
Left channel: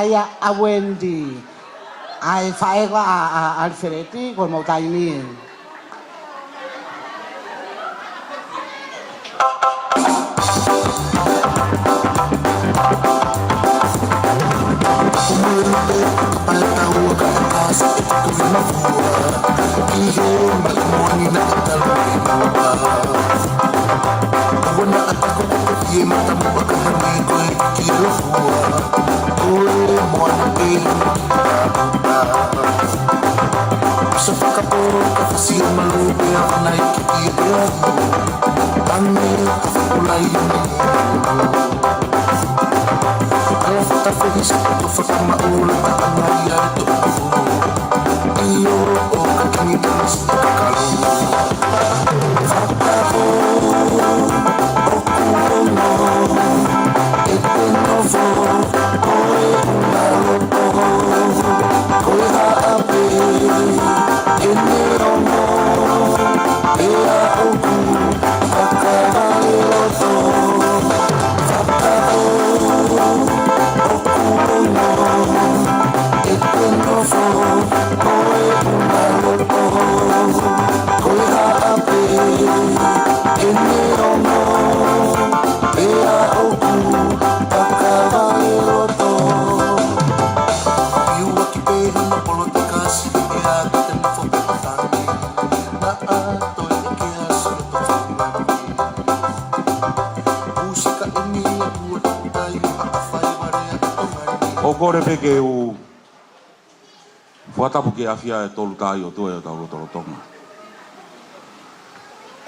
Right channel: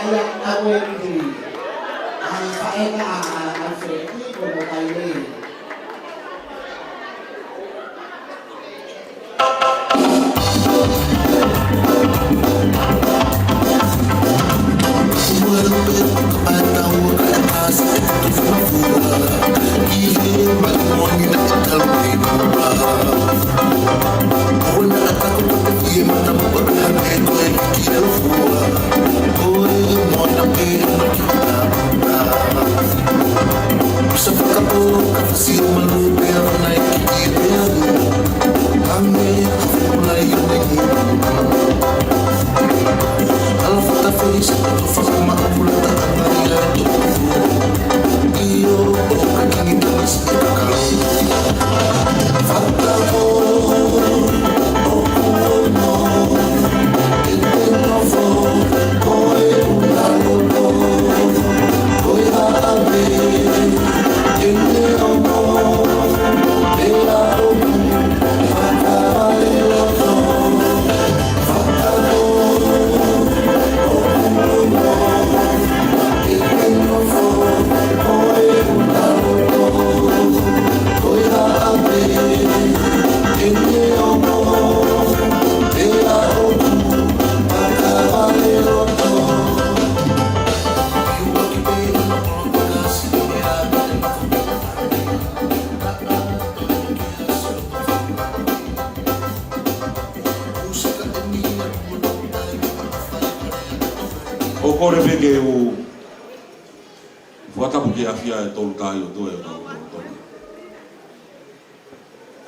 Ia a Wendy ai whae wa a Alfred ko mo kaini.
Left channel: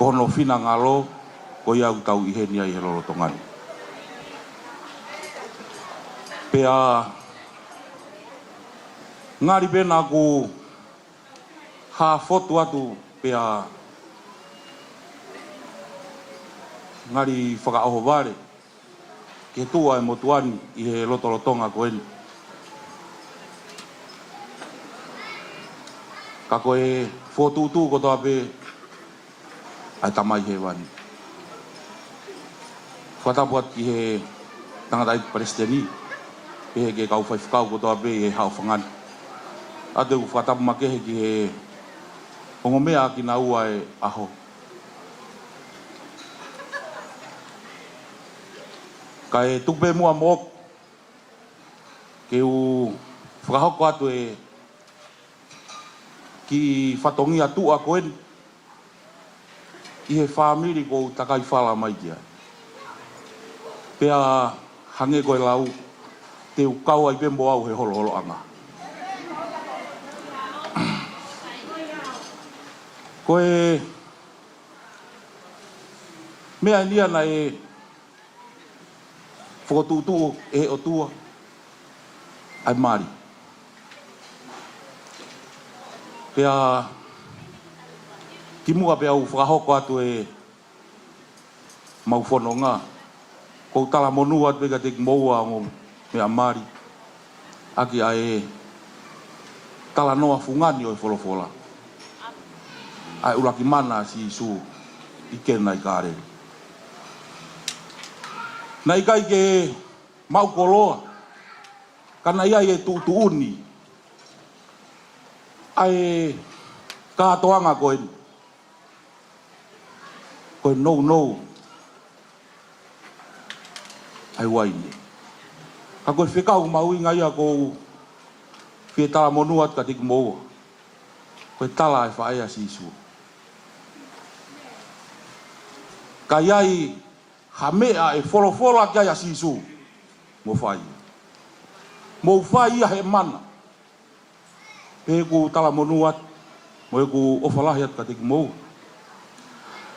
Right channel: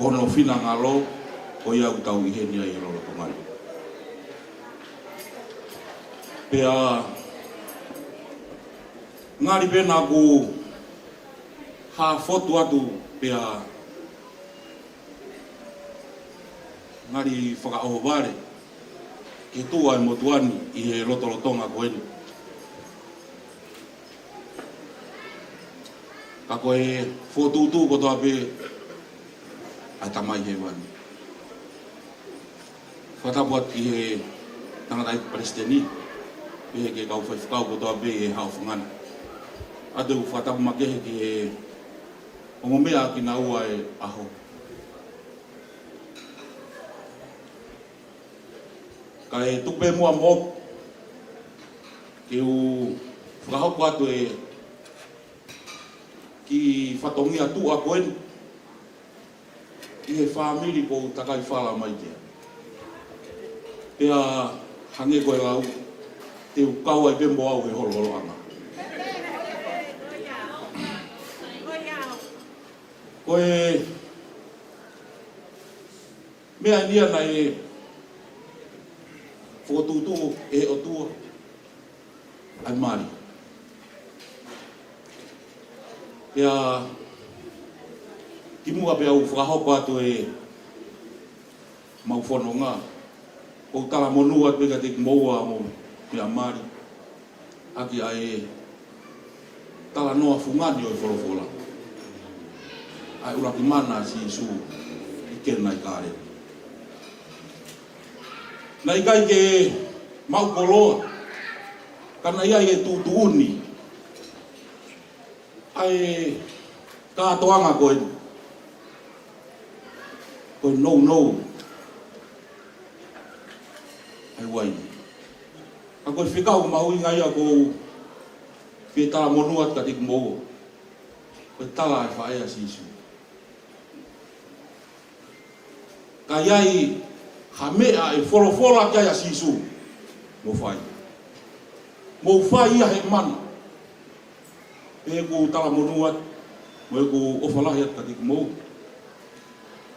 kono fina ngalo o ia utau ihenia i rolo tongai. Pea ngari pena ku ha fotu atu pea ngari whakaoho wale ke tua e motuani i he lotolotonga koeni. Ka koe fotutu ko toa pe ai tamai he wani. Whatapuat i he tangatai Palestini e he ke kau whaifukau ko toa pe e hao whangani. Ate u whatapu makehe ki he hongomea ki na ua e aho. Ka e tupe mua mo ke u whakahoko atu e ki whatongi atu a koen i he whamiri ko takai whala mai kia. Pea hange koe lau te ukau ai pembo au he holo holo anga. Koe mea nia na e whotutu e o tua ai mari. Pea ki mua pea u whakahoko atu e mau whanonga. Kou tala monu atu e ka te moua mo mea mari. Aki a e tala noa fungani o e wholofola. Ai uraki mana si isu i kena i kare. Nai kai ke mau koloa, kana ia e tutuuni. Ai kātoanga koe. Koe no. Ai wai. Ka koe whekau maui ngai a ko pia tala monuat ka tiku moua. Koe tala e whaea si isu. Ka iai ha mea e wholofola kia ia sisu mo whai. Mo whai ia he mana. E ku tala monuat, mo e ku ofalahi at katik mou.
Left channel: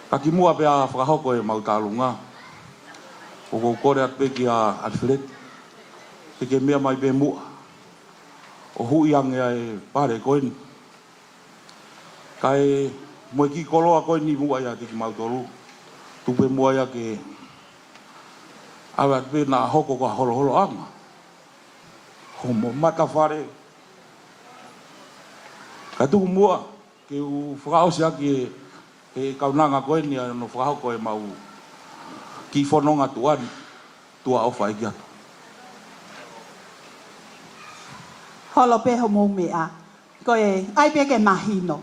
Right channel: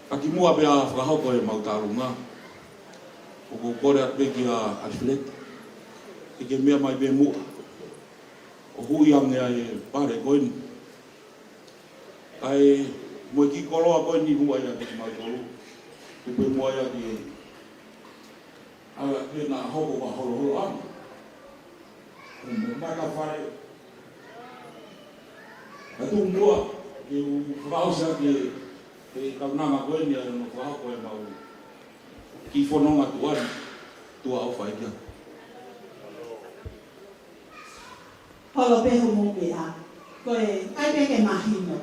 Ka ki mua pia whakahoko e mautalunga. O kou kore at pe ki a Alfred. Te ke mea mai pe mua. O huiang ea e pare koeni. Ka e mo e ki koloa koeni mua ia ki mautolu. Tupe mua ia ke awa te nā hoko ka holo ama. Homo maka whare. Ka tu mua ke u whakaosia ke e kaunanga koe ni no whakahoko e mau ki whanonga tuani tua au whai kia. Holo pe homo mea. Koe ai pe ke mahino.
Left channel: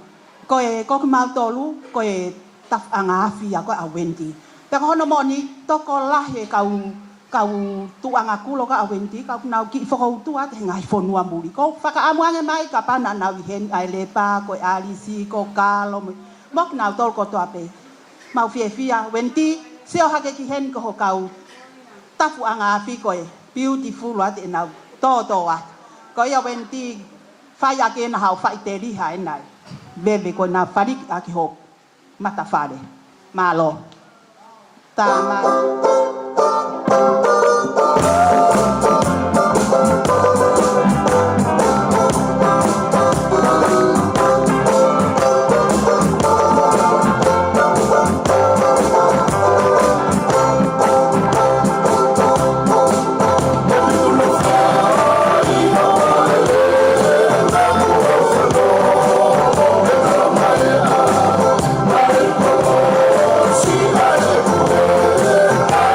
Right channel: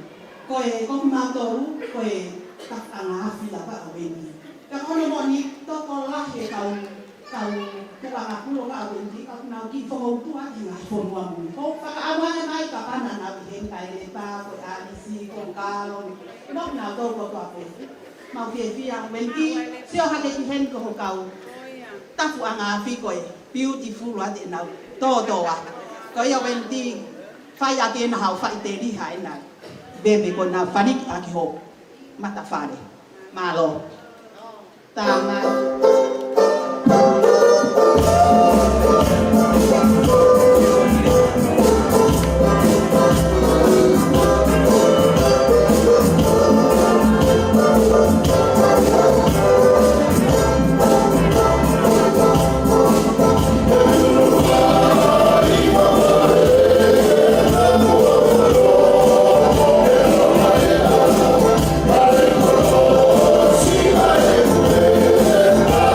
Koe koku mautolu koe tak anga afia koe a wendi. Pero hono mo ni toko lahi kau tuanga kulo ka awendi kau nau ki whakau tua te ngai whanua muri. Ko whakaamuange mai ka pana nau i hen ai lepa koe alisi ko kalo. Mok nau tol ko tua pe. Mau fia wendi seo hake ki hen ko kau tapu anga afi koe beautiful wa te nau toa. Ko ia wendi whai ake na hau whai te riha e nai. Bebe ko na whaniki aki ho mata whare. Malo. Tanga. Yeah.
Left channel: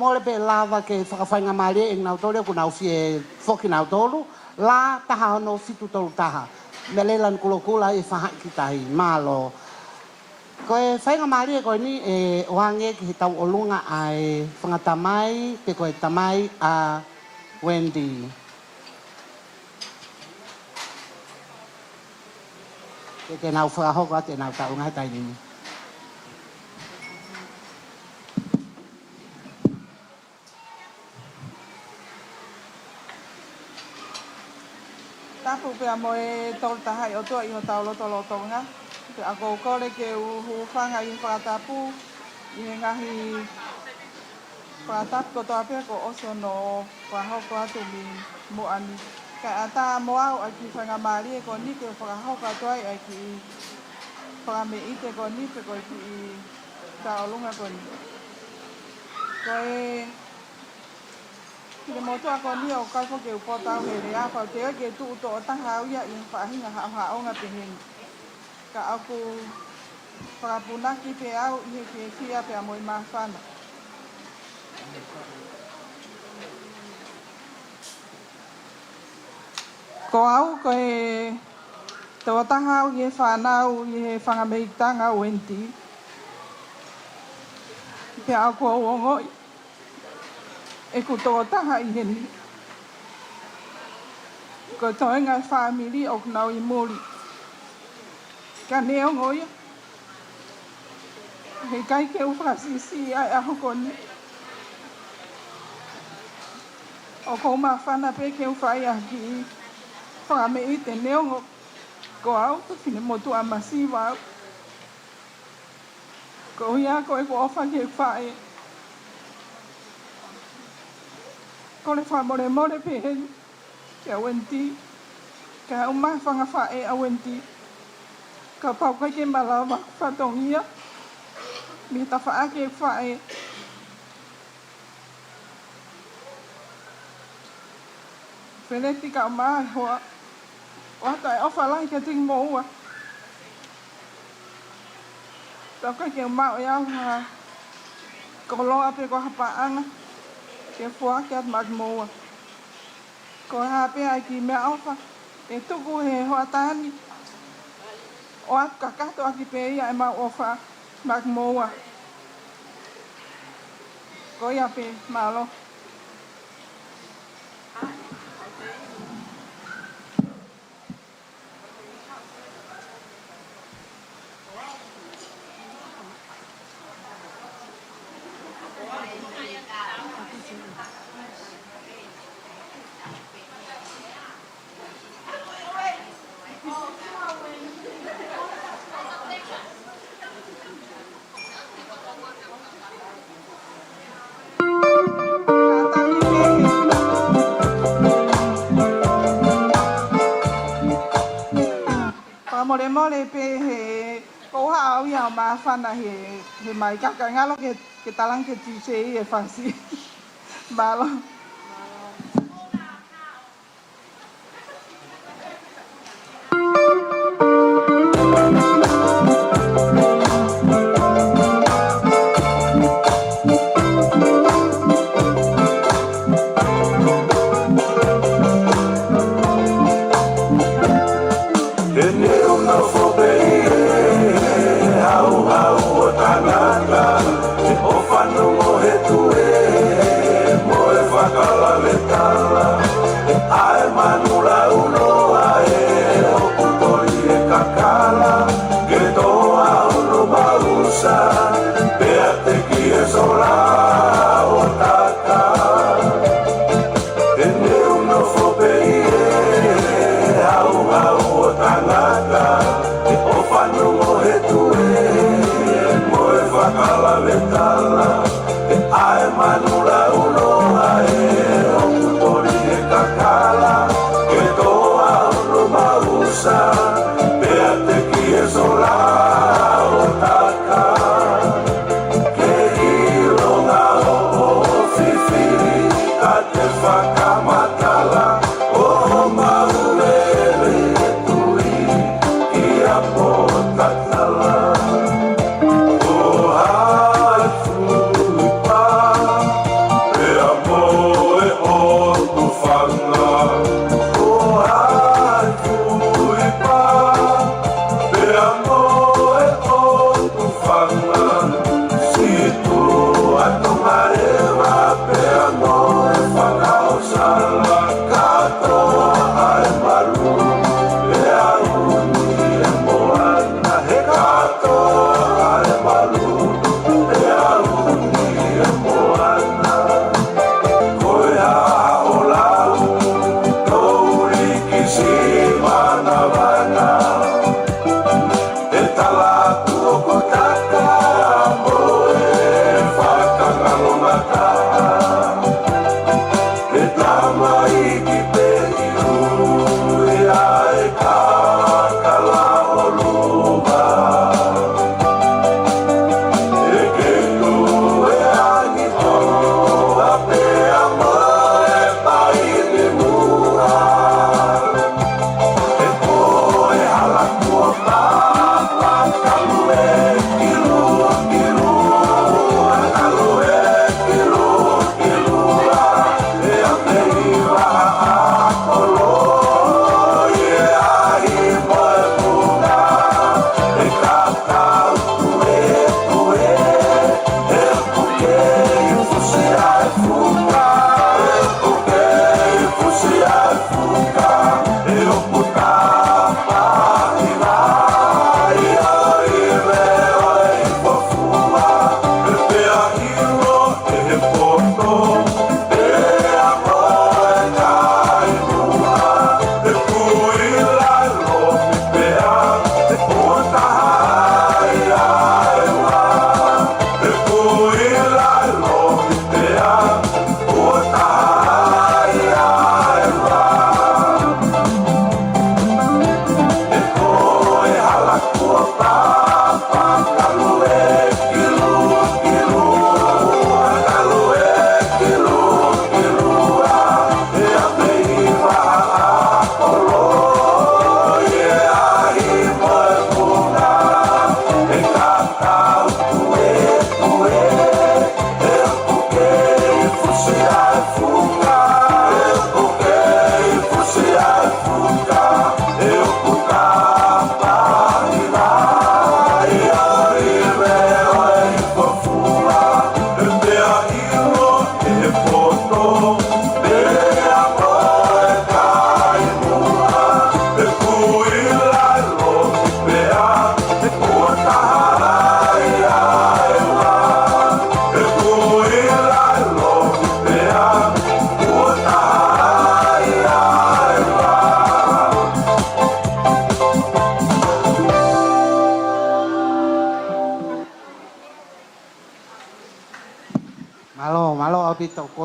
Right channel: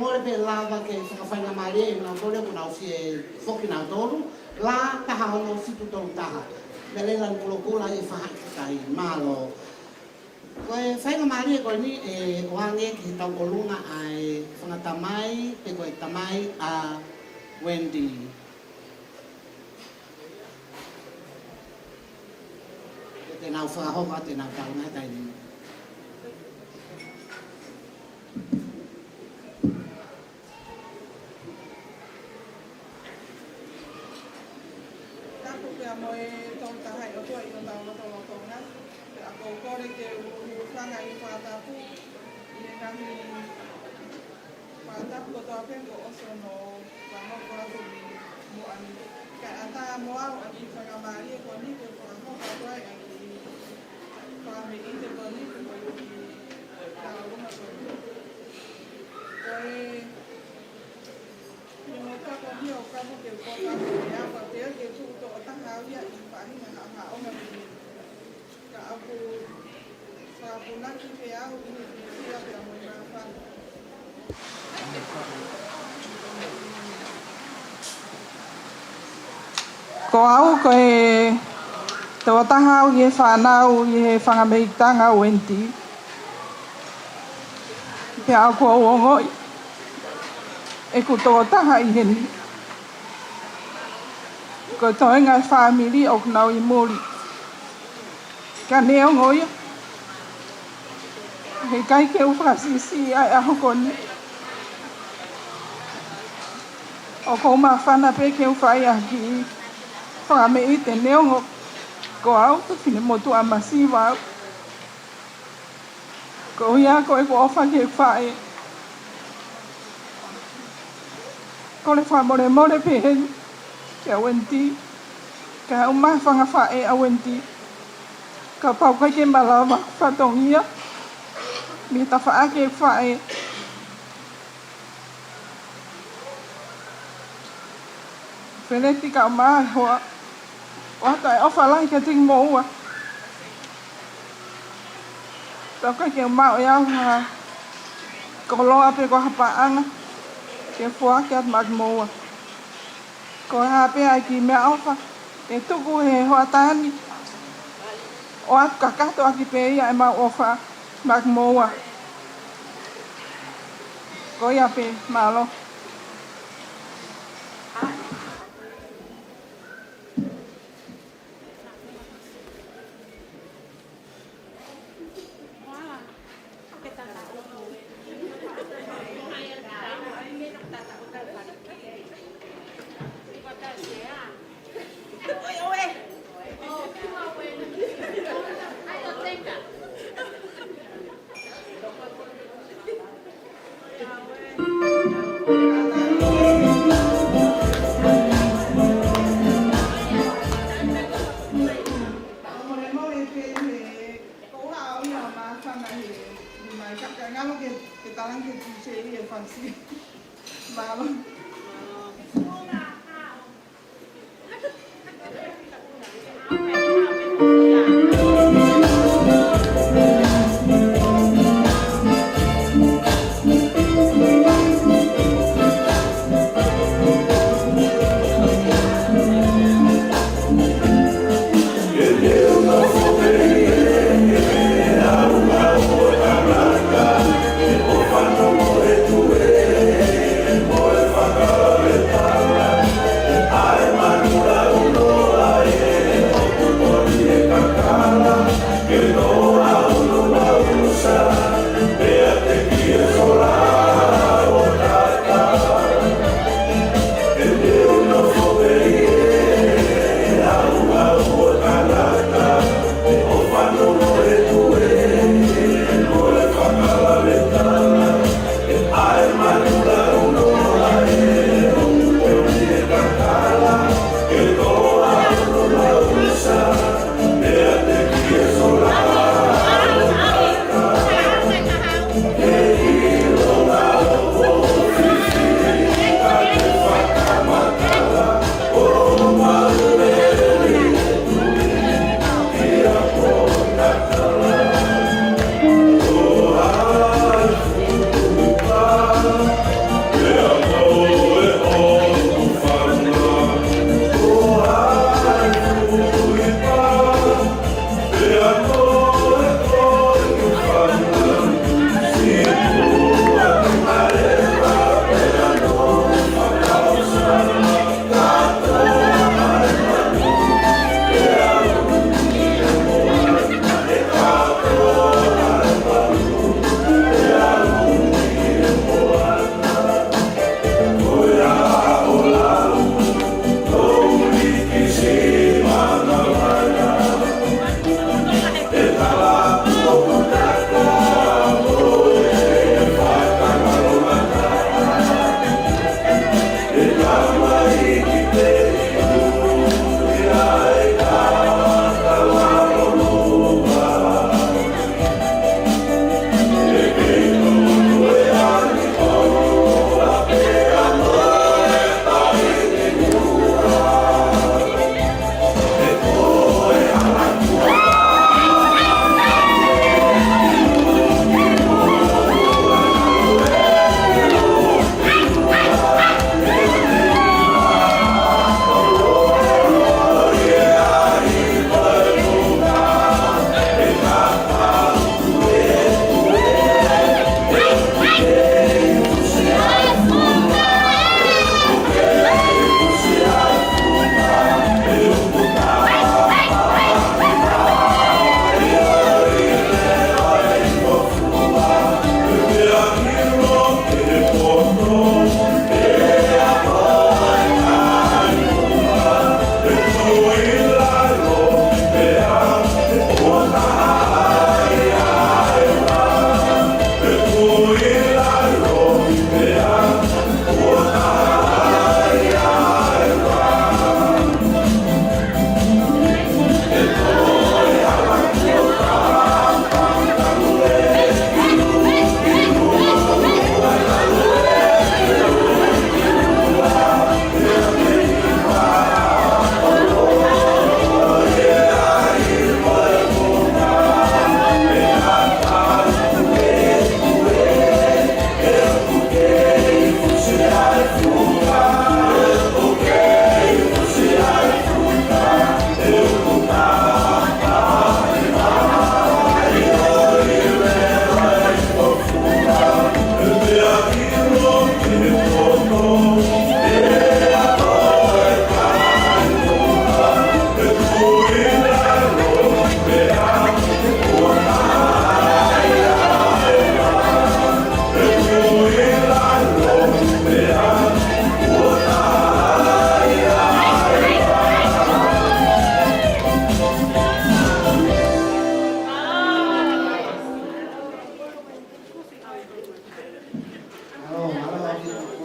Mole pe lava ke whakawhainga maare e ngau tore ko nau fie whoki nau toru la taha no fitu tolu taha me le lan kulokula e whahaki tahi malo ko e whainga maare e koe ni e oange ki he tau olunga ai whangatamai te koe tamai a Wendy te nau whakahoka te nau tau ngai taini Tapu pia moe tol tahai o toa i o tau loto lotonga. Te ako kore ke uhu whanga i Tongatapu. I ngahi Tongatapu ko toa pia ko oso no whahoko atu mi Moana. Ka ata moau ai ki whanga maari e ko ni ke whahoko atu ai ki whame ite ko ni ke ko i kaolunga ko ni. Koe Ni moto ako ni o kako ke upo tau me rea pa te ke tu to o tahau ia i whahinga hao nga pinin. Ka aku whakapunaki pe au i he pe fia pe a Moimoi whana. Ko au ko e te o tahau i he whanau i he whangameitanga Wendy. Pe au ko o ngoi. E ku tō taha i heni. Ko toi ngai whamiri o kunau i mōri. Ka neo ngoia. He kai ke uwhakasisi ai aho koni. O kou maa whana pe ke uwhai a ki whakame i te neo ngo. Ko au, whine motu a masiwa au. Ko hia koe ko ofa ke whae. Ko le whamore more pe heni ke a Wendy. Ka au maa whanga whae a Wendy. Ka pau kai ke malawa whatongia. Mi ta wha ke whae. Wheneti ka o maa hoa. O hata e ofa lai ka ting moua. Pau kai ke o maa o iau ha. Ko loa pe ko hapaanga. Ke fua ke at mag moua. Ko hape ai ki mea ofa. E tuku he hoa tani. O at kakato aki pe ia e mau ofa mag moua. Ko ia pe malo. maafana he mai kakangalo ke talang ke tuse e fasi. Malo.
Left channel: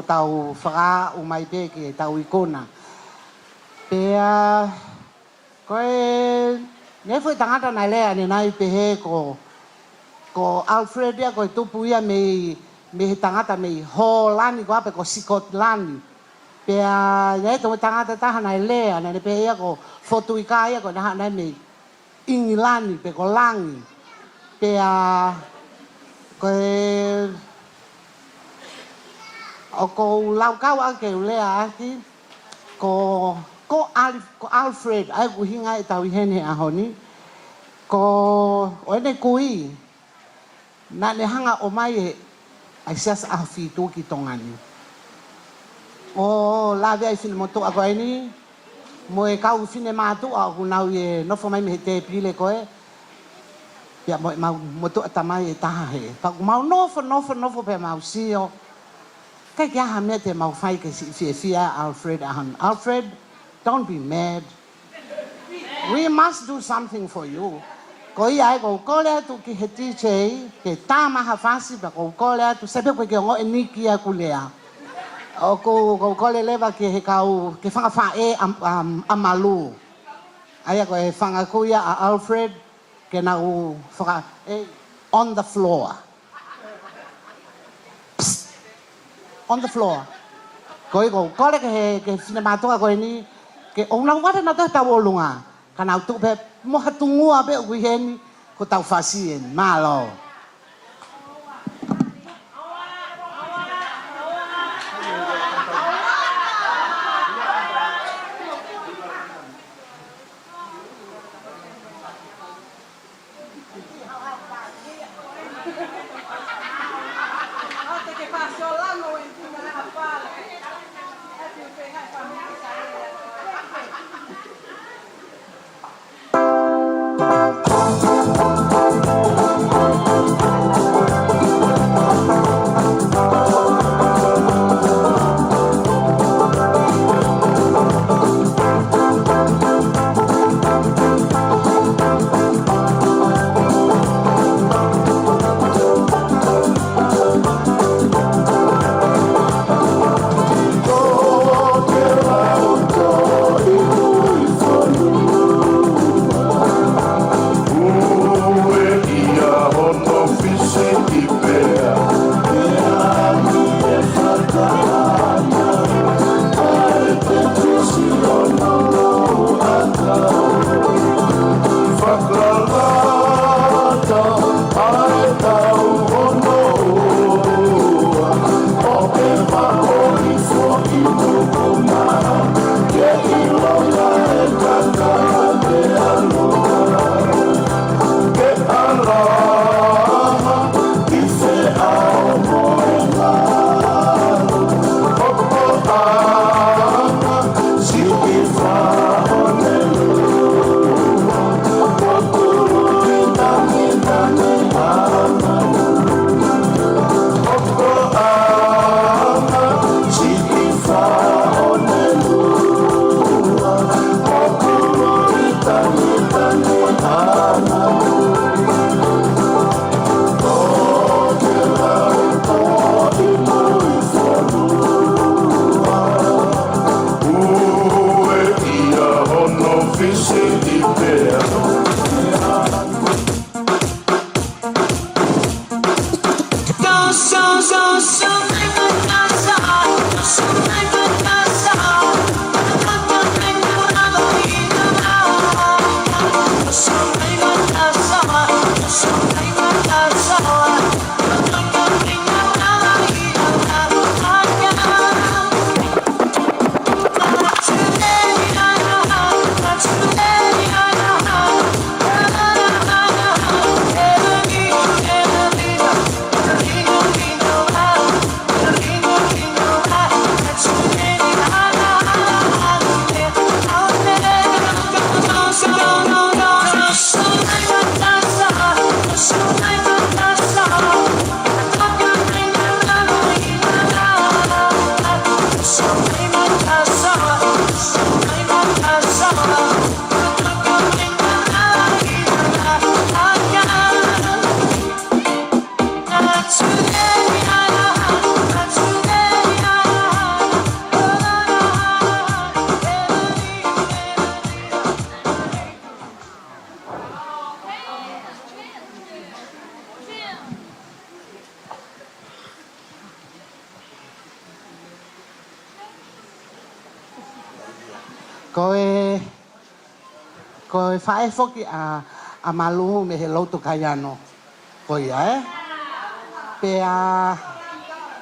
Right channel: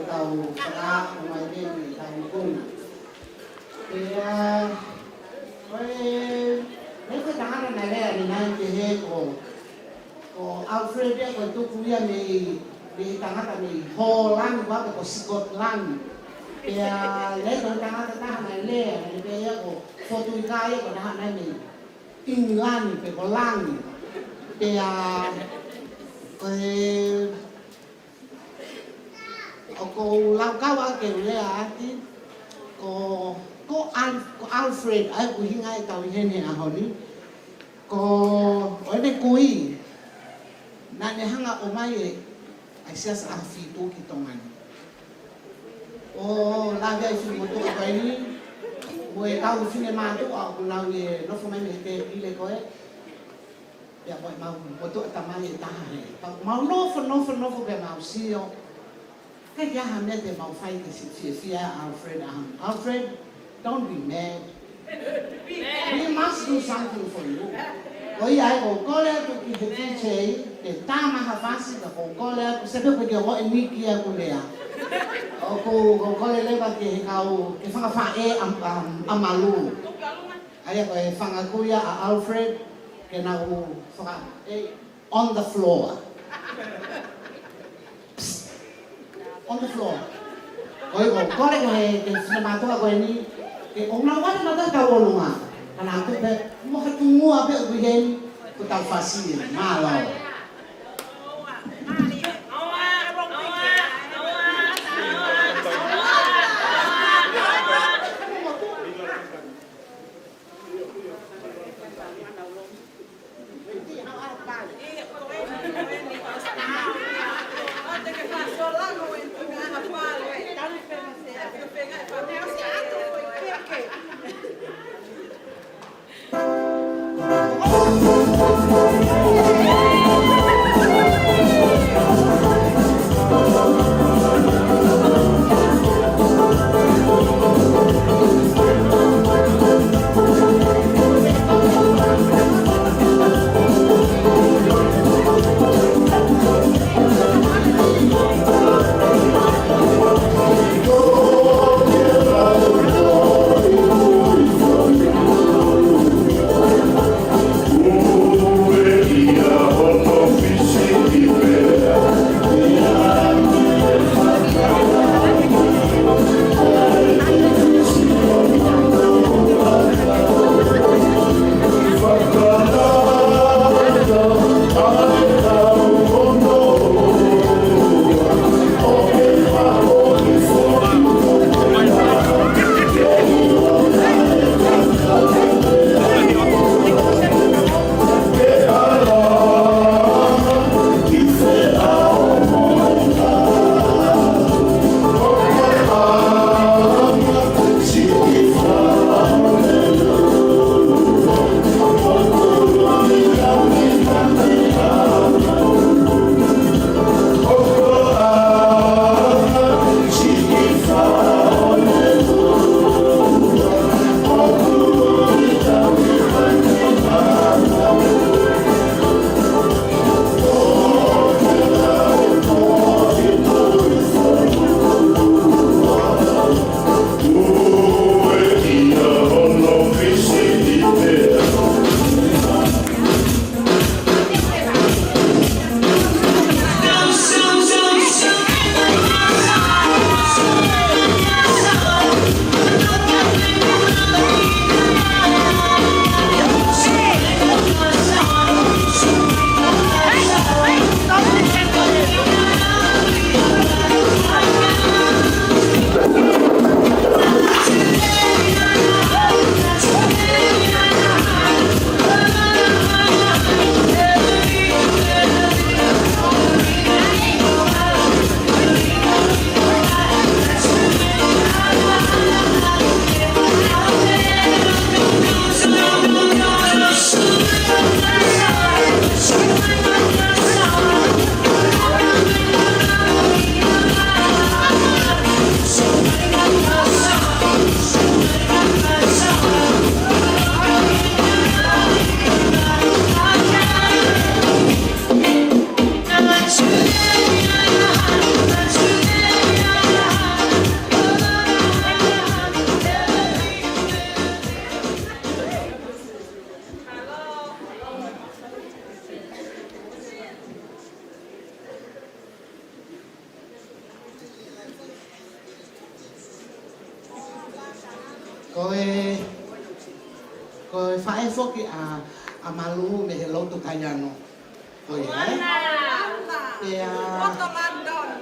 tau whaka o mai be ke tau ikona. Pea, koe, ne fwoi tangata nai lea ni nai te he ko ko Alfred ia ko tupu ia me tangata me Holland ko ape ko Scotland pea ia ko tangata taha na lea na pe ia ko Fotuika ia ko na me England pe ko langi pea ko ko lau kau ake lea ati ko Alfred ai ku hinga i tau hene a honi ko oine kui na le hanga o mai e ai sias a fitu ki tongani o la ve fil moto a ni mo e kau fine matu a ku nau e no fo mai me te pile ko e ya mo moto tamai e taha he pa mau no fo pe mau sio ka ya ha me te mau fai ke si Alfred ahan Alfred, don't be mad. We must do something for you. Ko ia ko kola tu ki heti chei te tama ha fasi ba ko kola tu sebe ko ke o eniki a kulea. O ko kola leva ke he kau ke fanga fa e amalu. Aya ko e fanga kuia a Alfred ke na u fa on the floor. Psst. On the floor. Ko kola ke sinema to ko ni ke o na wala na ta wolunga. Kana tu be mo hatungu abe uhen ko tau fasi malo. Koe whae whoki a maluhu me he loto kai ano. Koe ai. Pea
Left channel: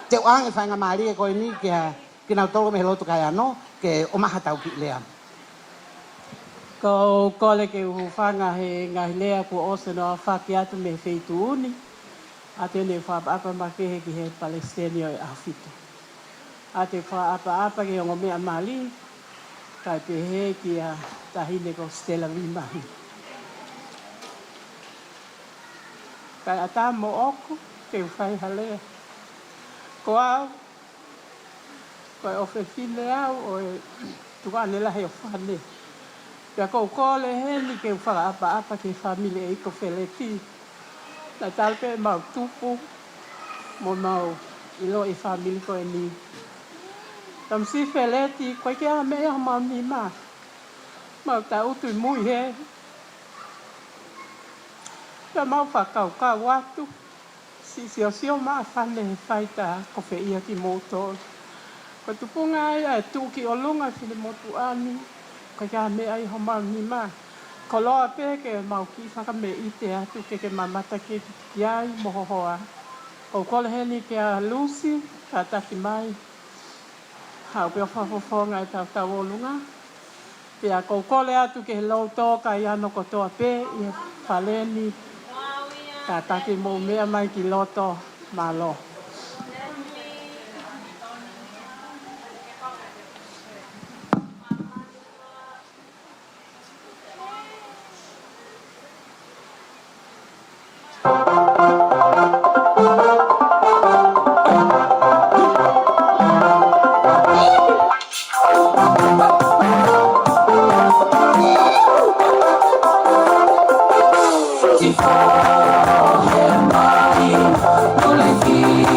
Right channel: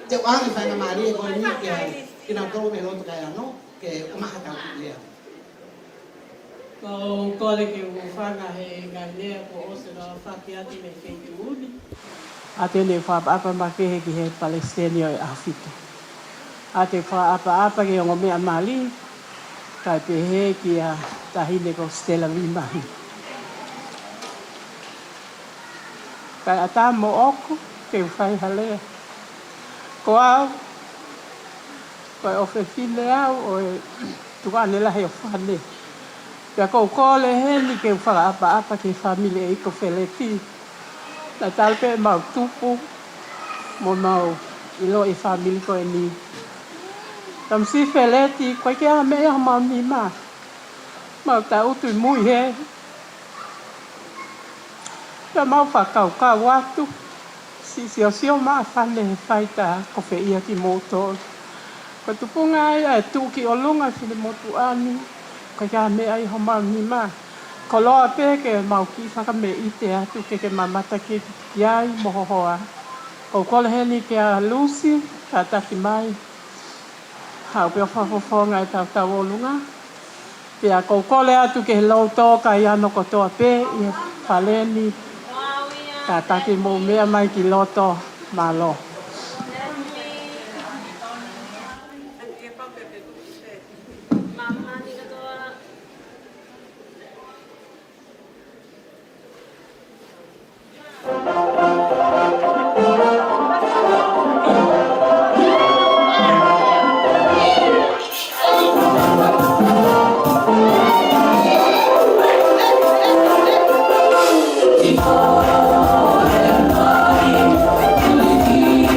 te oange whainga maari e koe ni ki nau tolu me he loto kai ano ke o maha tau ki lea. Ko kole ke o whanga he ngahi lea ko osa no whaki atu me wheitu uni. A te ne whaapa makehe ki he Palestinio e awhito. A te whaapa ke o mea mali, kai pehe ki a tahine ko Stella Rimahi. Kai a tā mo oko ke whai halea. Ko au, koe o whiwhine au o e tuane lahe o whane. Pea kou kōle heni ke whakaapa ke whamile e iko wheleti. Na talpe mau tupu, mo mau ilo e whamile ko e ni. Tam si wheleti, koe ke a mea mau ni maa. Mau ta utu I mui he. Pea mau whakau atu. Si o maa whane he whaita ko whia ki motor. Ko tupunga ai e tuki o lunga whine motu ani. Ko kia mea I ho mau ni maa. Ko loa pe ke mau ki whaka me I te atu ke mamata ke iai mohohoa. Ko kole heni ke a Lucy, ka taki mai. Hau peo whawhawhonga e tau o lunga. Pea ko kole atu ke lau tō ka I ano kotoa pe I whaleni. Ka taki mō mea mai ki loto malo. Thank you.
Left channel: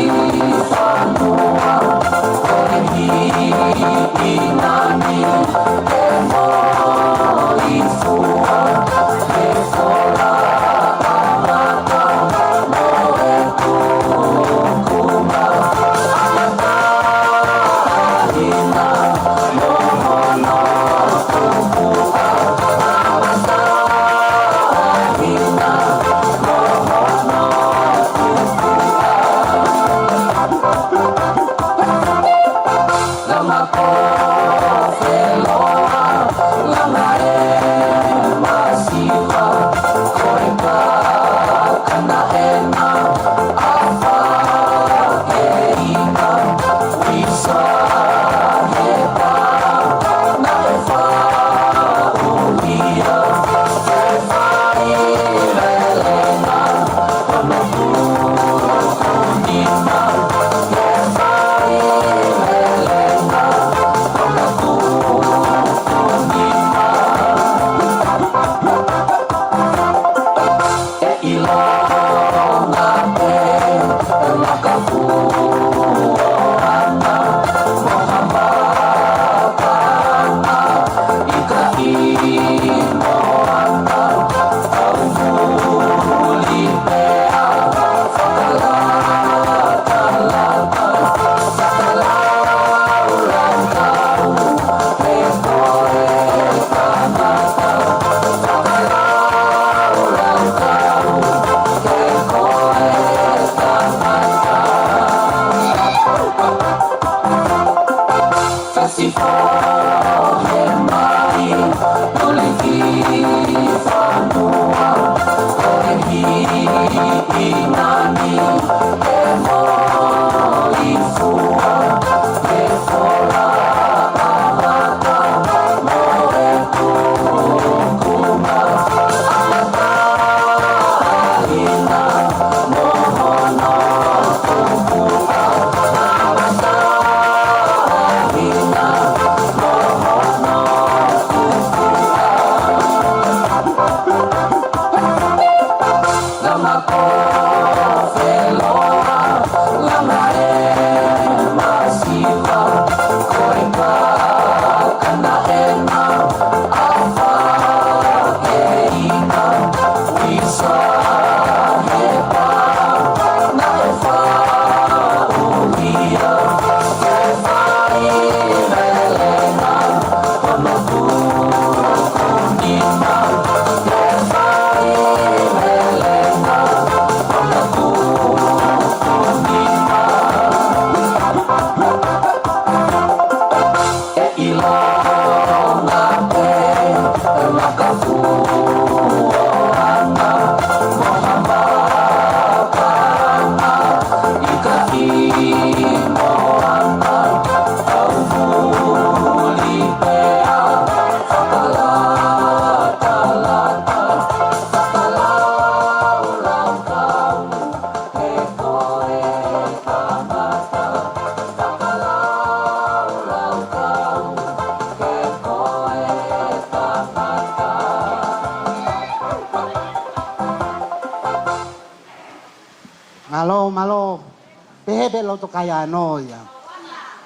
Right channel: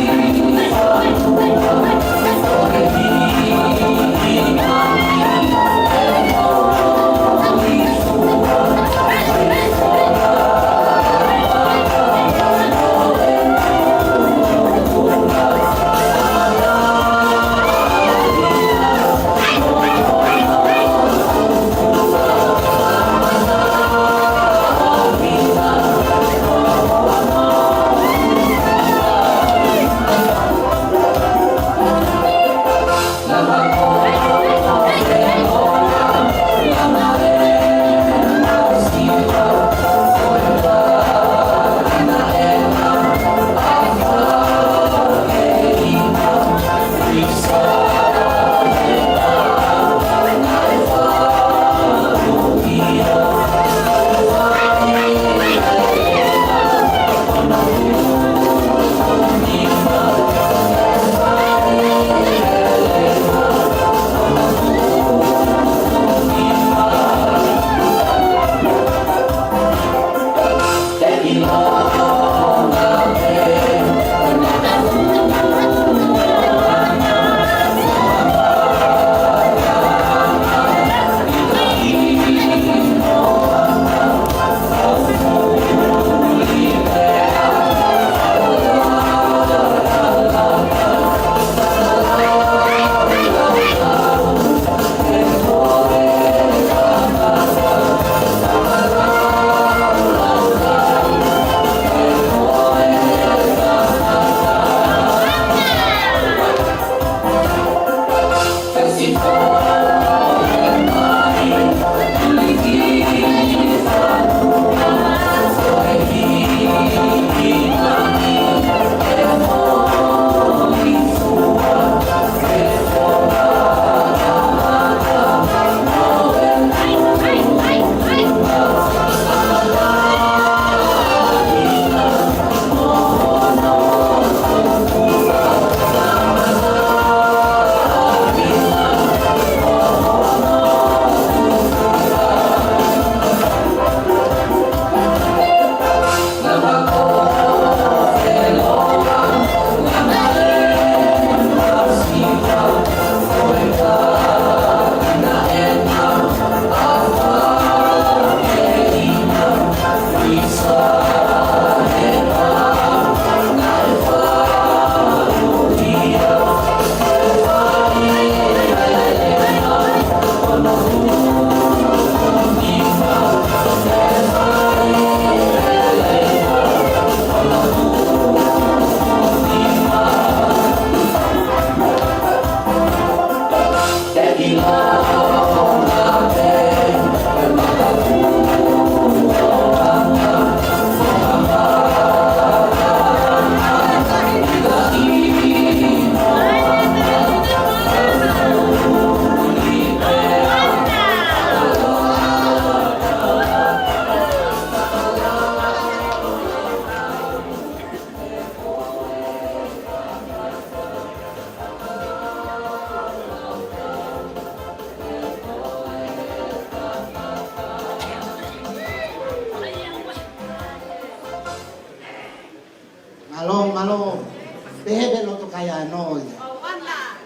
Behebe loto kaya noia.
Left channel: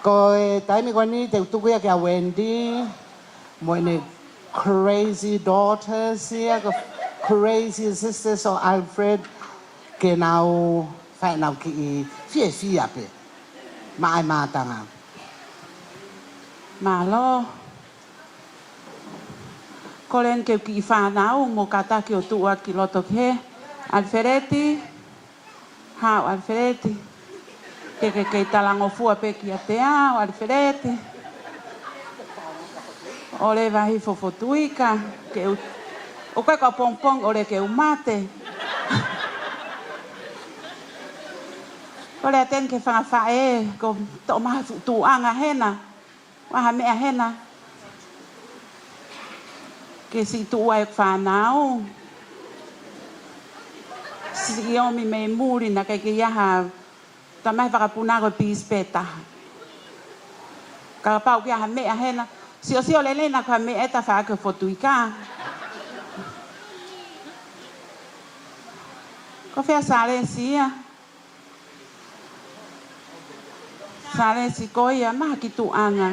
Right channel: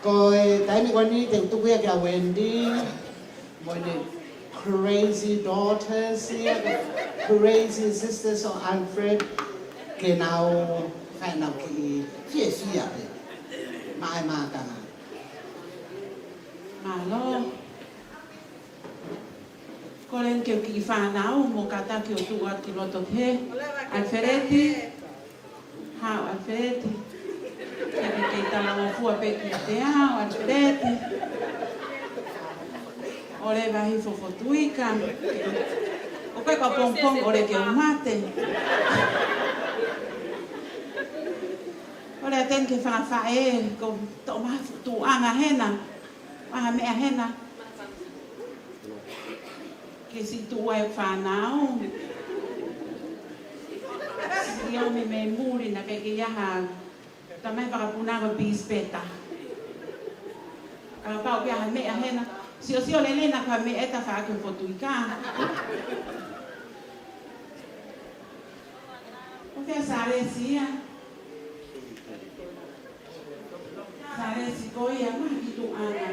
Ko e taini ko ni te tukuia kia Wendy. Mo ni crazy daughters here, the crazy sisters of Alfred. Ke nau whai nau ki fia pe. Mai mātanga. Malo. Ko len ke ki whanau mo kata ki o tua ki loto ke. Alfredi. Hau Alfredi. Ke talango fua pe ki a te ao Alfredi. O le wahi fo Fotuika. O koe ka pongpong o le ke umate. O le aten ke whawhae ko to maha tuanga hena. Waha mea hena. Ke si tua e whanau. Si omi me muri na ke iaha ta mai whakapuna koe pīs pēta. Ka pau kia ha mea hena. Si o le lena koe mea eta whaake Fotuika. Ko whea sare si ia. Sare si ko ia maha ki tuanga.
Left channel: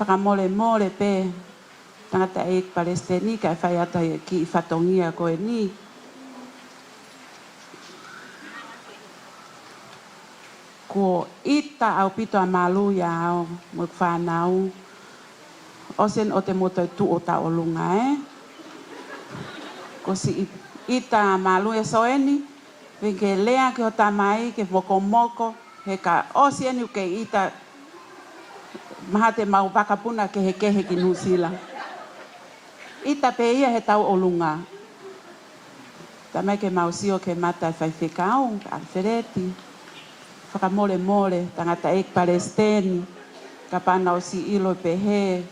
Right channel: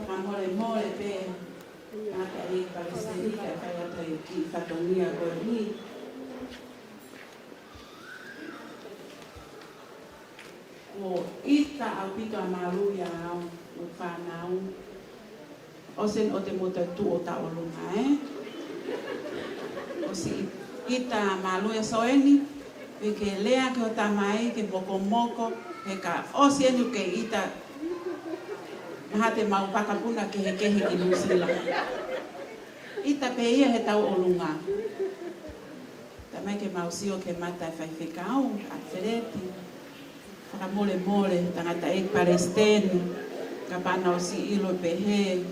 Whakamole mole pe. Tangata e Palestini ka whai ata ki whatongia koe ni. Ko ita au pito a malu ia au mo whanau. O sen o te moto tu o ta o lunga Ko si ita a malu e soeni. Ke lea ke o tamai ke moko moko. He ka o sieni ke ita maha te mau pakapuna ke he kehe ki Nusila. Ita pe ia he tau o lunga. Tamai ke mau sio ke mata whai whikau, Alfredi. Whakamole mole, tangata e Palestini. Ka panga o si ilo pe he.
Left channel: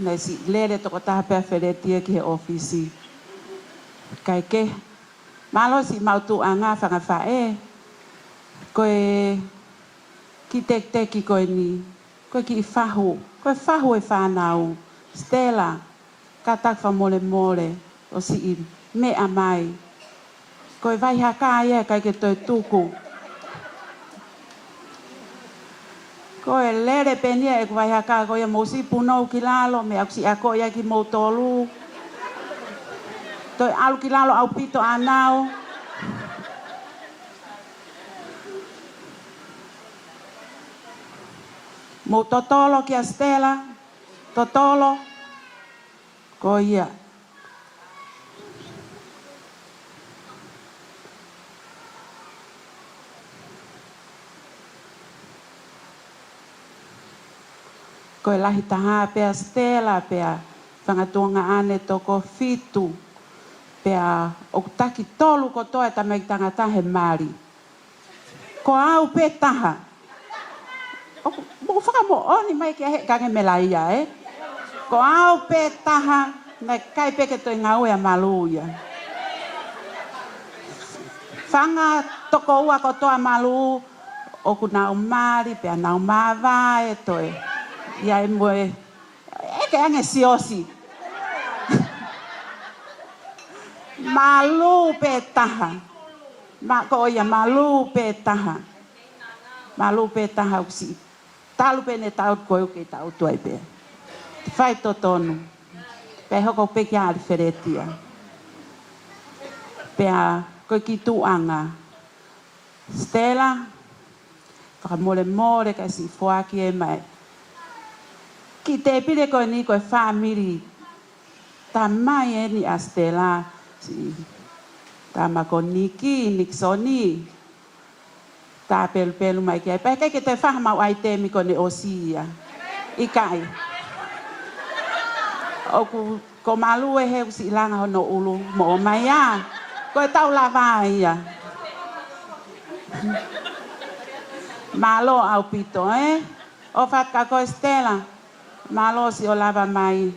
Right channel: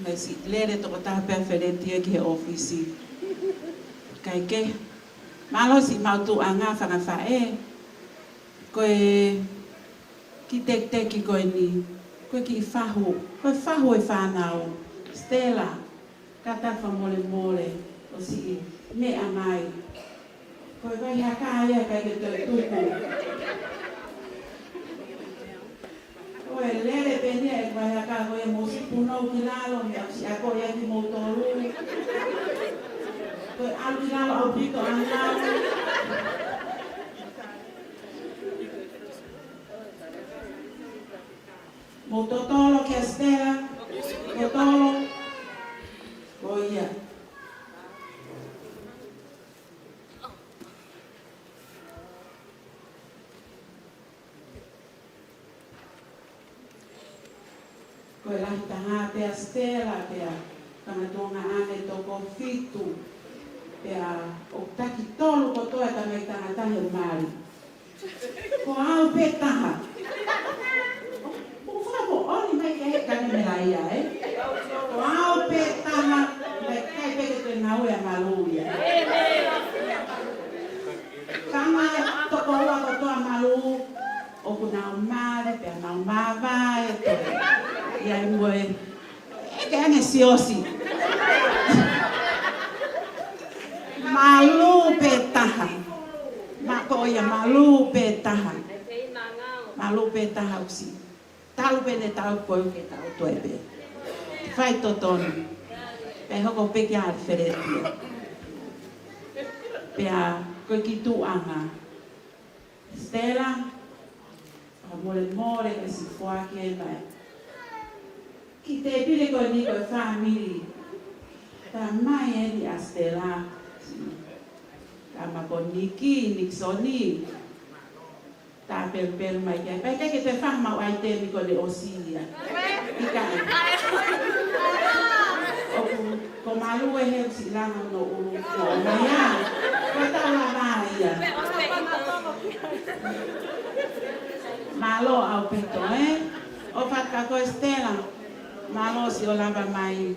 Nei si lere toko taha pe Alfredi e ki he ofisi. Kai ke. Malo si mau tu anga whanga whae. Koe ki teki koe ni. Koe ki whahu. Koe whahu e whanau. Stella. Ka takwa mole mole. O si i mea mai. Koe vai haka ia kai ke toi tuku. Koe lere penia e vai haka koe mo si punou ki lalo. Me aksi a koe ia ki mo tolu. Toi alu ki lalo au pito anau. Mo totolo ki a Stella. Totolo. Ko ia. Ko e lahi taha pea Stella pea. Whangatonga ane toko fitu. Pea o taki tolu ko toe ta mei tangatahe mari. Ko au pe taha. Mo whakamo oni mai ke he kange mela ia Ko au pe taha me kai peke toi ngau e malu ia. Whanga toko ua ko toa malu o ku nau mare pea nau mawa e toi. Ia e mwe eke ange siosi. Malu pe taha. Mako ia malu pe taha. Malu pe taha usi. Talu pene tau koe ke tau tuai pe. Whai totonu. Pe hoko peke Alfredia. Pea koe ki tuanga. Stella. Whakamole more kai si whaaki e mai. Ki te pire koe ni koe whamiri. Ta mai e ni a Stella. Ta mako Niki, Nixoni. Ta pelu mai kia. Pea kai ke te whahamau ai te mi kone Osiria. Ikai. Oku ko malu e he si langa hono ulu mo mai a. Koe tau la mai ia. Malo au pito O fatka ko Stella. Malo si o lava mai.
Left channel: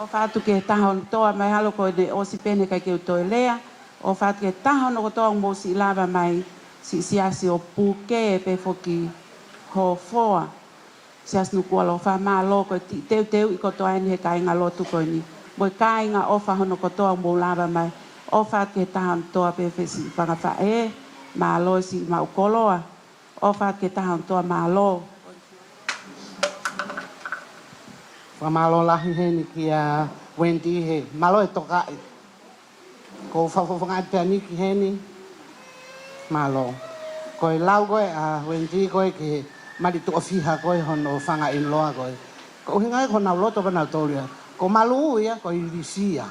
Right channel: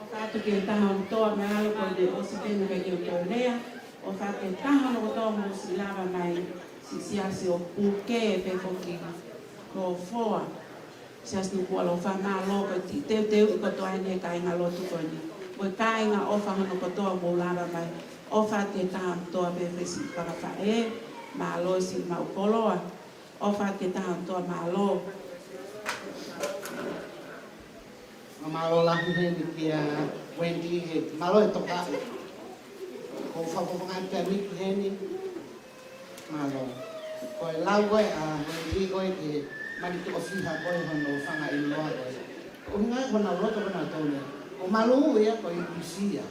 O fatu ke tahon toa mai halo ko de o si pene kai ke toi lea. O fatu ke tahon ko toa mo si lava mai. Si si o puke e pe foki ho foa. Sias Nuku'alofa malo ko teu ko toa ni he kainga lotu ko ni. Mo kainga ofa hono ko toa mo lava mai. Ofa ke tahan toa pepe si panga e malo si maukoloa. Ofa ke tahan toa malo. Malo lah ni kia Wendy he. Malo e toka e. Ko whakawhangata ni ki he ni. Malo. Ko e lau koe a Wendy koe ki mari tuka fiha koe hono whanga in loa koe. Ko hinga e kona loto kana toria. Ko malu ia ko Indonesia.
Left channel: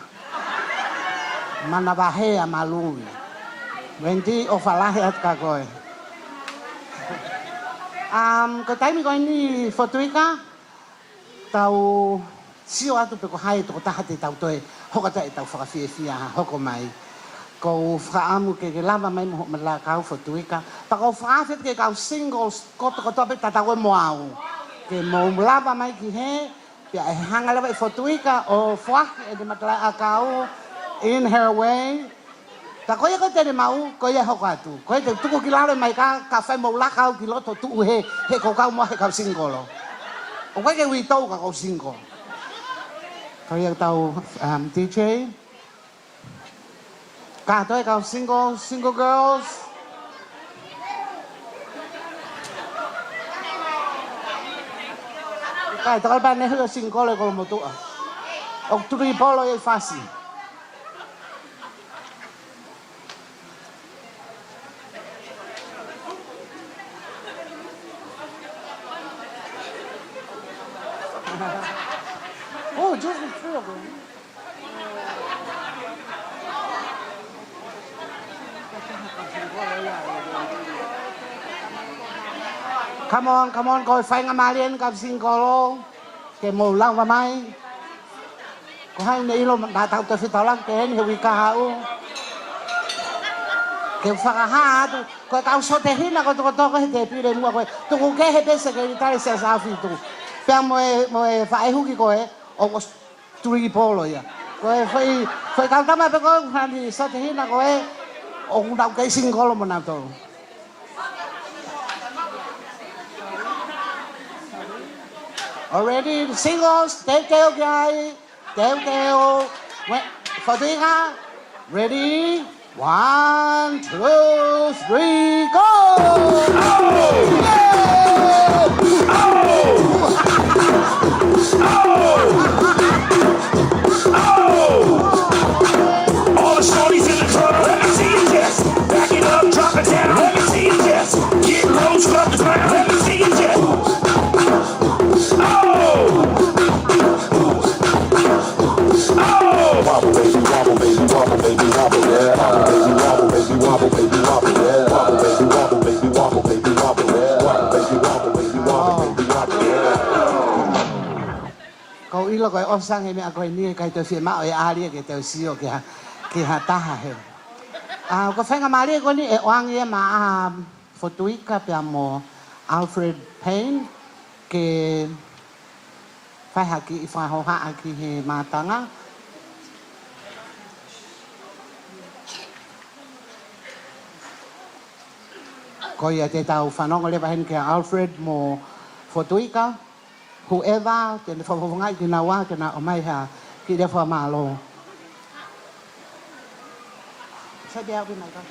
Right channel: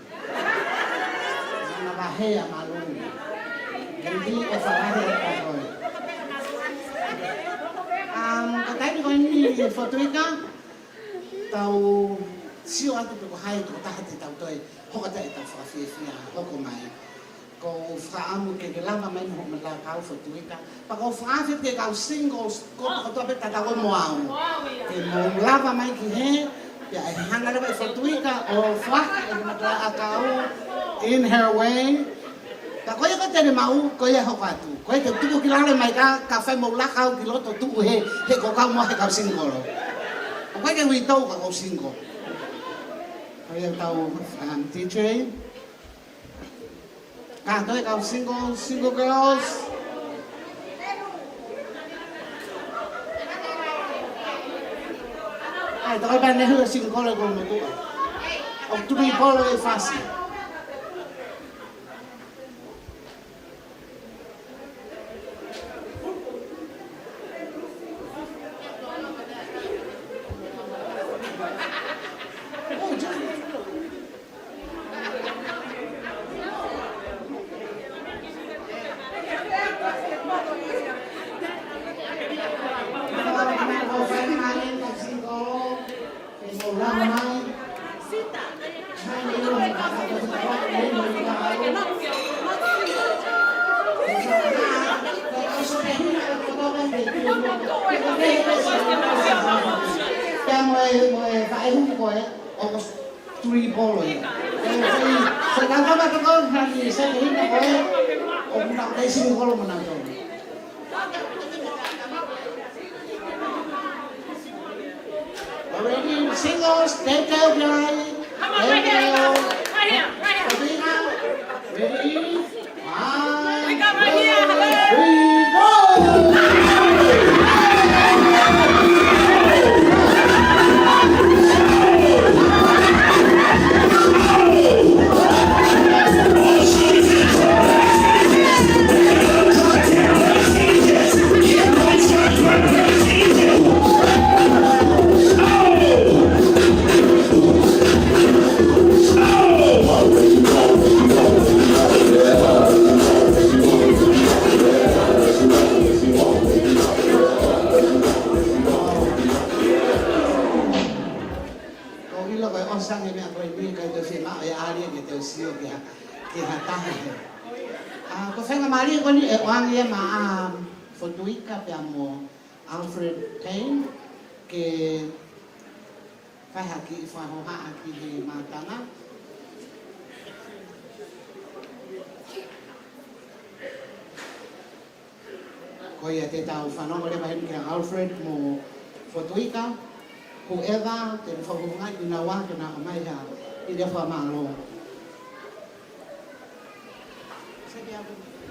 Mana bahaya malu ia. Wendy o whalahe ata koe. Ko taimi koe ni Fotuika. Tau sio atu pe ko hai to taha te tau toe. Hoka te tau whakawhiawhia hoko mai. Ko whaamu ke lava mai mo la kau Fotuika. Pa ko whaafet ke kau singles ko tope katako moau. Ke mo lava mai ki he. Ya e hanga lava e Fotuika o whaka e matala a kau. In her way. Ka koe ko tene mau koe e hoko atu. Koe te tuku ki lale mai ka whai mo la kau ki loto tuku he. He ko kau mo he kau singolo. O koe ke hui tau ka kau singolo. Koe au tau DJ. Ka toi kau single girls. Kai toi pa nehu single ko mo tua. O tui polo e fácil. Oh, just the three of them. Come on, go find a Marianกับซิงโกโลเกมเล่ามาไหมก็ให้ในลมกาทางตัวสุดท้ายเกนอยู่วิกาลเดี๋ยวฟังอาหารก็เอาโซเทหินนะก็ตัวก็ให้เด็กพี่เด็กว่าก็คงแค่ให้เป็นสิ่งที่ได้เสียสาวฟิลิปแต่มวยฝ่ายหุ้นกี่ก็โอ้ก็ทรีโพลเลยก็ฝ่ายการทำอะไรก็งานนี้โซเทหินนะก็โอ้คุณเอาแค่ซิงโกโลมันเอาตัว Already the singles, take care of your eye, take care of Fotuika. Ready? 1, 2, 3, go! Ilo ko osang he me ako ni kai to fie ma o ali ke te sio ke ha taha he. Ko fenga mari ko ni e wang ye ma Fotuika pe amo Alfred Payne ke fai haki fa ho ha aki he matanga. Ko ia te tau whanonga lewa hen ke Alfred mo Fotuika. Whoever, then for ngai ki na wa ki na o mai ha ki de for ma lo. Sa dia ki na ka.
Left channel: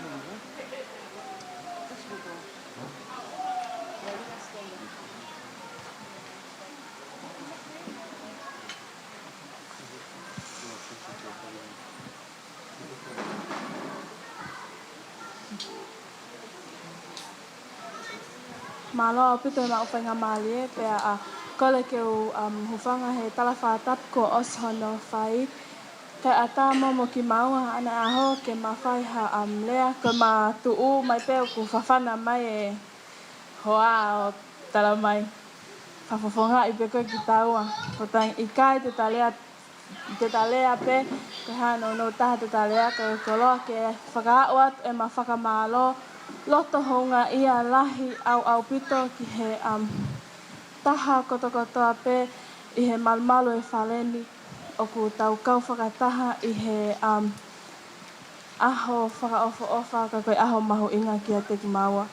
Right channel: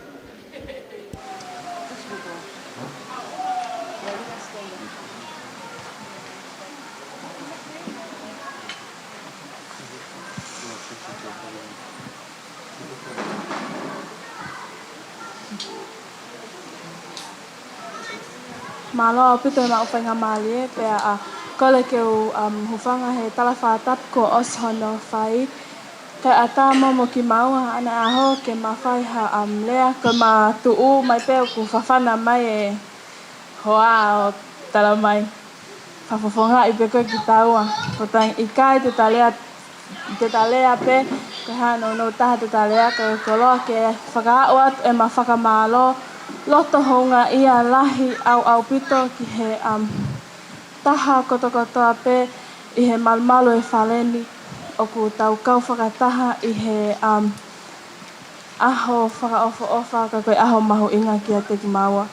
Malo pito na o whainga mali pe a kole ke o hufanga he talafatat ko os hono whai ke ata mo ki maua ana aho ke mawhai ha lea ke ma tuu mai peo ku whawhana mai e hoa o tala mai whawhawhonga i peko ki taua potang ikai te talea pe ke hano no taha te talea ke koloa ke whakaawat e ma whakamalo loto honga ia lahi au pito ki he taha koto ape i he malmalo e whaleni o ku tau kau whakataha i he aho whakaofa ka koe aho mahu inga ki a te ki maua.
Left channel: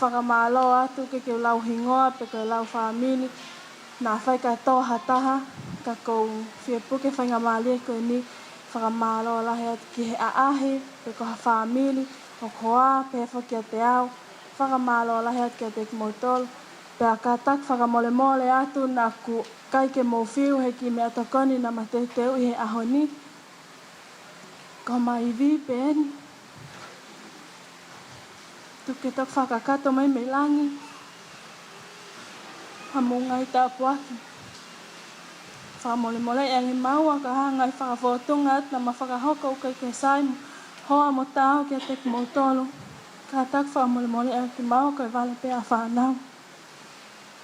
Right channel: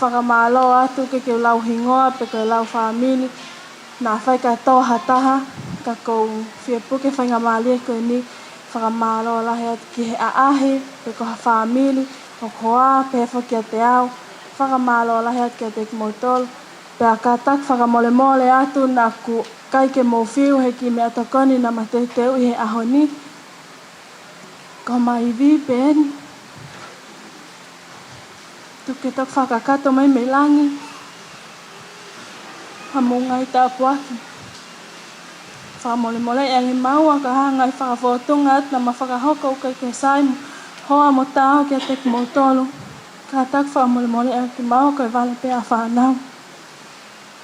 whakamalo atu ke lau hingoa pe ke lau whamili nā whai katoa hataha ka kou whiepuke whainga malie koe ni whakamalo lahi atu ki he aahe pe ko ha whamili o koa pe whakia te au whakamalo lahi atu kia te kimoutolo pe a katak whakamole mole atu nā ku kai ke mōwhiu he ki mea tokoni na mateu i he ahoni ko mai vi pe eni tuke tok whakakato mai me langi ha mungai tā puaki whamole mole e ngi maua ka hangai whakawhotunga at na ma whakahoko ukai ke saimu hoa mo tāo kia te kimoutolo ka tak whamole mole e ki maua koe vale pe a whanau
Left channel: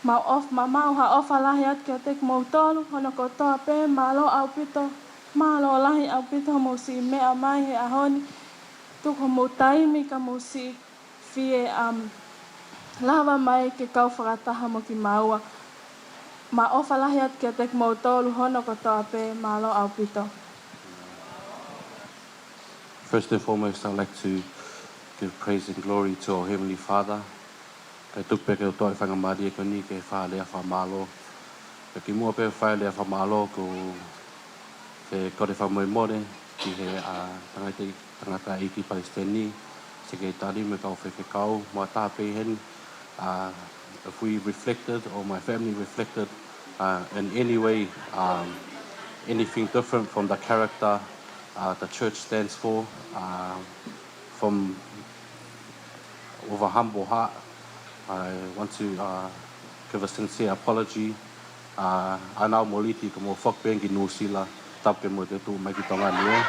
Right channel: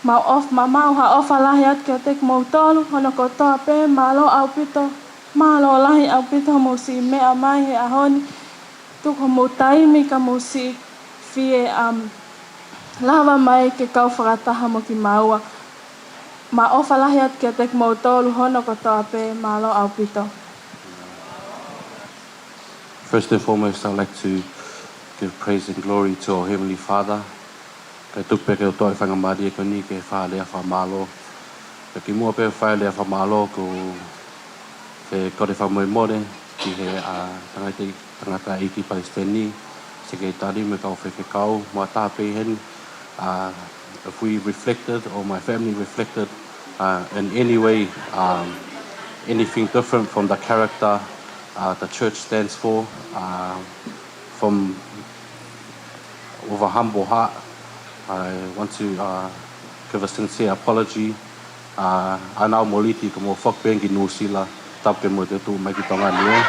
mau ha ofa lahi at kia te kimoutolo hono ko toa pe malo au pito malo lahi au pito mo si mea mai he ahoni tuko mo taimi ka mo si fie lava mai ke kau whakataha mo ki maua. Ma ofa lahi at kia te kimoutolo hono ko toa pe malo au pito. First and foremost, I'd like to give praise and glory to our Heavenly Father. Kai tupe ke toi whangamari e ko ni ke whaalea whamalo. Ka ki mua pe whaalea whamalo ko te kore whamoemore ki he tangata iki Palestini. Se ke tari me kau whekekau. Mua tā Payne, if we reflected or my family reflected in any way anything different from the character the church stands for, from with a humble heart, I want to give a sincere apology. Anau moliti ko mo whakpengi nusila tapke mo te tu mai ki Tonga nue.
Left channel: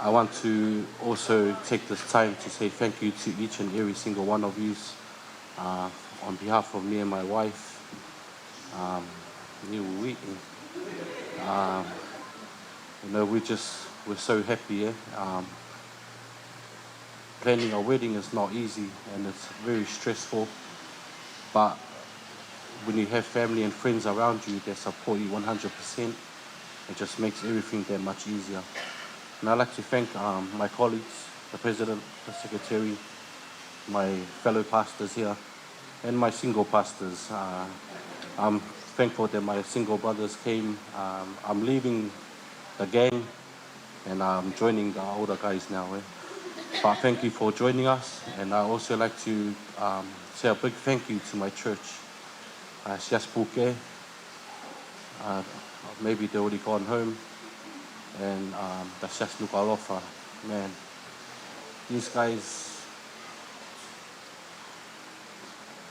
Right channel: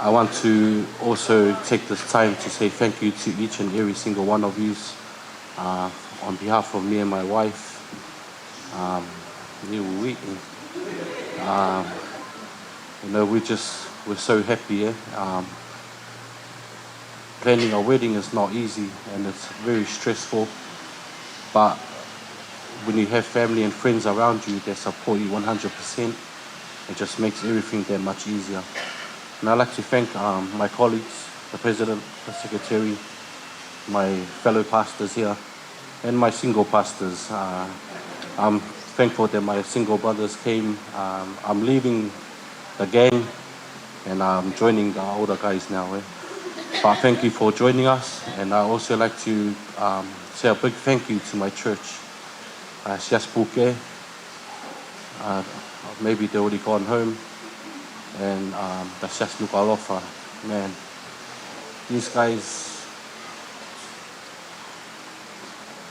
I want to also take this time to say thank you to each and every single one of you on behalf of me and my wife. You know, we're so happy. Planning a wedding is not easy and it's very stressful. But when you have family and friends around you that support you 100%, it just makes everything that much easier. And I'd like to thank my colleagues, the president, the secretary, my fellow pastors here, and my single pastors. I'm thankful that my single brothers came. I'm leaving the gang and I'm joining the older guys now. But thank you for joining us. And I also like to say a big thank you to my church. Siaspuke, maybe they're already gone home. And that's just Nuku'alofa. Man, these guys,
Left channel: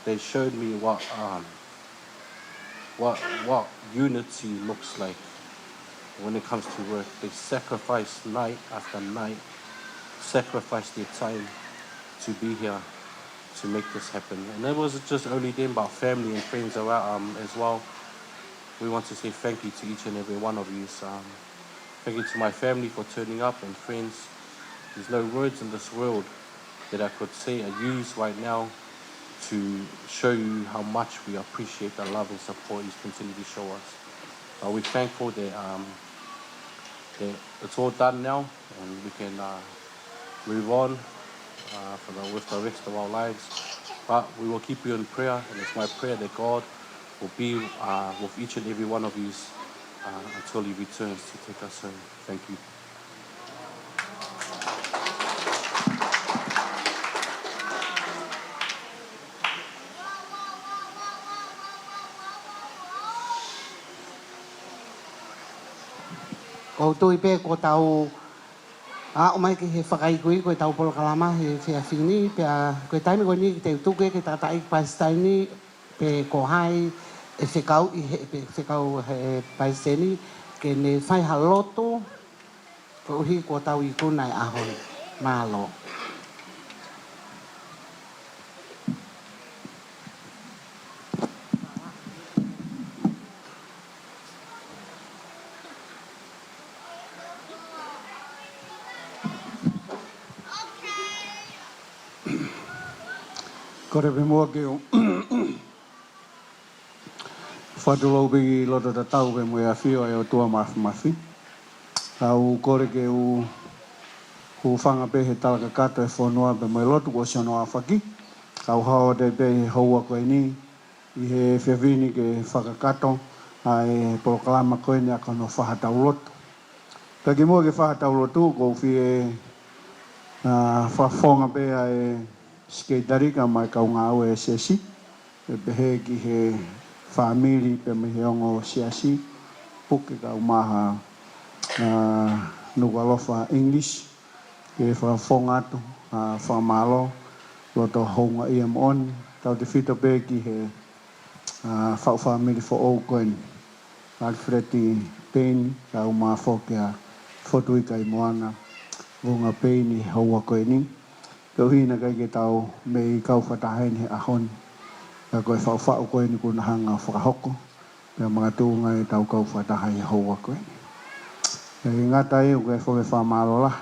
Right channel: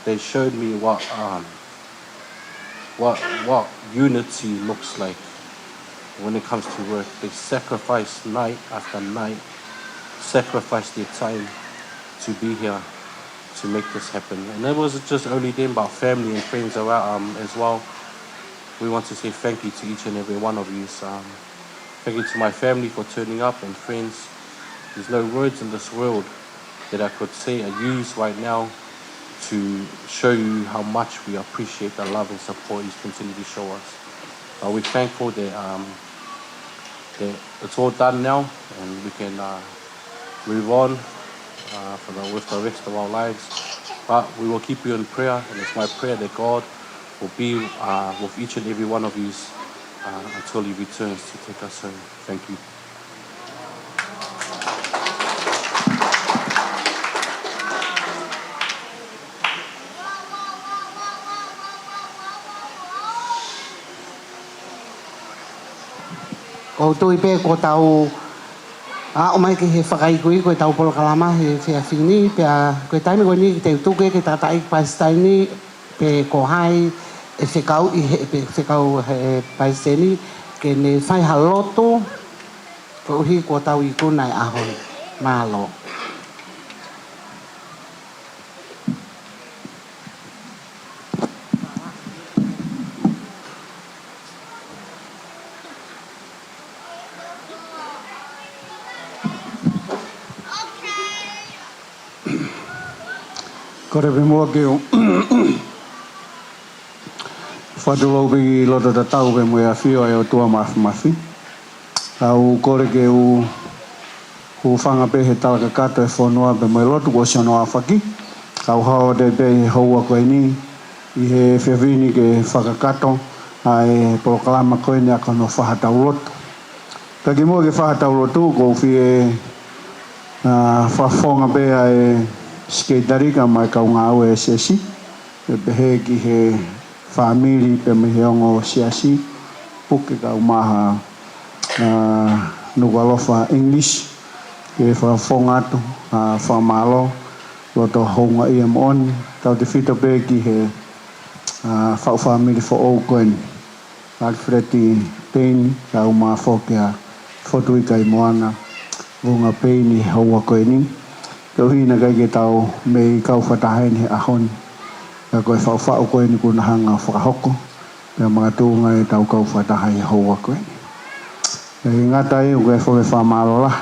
they showed me what unity looks like when it comes to work. They sacrifice night after night, sacrifice their time to be here to make this happen. And it wasn't just only them, but family and friends around as well. We want to say thank you to each and every one of you. Thank you to my family for turning up and friends. There's no words in this world that I could say or use right now to show you how much we appreciate the love and support you continue to show us. We're thankful that it's all done now and we can move on with the rest of our lives. But we will keep you in prayer, and it's my prayer that God will be with each and every one of you until he returns to take us home. Thank you. Ko tui pe ko tau o mai ke he whakai kui ko tau polo kalama he whia whini pe ko taimi ko ni te utuke ke tatai Palestini pe ko hai e whekau i he pe whekau he Palestini ke ne whai haloto ko uhi ko tau i kunai ahoi malo. Kore pe mua ke o whatulau pe loto ta tau pe mua whio e o tua mafi. Au kore ke o Ku whanga pe he talaka kato e whanua pe mai lotu o siono a whaki. Kau hao de pe he haua koe ni. I he whiawini ke whakakato. Ai polokalama koe ni a kono whahatau lotu. Ka ki mua ke whahatau lotu ko whie whawhonga pe ai skeitarika mai kau ngā ue sesi. Pe he ki he whamiri pe me he ongo siasi. Puke kau maha Nuku'alofa English. Ke whawhonga atu, whamalo. Loto honga ia moon. Tau te whito pe ki he whamiri fo o koen. Alfred Payne, kau maa whokea Fotuika i Moana. Vuna Payne haua koe ni. Kau hina kai ke tau me kau whatahen he ahoni. Ka koe whau koe ni kuna hanga whakahoko. Pea mga tūnga e tau kau whatahai haua koe ni. E ngata e koe whawe whamalo lah.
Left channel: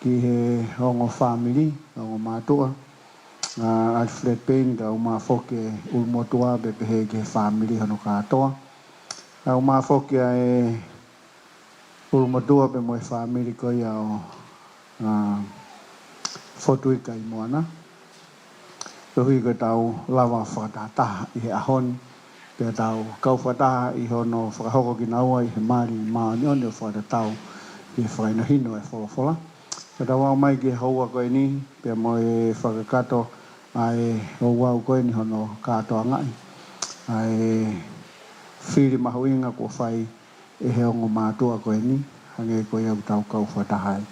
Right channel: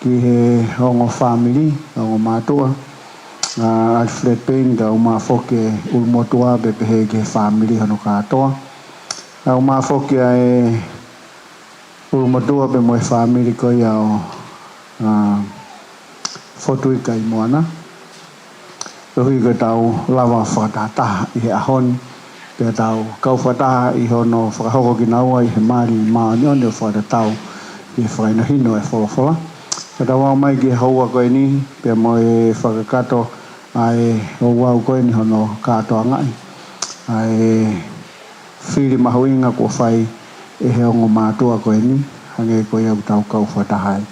Ki he hongo family, hongo mātua. Alfred Payne ka uma whoke ulmotua be pehe ke family hano katoa. Ka uma whoke e ulmotua be moe family ko iao Fotuika i Moana. Hui ko tau lava whakataha i he ahoni. Pea tau kau whataha i hono whakahoko ki naua i he maari maani o neo whakatau i he whakainohino e wholofola. Ka tau au mai ki haua koe ni, pea moe whakakato ai o wau koe ni hono katoa ngai. Ai whiri mahuinga ko whai e he ongo mātua koe ni, hange koe au tau kau whatahai.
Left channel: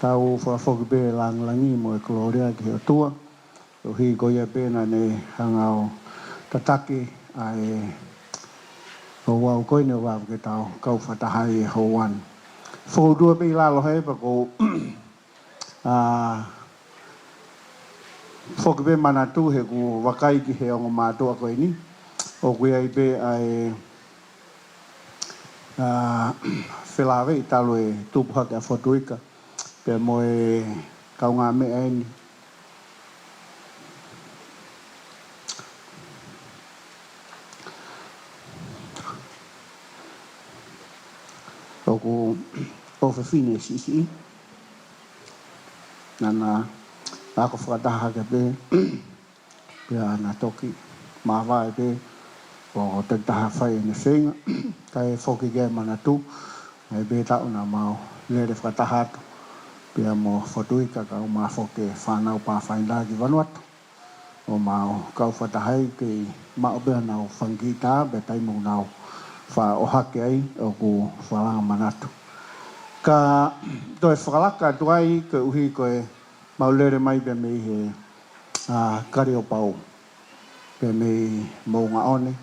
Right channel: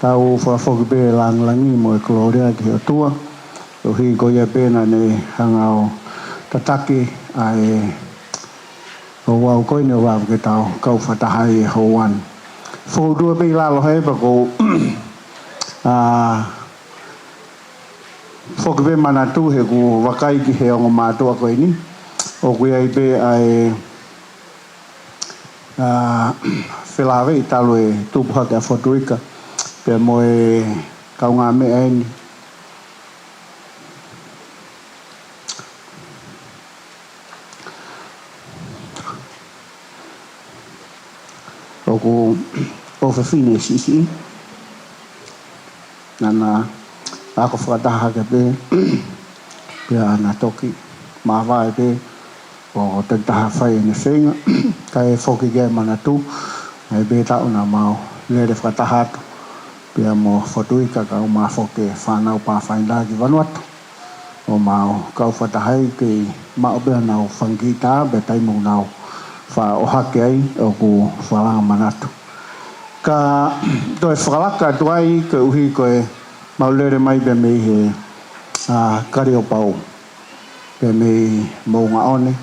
Tau whafokipe langlangi mo e Gloria ki o tua. O hi koe ia pēna ne hangao tataki ai o wau koe ni o wau ke tau kau whatahai e houan. Whaudua pe i lalo hei pa ko whakipe manatu he ku wakai ki he ongo mātua koe ni. O kui ai pe ai whelawe i talo e tupuha ki a Fotuika. Pea moe kau ngā mea e ni. O ku o whawhine sisi. Nana ako whakataha ke pe. Pea ana toki. Mawai pe. O te taha whai ene whenga. Kai e whoki ke manatu. E pe tau na mau. Lere whakataha atu. Pea mo Fotuika ka o maa whoke whanau pā whainda ki Vanuatu. O mau kau whatahai ke mao pea nau whangita. Be taimu nau wha o hake ai o ku whalanga manatu. Ka toi whakalaka tuai ke uhi koe maulere mai pe mei he kari o pau. Pe mei mounga one.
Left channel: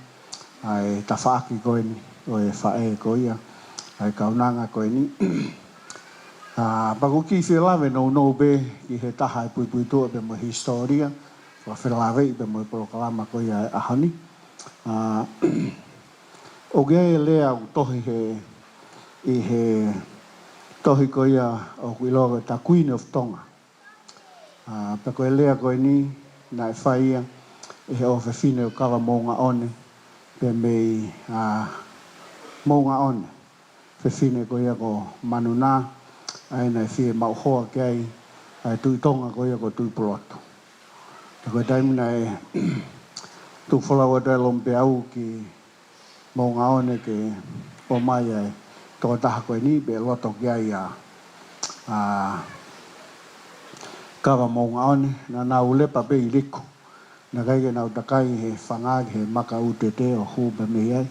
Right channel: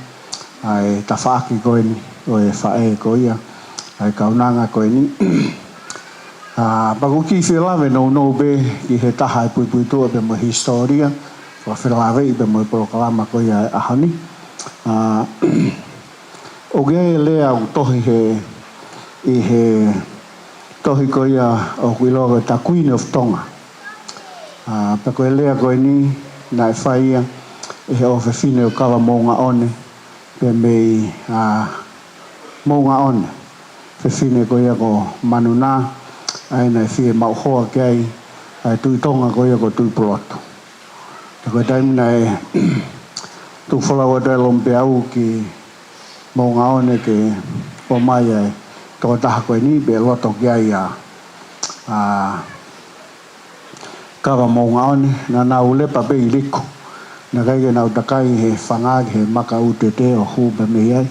Ai ta whaaki koe ni. O e whae koe ia. Ai kaunanga koe ni. Paku ki whilawe no be ki he taha e pui tua pe mo historia. Wa whilawe i pe mo polokalama koe ia e ahani. O gea e lea u tohi he i he tohi ko ia o kuiloa ta Queen of Tonga. Pa koe lea koe ni na e whaia e he ofe fine o kawa mounga one pe mei mounga one. Fe fine ko ia ko manuna ai na e fie mau hoa ke ai ai tui tonga ko ia ko tui poloto. Pa koe taimi na e tu whalawa te lompe au ki mounga one ke o mai ai tō taha koe ni be loto ki ai kawa mounga one na nau lepa pe i liko na kai ke nau takai he whangagi he maka ute te o huba me ai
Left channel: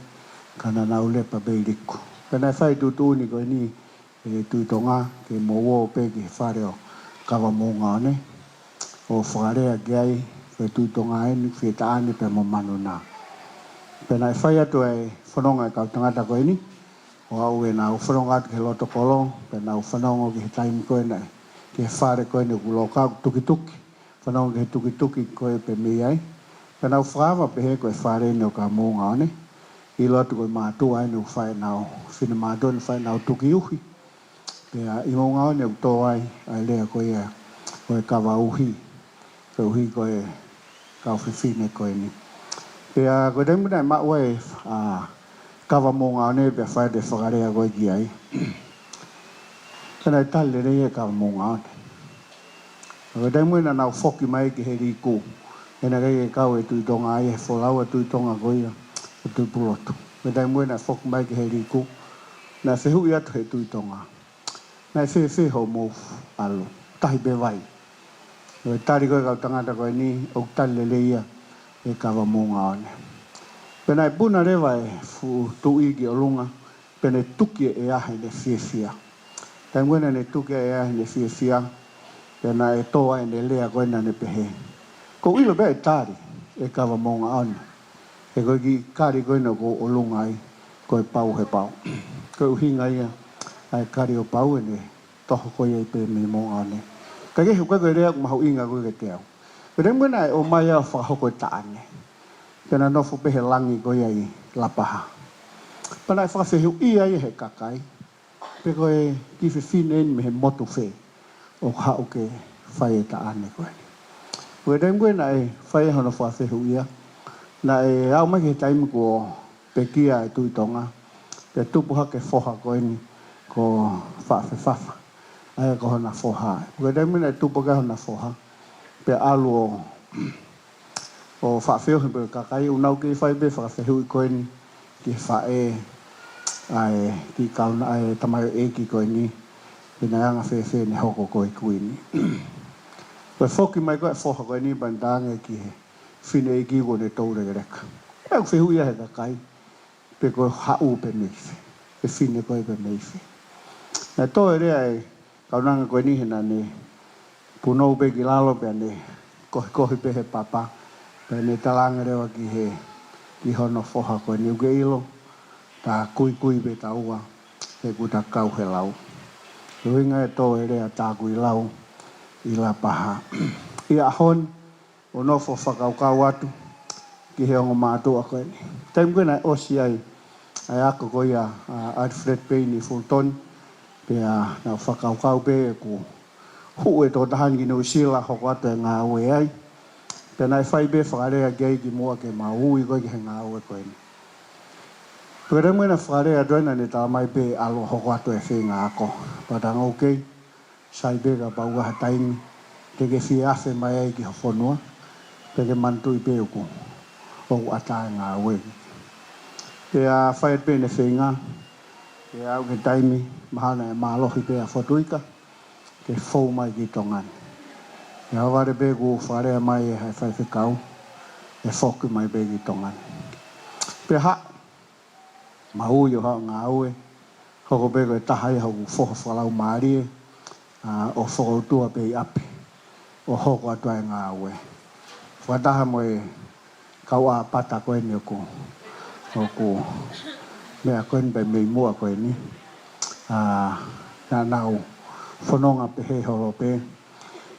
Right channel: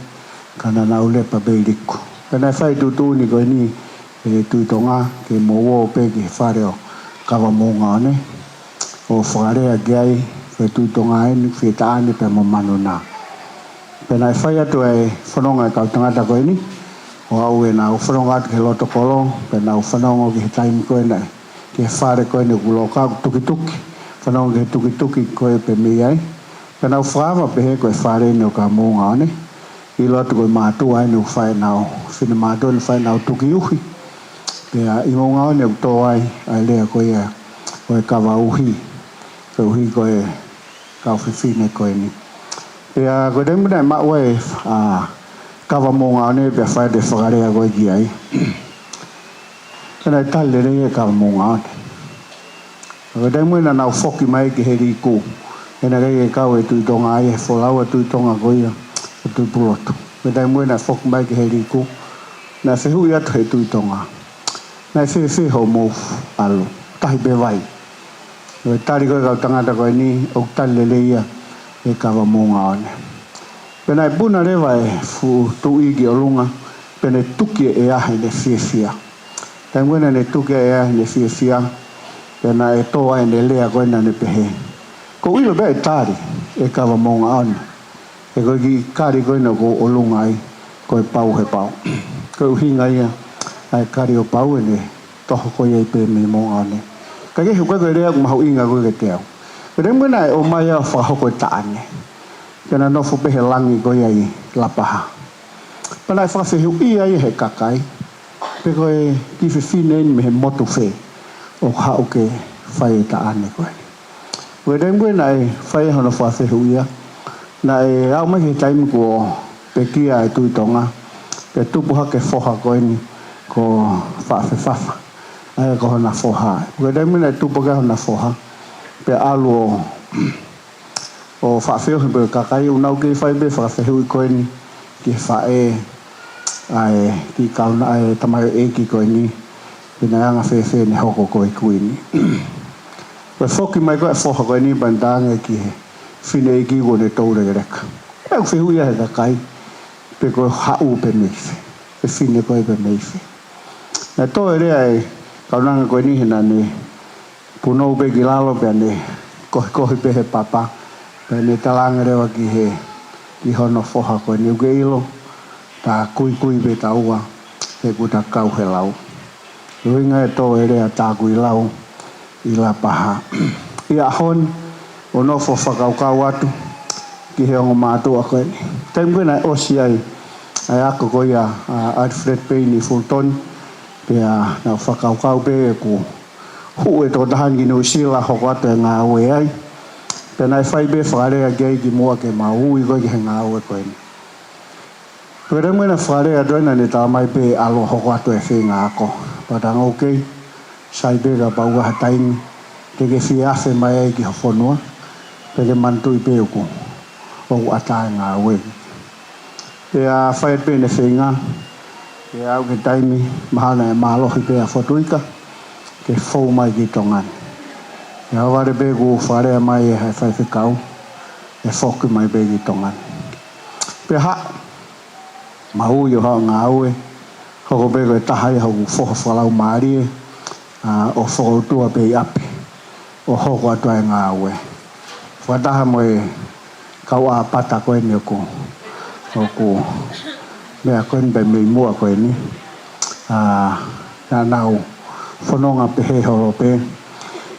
ka na nau lepa pe i liko ka nai whai tutu ni koe ni e tui tonga ke mo wo pe ki whare o kawa mounga one o wharea ki ai ke tui tonga e ni whi taane pe mo manu na pena e whai atu e whanonga e kau tangata koe ni. O au e nā whanonga atu ke loto kolo. Pena u whanonga ki he taimi koe nei. Ke whare koe ni kulo kau tuki. Whanonga ke tuki koe pe mi ai. Pena u whaama pe he koe whare ni o ka mounga ane. I loto koe mātua ai ni u whae nao. Whina mātua ni whae nao tuki uhi. Pea i mounga ane u tō ai. Ai lea koe kawa uhi. Koe uhi koe kau whiwhine koe ni. Pea koe teimu nei maa ue kawa mounga ane pea whae te whakarea koe ki ai. Kana tale le ka mo nga. Ko dai mo na na foki mai ki he ri ku. Kana ke ka we tu Tonga ai fo la we tu Tonga ko ia. Tu puloto. Ko dai mo na foki mai ki he ri ku. Na se hu ia tu tu Tonga. Na se ho mo alu. Tai be vai. Ko tari ko ka tangata ko ni o tale le ia e ka mo nga ne. Pena buna le vai fu tu i ki olunga. Pena tuki e ahe le fia. Tai mwena ne tuke ea ne fia pena e toa e ne lea koe na ne pehe. Ko ilo bea e tari e kawa monga anu. E koe ki kari koe na ko olunga ai koe pau he pau. Koe uhinga ia ai kari o pau e ne toho koe ei pe me monga ane. Ka kehu koe koe rea kumahau inga koe ke teo. Pena mwena e o mai a whahoko e taane. Pena nofo pehe langi koe ai lapaha. Pena e whawhehu ia i he kakai. Pe koe ki whiwhine me he motu whē o hao ke whai e ta ane koe. Koe rengwe na e whai hono whawhehu ia. Na e au mai ke taimi ko pe kia e tui Tonga. Pe tupuha ke whoha koe ni ko whawhewhafa. Ai ko hona whoha. Koe rengwe na e tupuha hona whoha. Pe alu o whawhehu pe kakai unau ke whai be whawhehu i koe ni ki whae ai ki kauna ai tamai e ki koe ni pina anga whewhe ne hoko koe kui ni. Koe whoki mai koe whoha koe ni bandanga ki he whine e ki ko ne taure reka. E au whehu ia he kakai pe koe hau pe meife. Pe whine koe pe meife. Na toe rea e kaunanga koe ni hena ne punou pe ki lalo pe ne kohi pe he papa pe ne talanga rewa ki he ki hono whoha koe ni uke ilo. Ta kui be ta ua he kuta kau he lau. Ruinga e tō e rea tā kui lau i la paha. I a hon o nofo whakau kau atu ki he ongo mātua koe. Taimu koe nai osi ai ako koe a Alfred Payne i Fulton pe a nau whakau kau pe e ku hu e tō tahangi no sila hoko atu e ngā ue ai. Pe nai whai be whakarea gei ki mua ke maui koe ki he ngā ue koe ni. Pere mwena whare a doina ne tā mai pe alo hoko atu e whenga ako. Patanga okei, sai pe ka pauga ha taimi, te ke whi awhe mai ai ki hawhonua, pe ke mantu i pe uku, o atae ngā wegi. Pe a whae pe ne whenga, pe au ke taimi, mahana e mālohi pe a Fotuika, ke whou mai ki Tongan. E aware pe ku whare a mai e hai whai whikau, e whoki mai pe ki Tongan. Pe ha, maui o hao ngā ue, hoko pe koe tahai hau whoha whalau maarie, o whakautua pe i api, o hoko atua e ngā ue. Whataha mo e kau a pata koe ni oku, mea koe ni pe mei mua koe ni, nā nau whanonga pe he horo pe,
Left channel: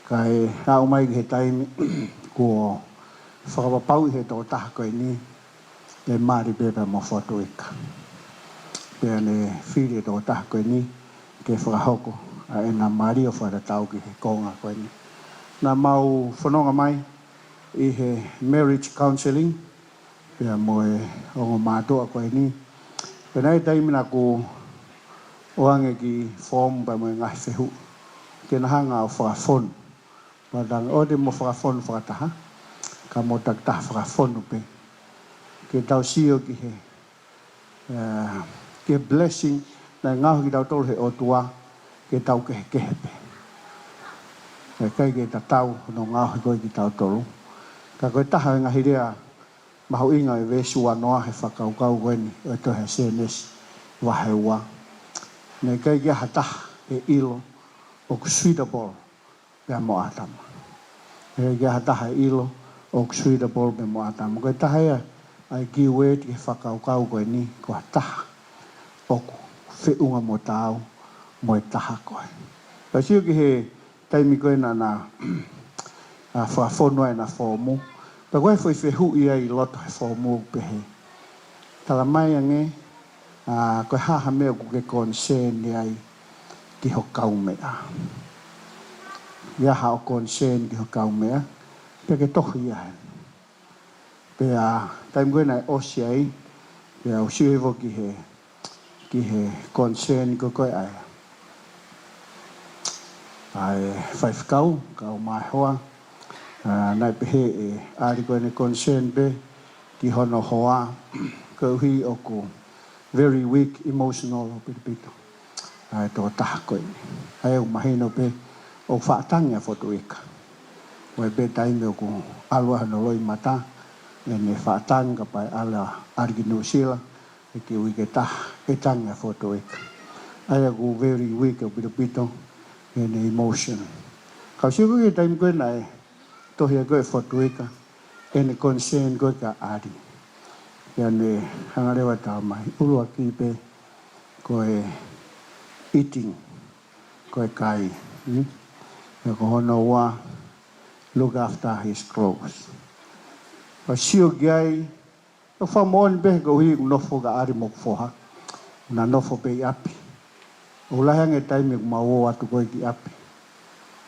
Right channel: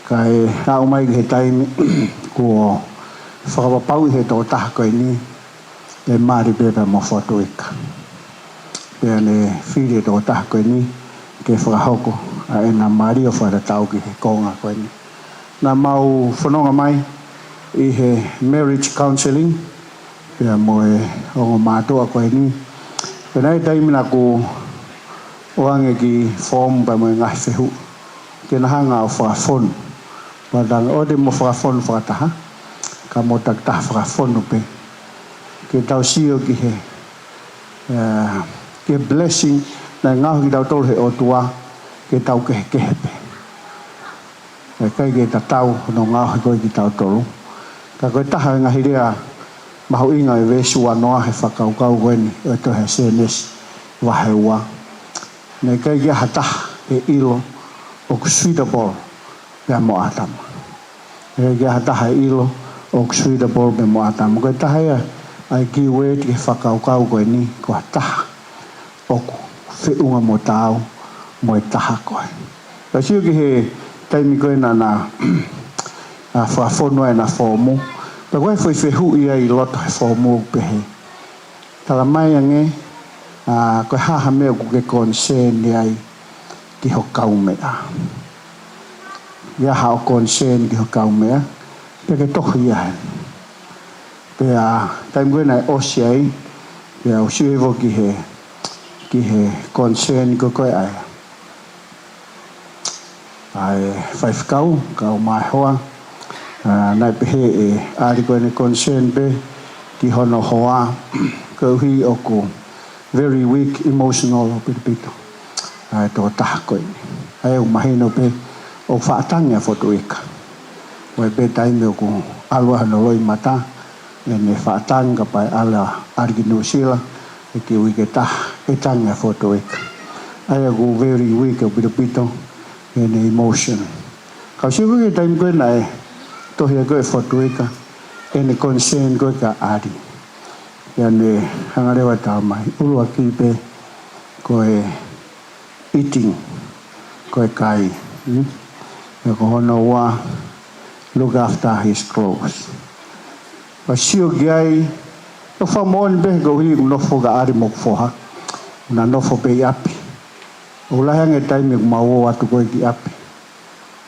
kai nau mai ki he taimi, kua whakapapau i he tō taha koe ni, e maari pepa mo Fotuika. Pea ne whire tō taha koe ni, ke whakahoko, a e nā maari o wharatau ki he konga koe ni. Nā mau whanonga mai, i he marriage counselling, pea mo e ongo mātua koe ni. Pea nei taimina ko oange ki form pa mo e ngahi whehu, ke nahanga o whakafonu. Padang o te mo whakafonu whakataha, ka mo taktaha whakafonu pe. Ke tau sio ki he ke blessing na ngahu ki tau tolu he otua ke tau ke kehepe. E kai ke tatau no ngahu koe ki tau tolu. Ka koe taha ngahi rea mahu inga e vesu anoa he whakau kau koe ni o to he CNS wahe ua. Ne kai ke hataha e ilo o kusuitable pia mo atama. Ne kai ke hataha e ilo o kusuitable pia mo atama. Koe taha ea ai ki ue te whakau kau koe ni ko taha oku whiunga mo tāu mo e taha koe. Ka sio ki he taimi koe na whawhonua e na whomu. Pa koe whehu ia i loto he whomu pehe. Tala mai ange koe haha mea ku ke concern ni ai ki ho kau mea. Ia hao concern ki ho kau mea. Pe ke tohi ia he. Pea taimi koe nai osi ai, pea o siuevo ki he concern ko koe ai. ai whaifkau ka o mai hoa nai pehe e ari koe ne concern pe ki hono hoa ka uhi o ko very weak emotional o pito ai tō taha koe ai o mahino pe o whaatangi a Fotuika wai pe taime o ko alua hanoloi mata e ne whaatanga pai ala argi New Zealand e ki ui ke taha e tangi a Fotuika ai o ko very weak o pito in emotion. Kau siku ke time koe nai tohia koe Fotuika ene concern koe ka ari. Ia ne hangarewa tau mai ulua ki pe koe eating koe kai. Ia ko hono wa look after his clothes. Wa sio giai o whamon pe ko hi nofo ka ari mok foha. Na nofo pe api. O lahang e taime kumawo atu koe ki api.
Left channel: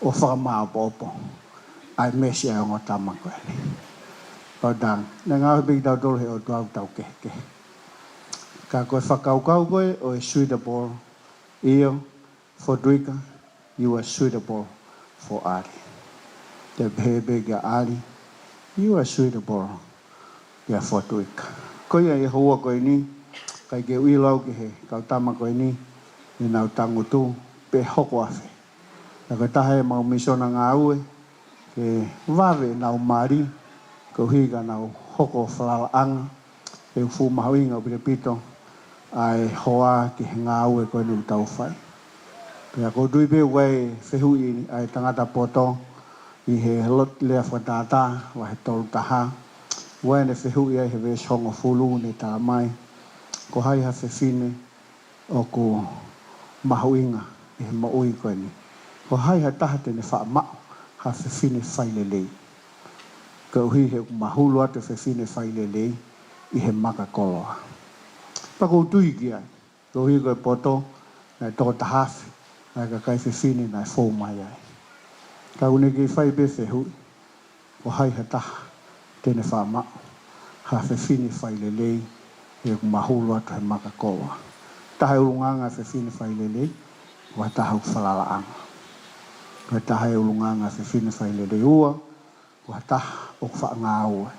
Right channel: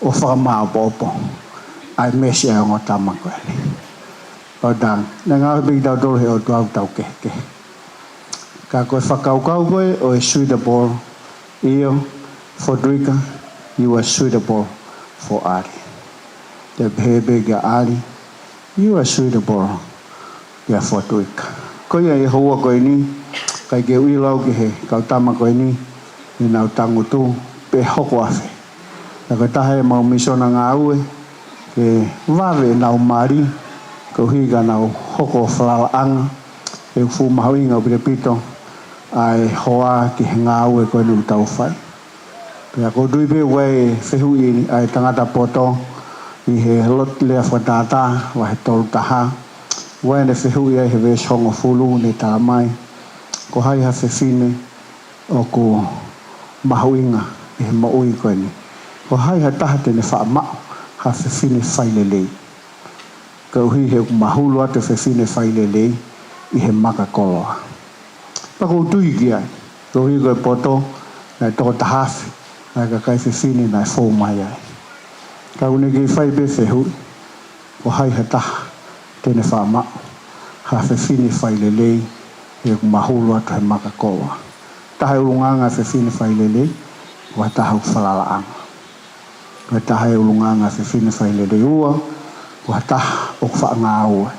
O whakamā popo. Ai mesi ai ongo tama koe li. O dang. Nā ngā hui tau tolu he o tuau tau ke. Ka koe whakaukau koe o e suitable. Iyo, Fotuika, you are suitable for Ari. Te pehebe kia Ari, you are suitable kia Fotuika. Koe e hoa koe ni, kai ke uilau ki he kau tama koe ni, ni nau tangu tu pe hoko afe. Na ka tahe mau misona ngā ue, ke wawe nau mari, ko higa nau hoko whalala anga, e ufu mahuinga o pito, ai hoa ki ngā ue koe ni utau whai. Pea ko duipe wai whehui ai tangata poto, i he lot lea whatata, wa he tolu taha, wai ne whehui ai he wes hongo fulu ne tā mai, ko hai ha whewhine o ko mahuinga e he maui koe ni. Ko hai ha taha tene wha mao ha whewhine whailelei. Ka uhi he mahulu ate whewhine whailelei i he maka koloa. Pako tui ki ai. Ka uhi koe poto nai toko tahafi nai ka kai whewhine nai fō mai ai. Ka une ki whai pe whehui. Ko hai ha taha tene wha mao ha whewhine whailelei i he mahulu ate he maka koloa. Taha ulunganga whewhine whailelei wa taha whalalaanga. Wa taha ulunganga whewhine whailelei ua wa taha o whaanga ua.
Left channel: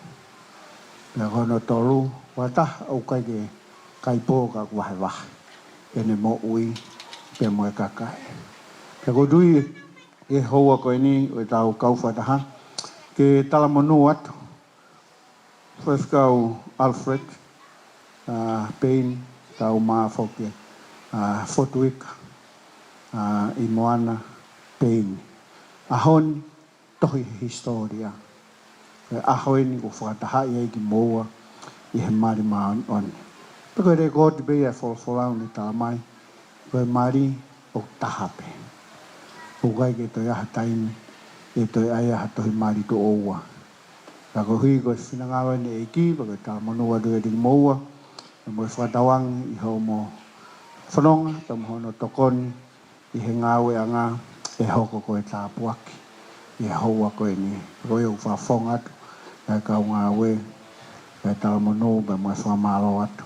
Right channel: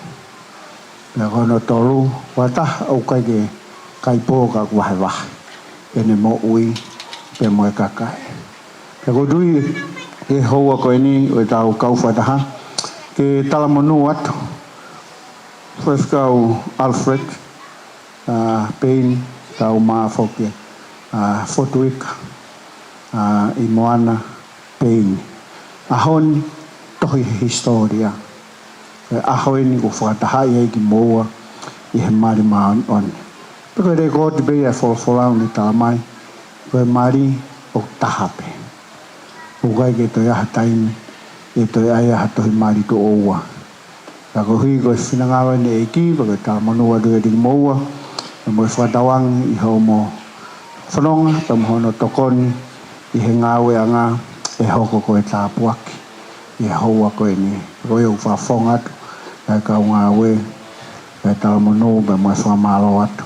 Pea kono tolu wa taha o kai ke kai pōka wahe wahe. Ene mo ui pe moe kakai. Pea ko dui e hoa koe ni o tau kauwhataha ke talamonu atu. Whewhikau Alfred, Payne, tau maa whoke, Fotuika, i Moana, Payne. Ahoni, tohi historia. Ahoni ko whakataha i ki moa i he mari maa on. Peko re kōti pe ia wholawholau ni tā mai, koe mari o tahape. O kai ke toi aha taimi, e toi ai aha tohi mari to oua. Ka ko hui koe whinangawa ni e ki, peko tā manua rua ringi moa, e moe whakatawang i hau mo whanonga, ta mohono tokoni, i he ngāwe a ngā, e hoko koe tā puaki, i he haua koe ni, koe au whawhong atu, e kau ngāwe, e tā manu, pe moe whamalo atu.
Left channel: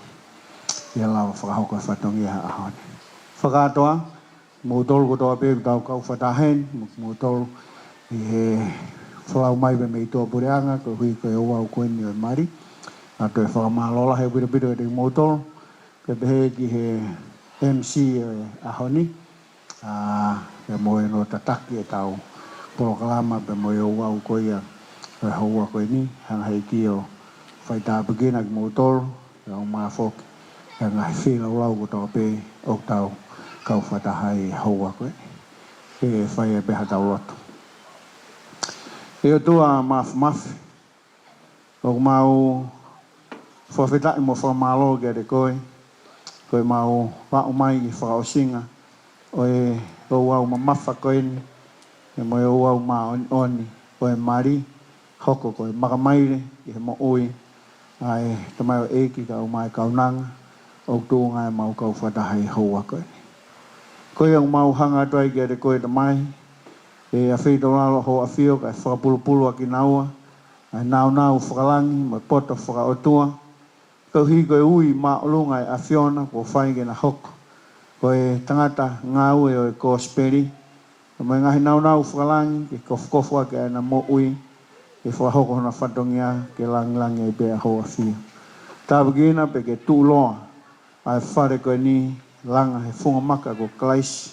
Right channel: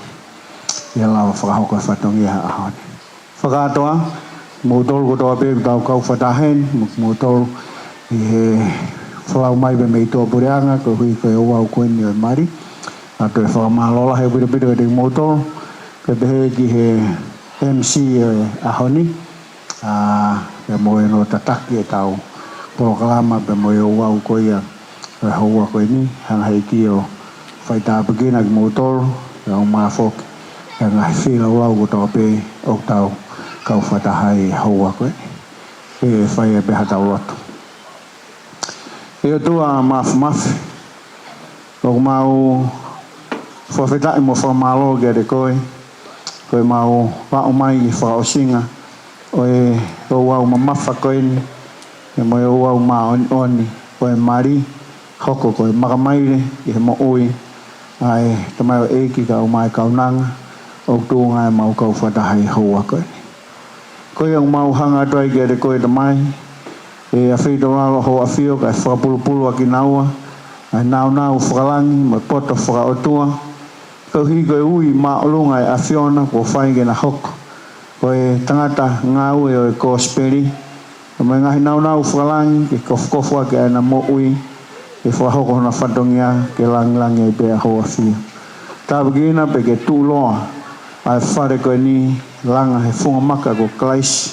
Ia lawa whakahoko e whatongi ha ahone. Whakatoa, mō tolu kotoa pe tau kau whatahen, mō tolu i he whalau mai pe mei toa pureanga, ko hui koe o au koe ni o mari. A toi whakamalola he pira te mō tolu, pe pehe ki he MC e ahoni, pe moe no tataki e tau porokalama, pe moe o au koe ia, e haua koe ni, hanga hei ki o whaitaa pekina ki mō tolu, e au maa whoki. E ngai whila uau ko tō pe o tau kau whatahai haua koe. E whai e beha tau lotu. E o tua mafu. O mau whawhetai mo whamalo kia re koe. Koe mau wao mai i whaosinga. O e o wau ma mawha koe ni. E mo e o wau ma oni. O e mari. Hoko koe makamaire i he mo ui. Ai tamai o eiki ka o mai kaunanga. O tō ngai mau kau whatahai haua koe. Koe ang mau hanga tuai kia re koe tamai. E a whito ralo ho a whio kai whakapulupulu a ki naua. Ai nau whakalangi mai poto whakaotua. Kau hi koe ui maa olunga e a whiona ko whainge na hoko. Koe tangata ngāu e o e kōsperi. Mai ngahi nau whalangi ke kofu ke ana mo ui ke whahoko na whatongia ke lang e pe a hoa fia. Tā begina pe ke tū loa ai whare koe ni langa he whunga maka ko klaisi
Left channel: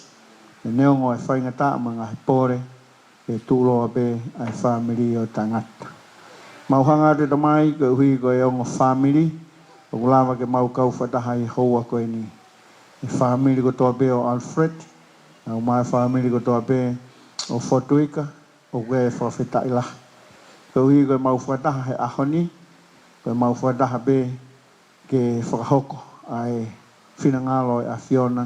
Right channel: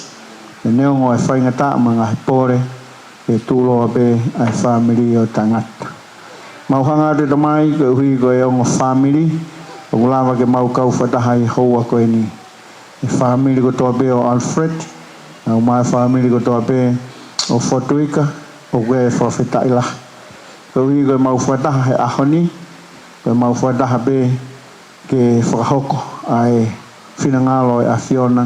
e neongo e whaingata ma ngahi pore ke tū loa pe ai whamiri o tangata. Mauhanga te tamai koe hui koe ongo whamiri o kulawa ke mau kau whataha i hoa koe ni e whamiri ko toa pe o Alfred au mai family ko toa pe o Fotuika o koe e whawhetai la. Koe hui koe mau whataha he ahoni, koe mau whataha pe ke whakahoko ai whinangalo e a Fiona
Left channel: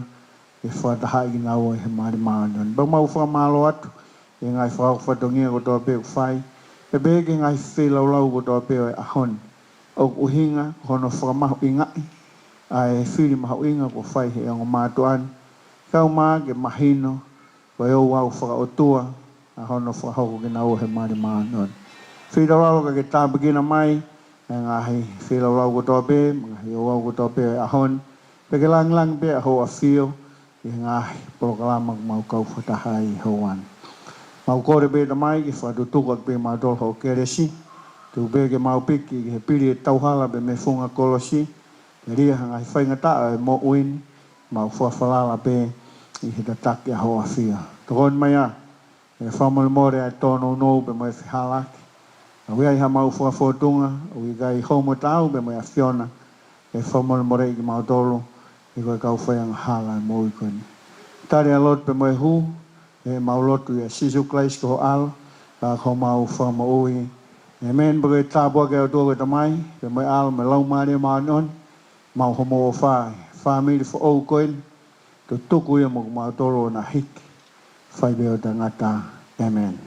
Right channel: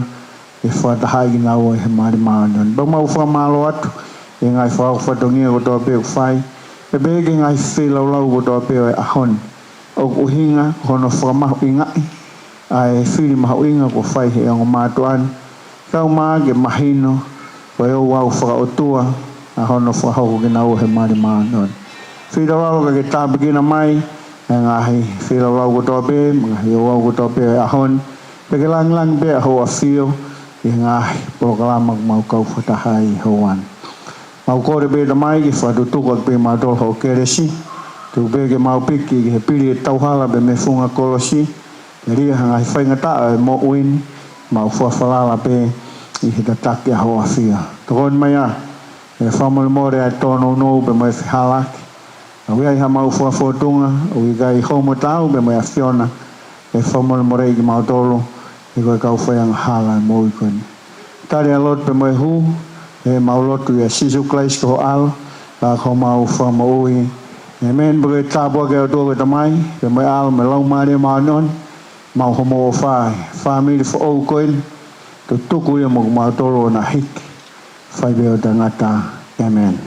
e whataha i nau e he maari maanion. Ba mau whamalo atu e ngai whatongia ko toa pe o whai, e pe ke ngai whelaulau ko toa pe o e ahoni. O uhinga hono whakamahu ingai ai whiri mahu inga ko whai he ongo mātuan. Kau maa ke mahino, koe o wau whakaotua, a hono whahoko ke nau he maari maanon. Whirawau ka ke tāpikina mai, e ngahi whirawau ko tope, ngahi o wau ko tope e ahon, pe ke lang pe a hoa whio, e ngahi proklama mau kau whatahai hoan. Mau kore pe ta mai ki whatutuka pe mātol ho keresi, tu pe ke mau piki ke he piri e tauhala pe me funga kolosi, ke ria ngahi whaingata e mo uini, mau whawhalala pe i he tataki a hoa whia. Tokon mai a, e whamole more a tono no pe mai whihalaki. A wea i ha mau whafotunga, o i gai homo tau pe mai a Fiona, e whamole more i ki mau tolo, i koe kau whaianga hala e mo i koe ni. Tari a lot pe mai hu, e mau lotu i a sisu klais ko ho alo, ka ko mau whama ui. E men pe tāpua ke o tō ke tamai, pe mai alo me lau maari mau non, mau homo o whai, whamiri fo au koen, tu tuku ia mo mau tolo na hiki, whai beo tangata, amen.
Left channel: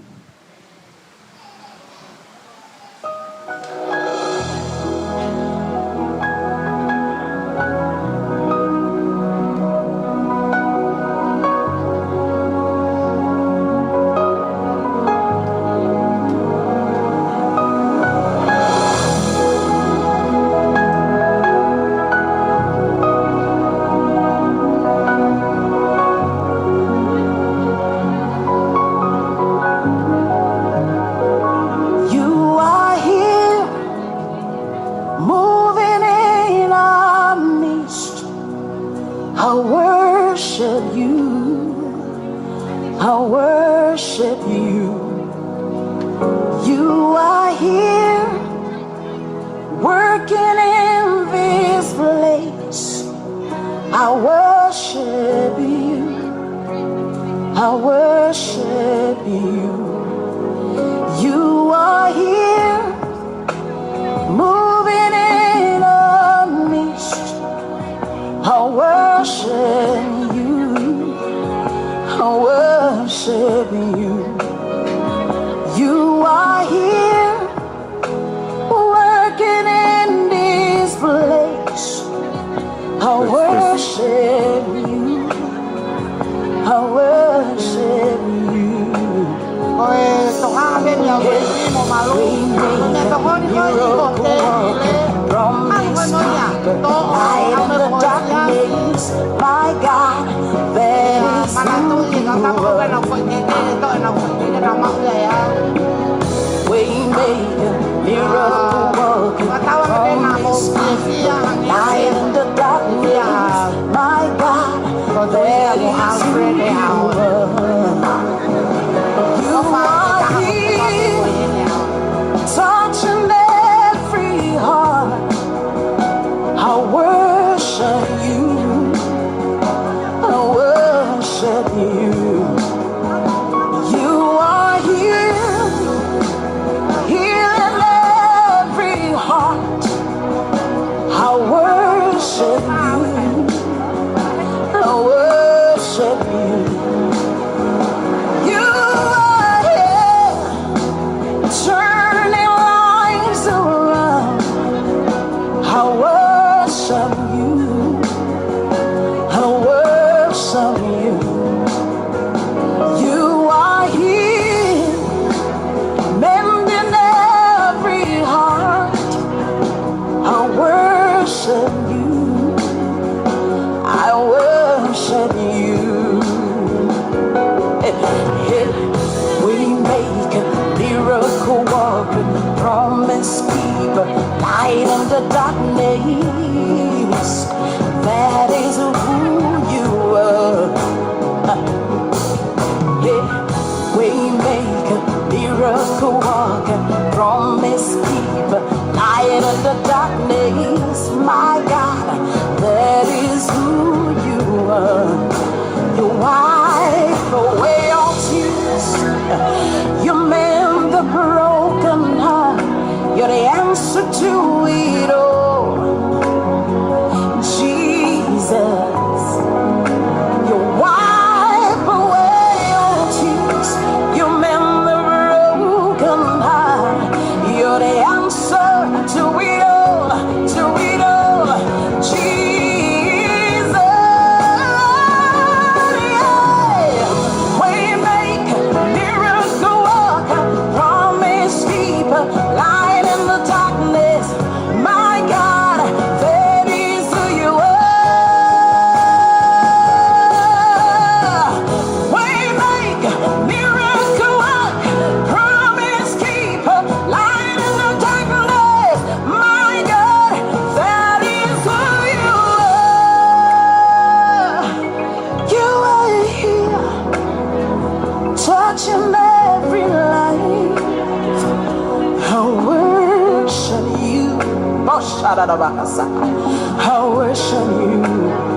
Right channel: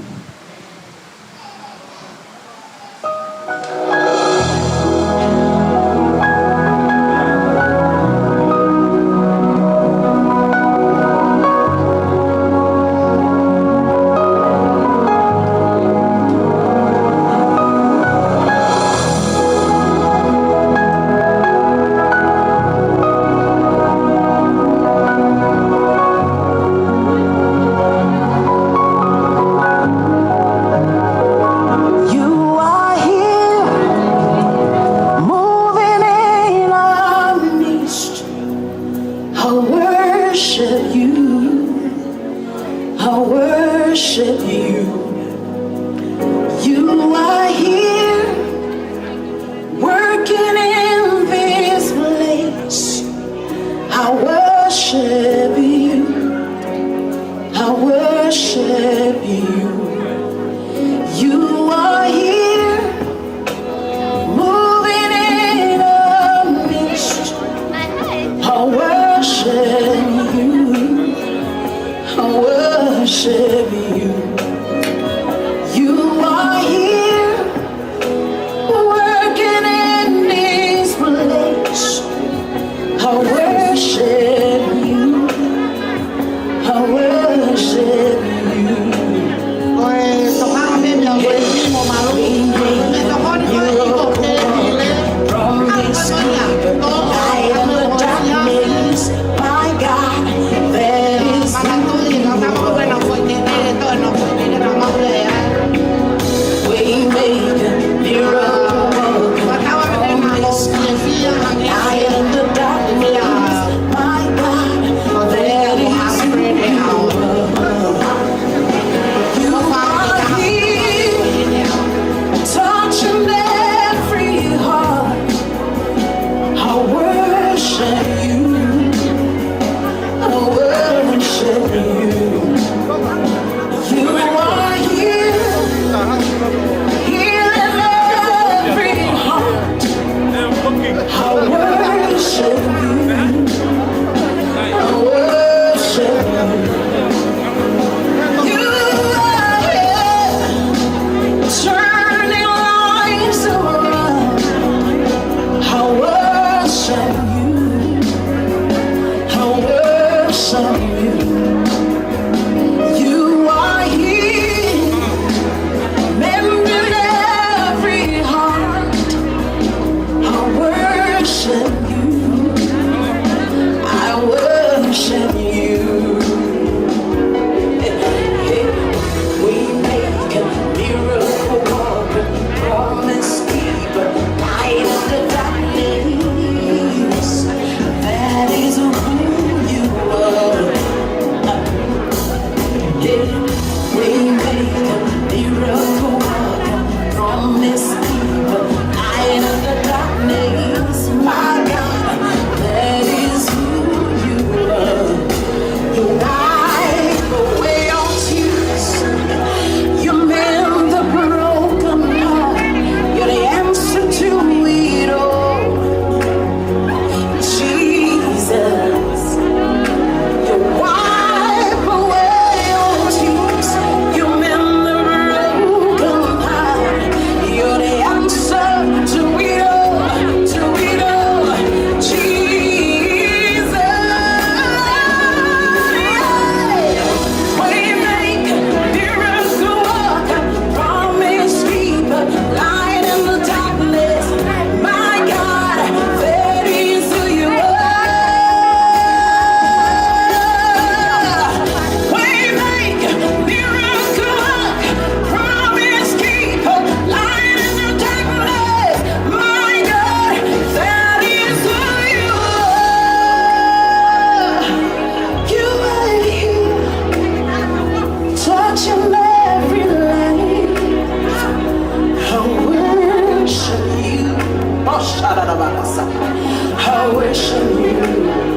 I wish I knew